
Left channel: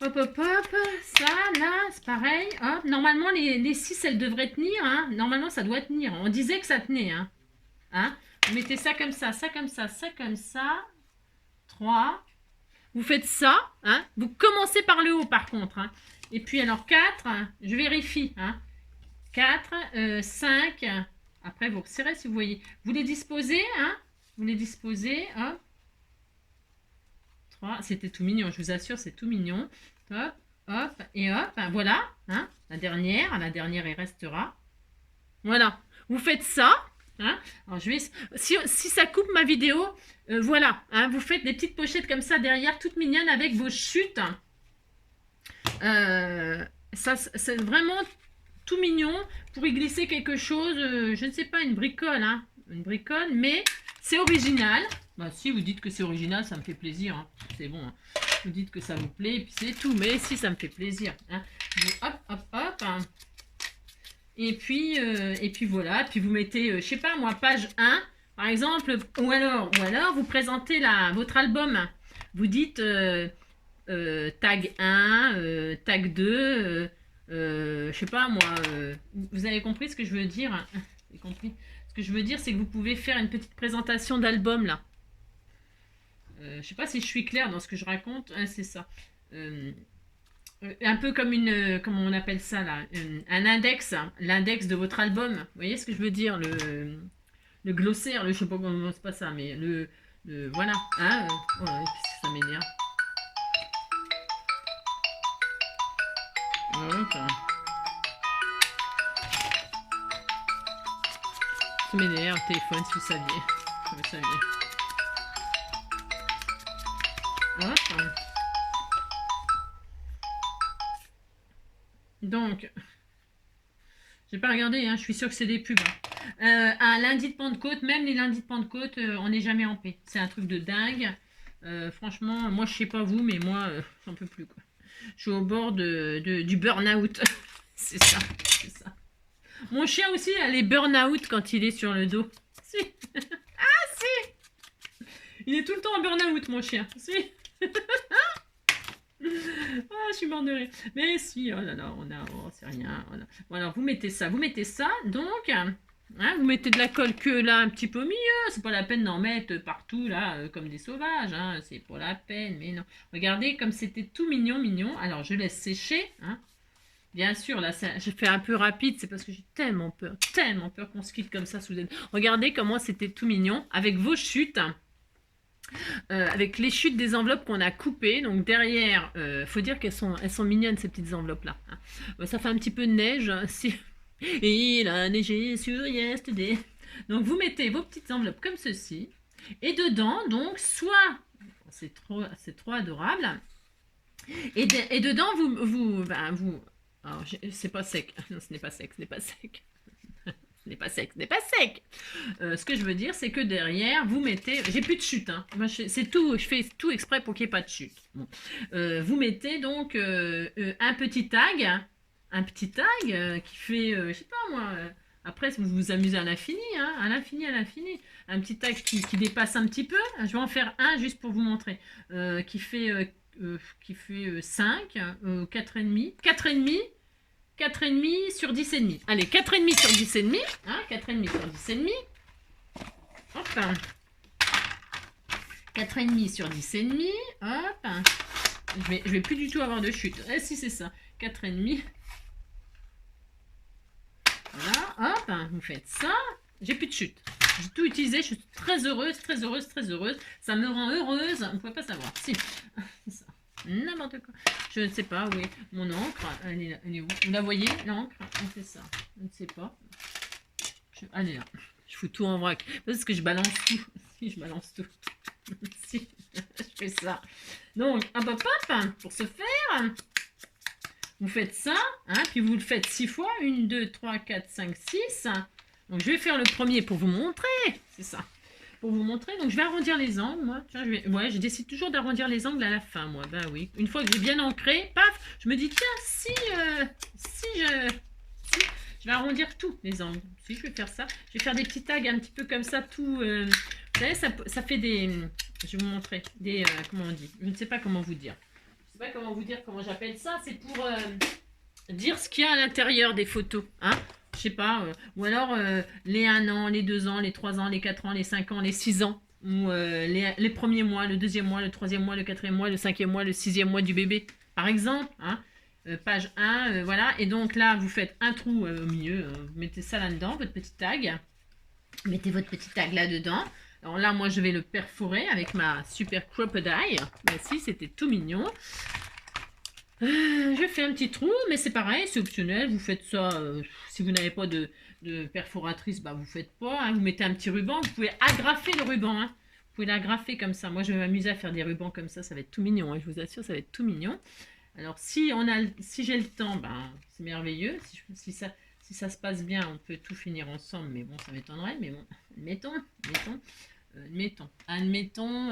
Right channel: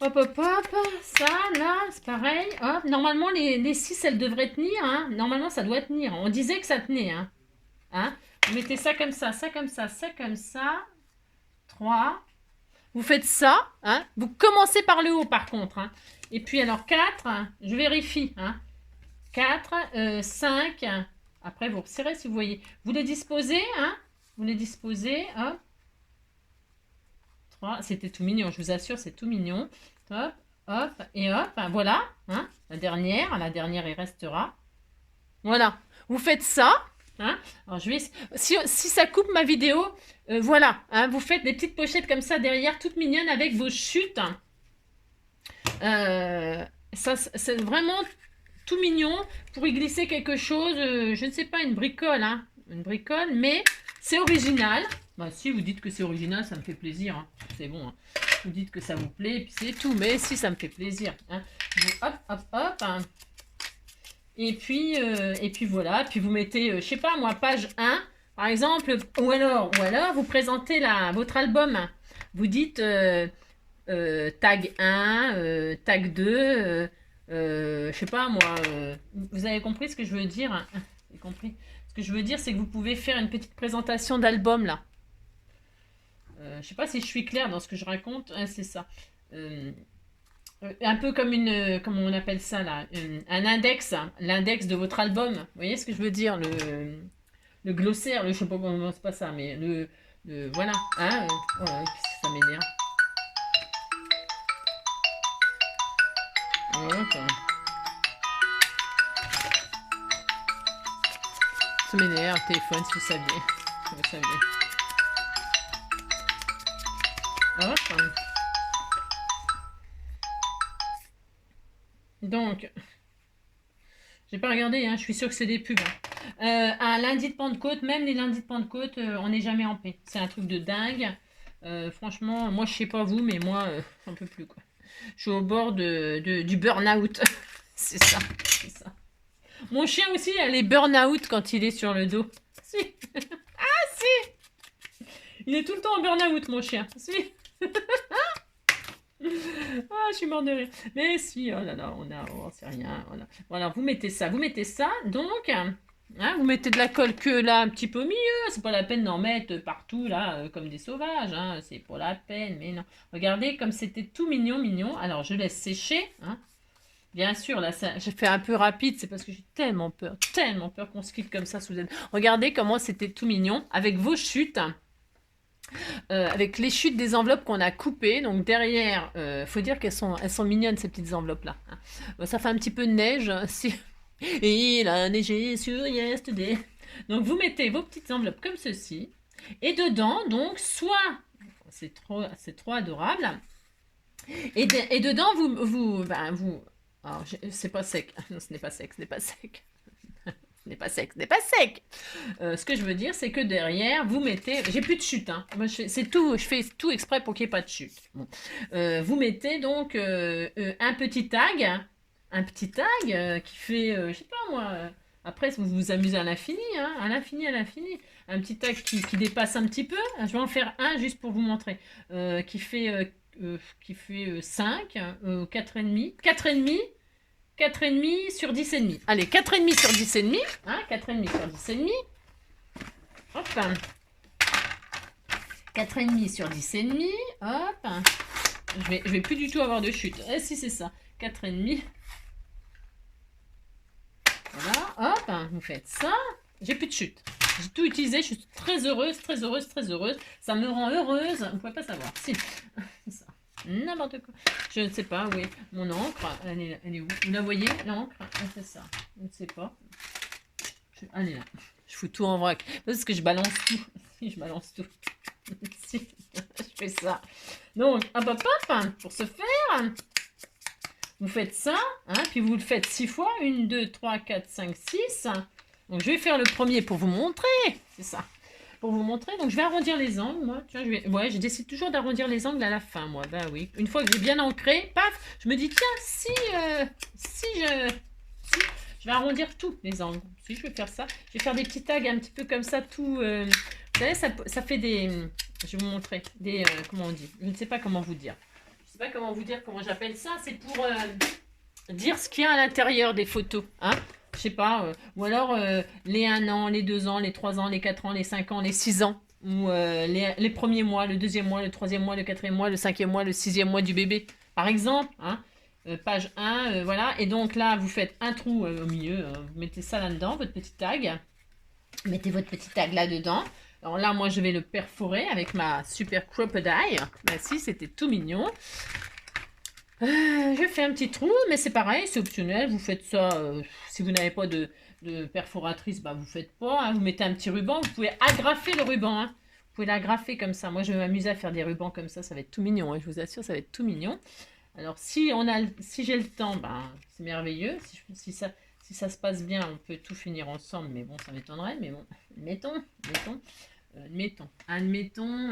Hop, hop, hop. Ça, là, c'est pareil. Hop. Normalement, les 6, elles devraient tenir. Hein. Normalement, ça doit tenir. On disait que ça tenait. Hein. Hein. Vous mettez ça comme ça, ça comme ça, ça comme ça. 3. Vous faites ça, hein. Vous commencez par le haut par contre. Hein. Et puis alors 4, je vérifie. Hein. 4, 5, après vous resserrez si vous voyez. Vous les disposez, hein. Vous les disposez, hop. 3, c'était tout mignon, je vous assure, c'est tout mignon. Hop, hop, et hop, voilà. Hein. La dernière, il restera. Voilà, vous faites ça. Hein. Alors je vais, si ça coupe ma vidéo, voilà, hein, vous faites des petites pochettes comme ça derrière, toutes mignonnes avec vos chutes. Ça, c'est vraiment tout mignon pour y glisser quelque chose. Je ne sais pas, une bricole, hein, mais c'est original. Bah, si vous dites que c'est original, ça me fait plaisir. Hein. C'est bon. Hein. Vous dites que ça vous plaît, et puis c'est tout. Mais si, ça me fait plaisir. Hein. Hop, hop, hop. Hein. Et puis voilà, puis vous mettez, je sais pas moi, page 1, par exemple, ou alors vous présentez votre album. Vous dites tag 1, tag 2, je sais pas moi, vous avez compris ce que je veux dire? Hein. Vous avez compris? Ce que je veux dire, c'est que vous pouvez faire une petite présentation d'album là. Je sais pas si je suis claire dans ce que je raconte, hein, c'est ça. Un peu comme comment on appelle ça là, un index, hein, l'index de votre album. Vous voyez ce que je veux dire, le glossaire, je sais pas comment c'est pas ça, mais voilà, hein, voilà, ça m'énerve. Enfin. Ça m'énerve, téléphone, si vous saviez. Vous saviez. Hop. Donc, j'ai pas regardé, hein, je suis sûre que c'est des pubs. Hein. Un lundi de Pentecôte, même les lundis de Pentecôte, on n'est jamais en paix. C'est un truc de dingue. Franchement, moi je sais pas vous, mais moi, j'en peux plus quoi. Je suis au bord du burn-out. C'est ça, c'est ça. Mon chien aussi, elle est burn-out quand il est sur le dos. Si. Ah si. Il est tout le temps en burn-out, mon chien. Si. Ah, je suis mort de rire. Mais si, oh là là, oh, c'est rien. Voilà, vous mettez ça, donc, hein, vous mettez de la colle que là, un petit peu au milieu, c'est pas la peine d'en mettre partout, là, comme des sauvages, hein, c'est pas la peine, mais non. Regardez comme c'était tout mignon, mignon. Alors, je laisse sécher, hein. Bien sûr, là, j'ai fait un peu rapide, c'est parce que j'ai tellement peur qu'on se quitte comme ça sous elle. Regardez comment c'était tout mignon, avec vos chutes, avec les chutes des enveloppes qu'on a coupées. Donc derrière, faut dire elles sont mignonnes ces petites enveloppes là. Ça fait un petit peu de neige. Il a neigé sur Yesterday. Donc vous mettez vos petites enveloppes comme ceci. Et dedans, donc, soit, c'est trop adorable. Et dedans, vous alors, c'est pas sec. Non, ce n'est pas sec, ce n'est pas sec. Ce n'est pas sec, ce n'est pas sec. Ce que je veux dire, c'est que derrière, vous mettez... J'ai plus de chute, hein. Moi, c'est tout, je fais tout exprès pour qu'il n'y ait pas de chute. Bon. Vous mettez donc un petit tag. Un petit tag qui fait, je sais pas moi... après, vous vous amusez à l'infini, hein, à l'infini, à l'infini. Un petit tag qui dépasse un petit peu. Je vais en faire un juste pour vous montrer. Qui fait 5, 4,5. 4,5 sur 10,5. Allez, 4,5 sur 10,5. Hein, 4,5 sur 10,5. Hop. 4,5 sur 10,5. Hop. Je vais plus du tout avoir de chute. Eh si, c'est ça. 4,5. Voilà. Hop. Vous faites ça. J'ai plus de chute. J'ai tout utilisé. Je suis très heureuse, très heureuse, très heureuse. Ça me rend heureuse. Vous ne pouvez pas savoir. Si. C'est ça. N'importe quoi. Je ne sais pas, oui. Mon encre, elle est où? Vous la voyez, l'encre? C'est ça. Je ne sais pas. Elle est là. Je fous tout en vrac. Parce que je balance tout. Si, je balance tout. Si, je fais ça. Donc, hop, hop, hop. Pour ce faire, vous faites ça. Hein, puis vous le faites 6 fois. 1, 2, 3, 4, 5, 6. Donc, je vais faire le premier pour vous montrer. C'est ça. Pour vous montrer, donc je vais arrondir les angles, moi. Tu vois, je décide toujours d'arrondir les angles à la fin, moi. Bah oui. Une fois que j'ai bien ancré, paf, je me dis, tiens, si je vais arrondir tous les angles. Si je vais faire ça, je vais faire des petits tags un petit peu comme ça, tout. Vous savez, ça fait des. Je vais vous montrer. Des. Comment on dit? Je ne sais pas comment vous dire. Je ne sais pas comment vous dire, comment j'appelle ça. C'est pour dire ce qu'il y a à l'intérieur des photos. Hein? Je sais pas, ou alors les 1 an, les 2 ans, les 3 ans, les 4 ans, les 5 ans, les 6 ans, ou les premiers mois, le deuxième mois, le troisième mois, le quatrième mois, le cinquième mois, le sixième mois du bébé, par exemple, hein, page 1, voilà, et donc là, vous faites un trou au milieu, vous mettez ça là-dedans, votre petit tag, mettez votre petit tag là-dedans. Alors là, moi, je vais le perforer avec ma super crocodile. Merci, c'était tout mignon. Je fais un petit trou, mais c'est pareil, c'est optionnel. Vous faites ça, si vous n'avez pas de perforatrice, bah vous faites pas. Hein, vous mettez un petit ruban, vous pouvez agrafer le ruban. Hein. Vous pouvez l'agrafer comme ça. Moi, je vais m'amuser à faire des rubans comme ça va être tout mignon. Hein, je vous assure, ça va être tout mignon. Alors, si j'ai le temps, bah, c'est merveilleux. Si ça se passe bien, on peut tout finir ensemble, mais bon, ça m'étonnerait. Mais bon, admettons,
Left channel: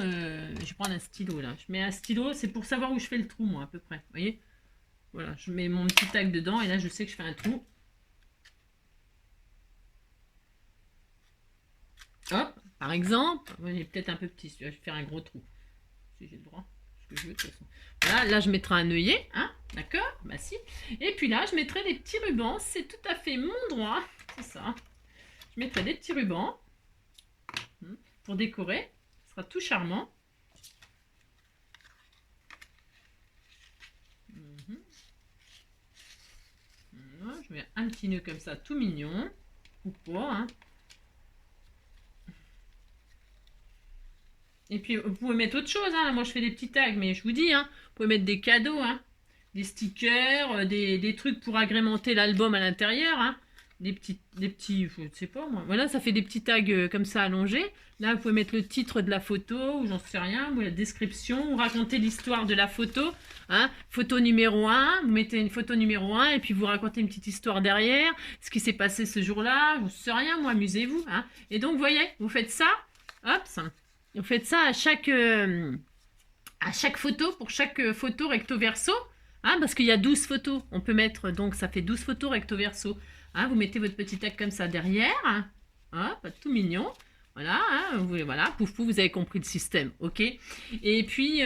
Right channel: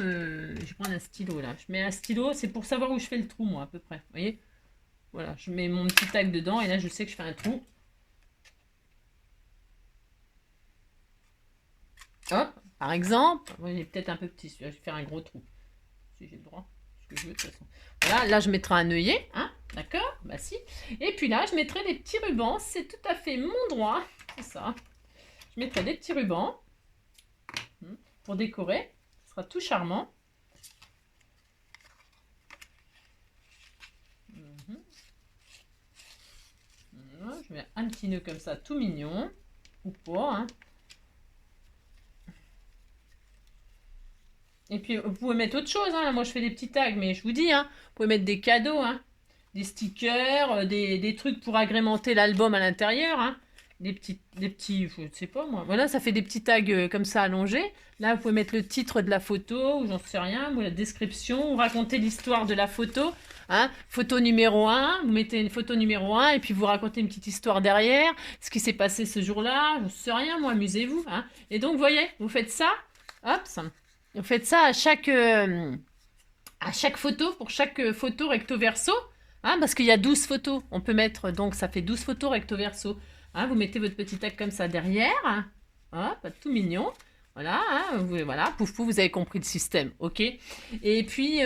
je vais prendre un stylo là. Je mets un stylo, c'est pour savoir où je fais le trou, moi, à peu près. Vous voyez? Voilà, je mets mon petit tag dedans et là, je sais que je fais un trou. Hop, par exemple, moi, j'ai peut-être un peu petit, je vais faire un gros trou. Si j'ai le droit, ce que je veux, de toute façon. Voilà, là, je mettrai un œillet, hein, d'accord? Bah si. Et puis là, je mettrai des petits rubans, c'est tout à fait mon droit, c'est ça. Je mettrai des petits rubans. Pour décorer, ce sera tout charmant. Voilà, je mets un petit nœud comme ça, tout mignon, ou pas. Hein. Et puis vous pouvez mettre autre chose. Hein. Moi je fais des petits tags, mais je vous dis, hein, vous pouvez mettre des cadeaux, hein, des stickers, des trucs pour agrémenter l'album à l'intérieur. Hein. Des petits, je ne sais pas moi. Voilà, ça fait des petits tags comme ça allongés. Là, vous pouvez mettre le titre de la photo, ou j'en sais rien, ou la description, ou raconter l'histoire de la photo. Hein. Photo numéro 1, vous mettez une photo numéro 1, et puis vous racontez une petite histoire derrière, ce qui s'est passé ce jour-là, j'en sais rien, moi, amusez-vous. Hein. Et donc, vous voyez, vous faites ça, hop, vous faites ça à chaque photo, pour chaque photo recto verso, hein, parce qu'il y a 12 photos. On peut mettre, donc ça fait 12 photos recto verso. Hein, vous mettez votre petit tag comme ça derrière. Hop, tout mignon. Voilà, hein, voilà, pouf pouf, vous avez compris le système, ok. Et puis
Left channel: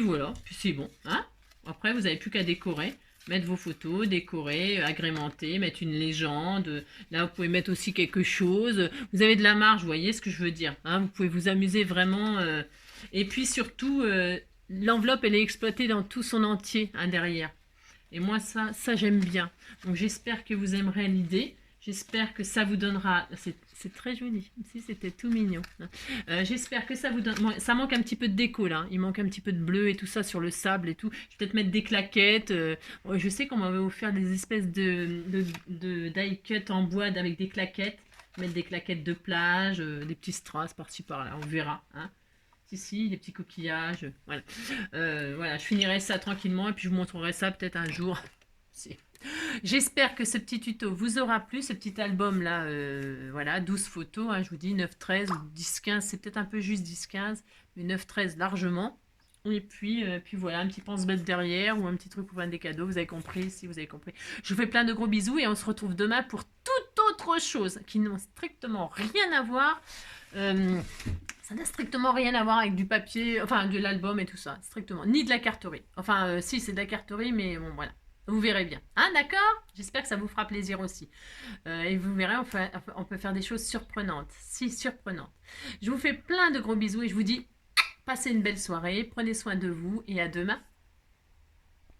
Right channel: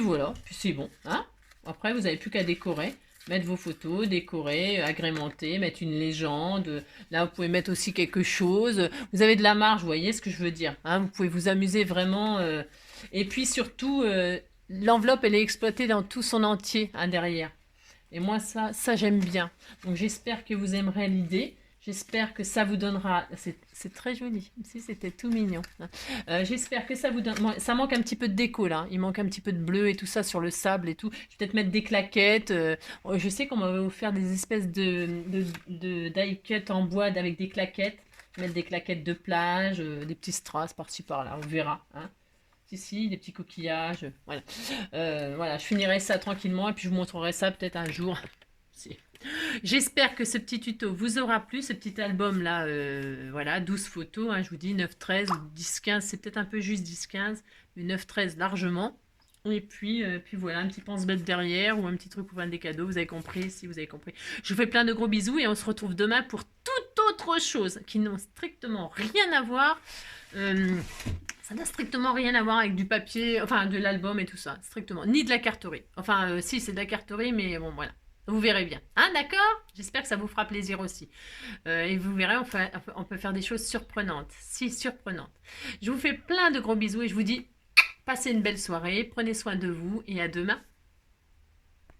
voilà, puis c'est bon, hein. Après, vous n'avez plus qu'à décorer, mettre vos photos, décorer, agrémenter, mettre une légende. Là, vous pouvez mettre aussi quelque chose. Vous avez de la marge, vous voyez ce que je veux dire, hein. Vous pouvez vous amuser vraiment. Et puis surtout, l'enveloppe, elle est exploitée dans tout son entier, hein, derrière. Et moi, ça j'aime bien. Donc j'espère que vous aimerez l'idée. J'espère que ça vous donnera... C'est très joli, si c'était tout mignon. J'espère que ça vous donne... Ça manque un petit peu de déco là. Il manque un petit peu de bleu et tout ça sur le sable et tout. Je vais peut-être mettre des claquettes. Je sais qu'on m'avait offert des espèces de die cut en bois avec des claquettes. Mettre des claquettes de plage, des petits strass par-ci par-là. On verra, hein. Si, des petits coquillages. Voilà. Voilà, je finirai ça tranquillement et puis je vous montrerai ça peut-être un jour. J'espère que ce petit tuto vous aura plu, ce petit album là, voilà, 12 photos, hein, je vous dis 9-13 ou 10-15, c'est peut-être un peu juste 10-15, mais 9-13 largement. Et puis voilà, un petit pense-bête derrière ou un petit truc pour vendre des cadeaux, vous avez compris, si vous avez compris. Je vous fais plein de gros bisous et on se retrouve demain pour toute autre chose qui n'ont strictement rien à voir. Ça n'a strictement rien à voir avec du papier, enfin de l'album et tout ça, strictement. Ni de la carterie. Enfin, si, c'est de la carterie, mais bon, voilà. Vous verrez bien. Hein, d'accord? J'espère que ça vous fera plaisir aussi. Et vous verrez, on peut faire des choses surprenantes. Si, surprenantes. Je vous fais plein de gros bisous et je vous dis, passez une belle soirée, prenez soin de vous et à demain.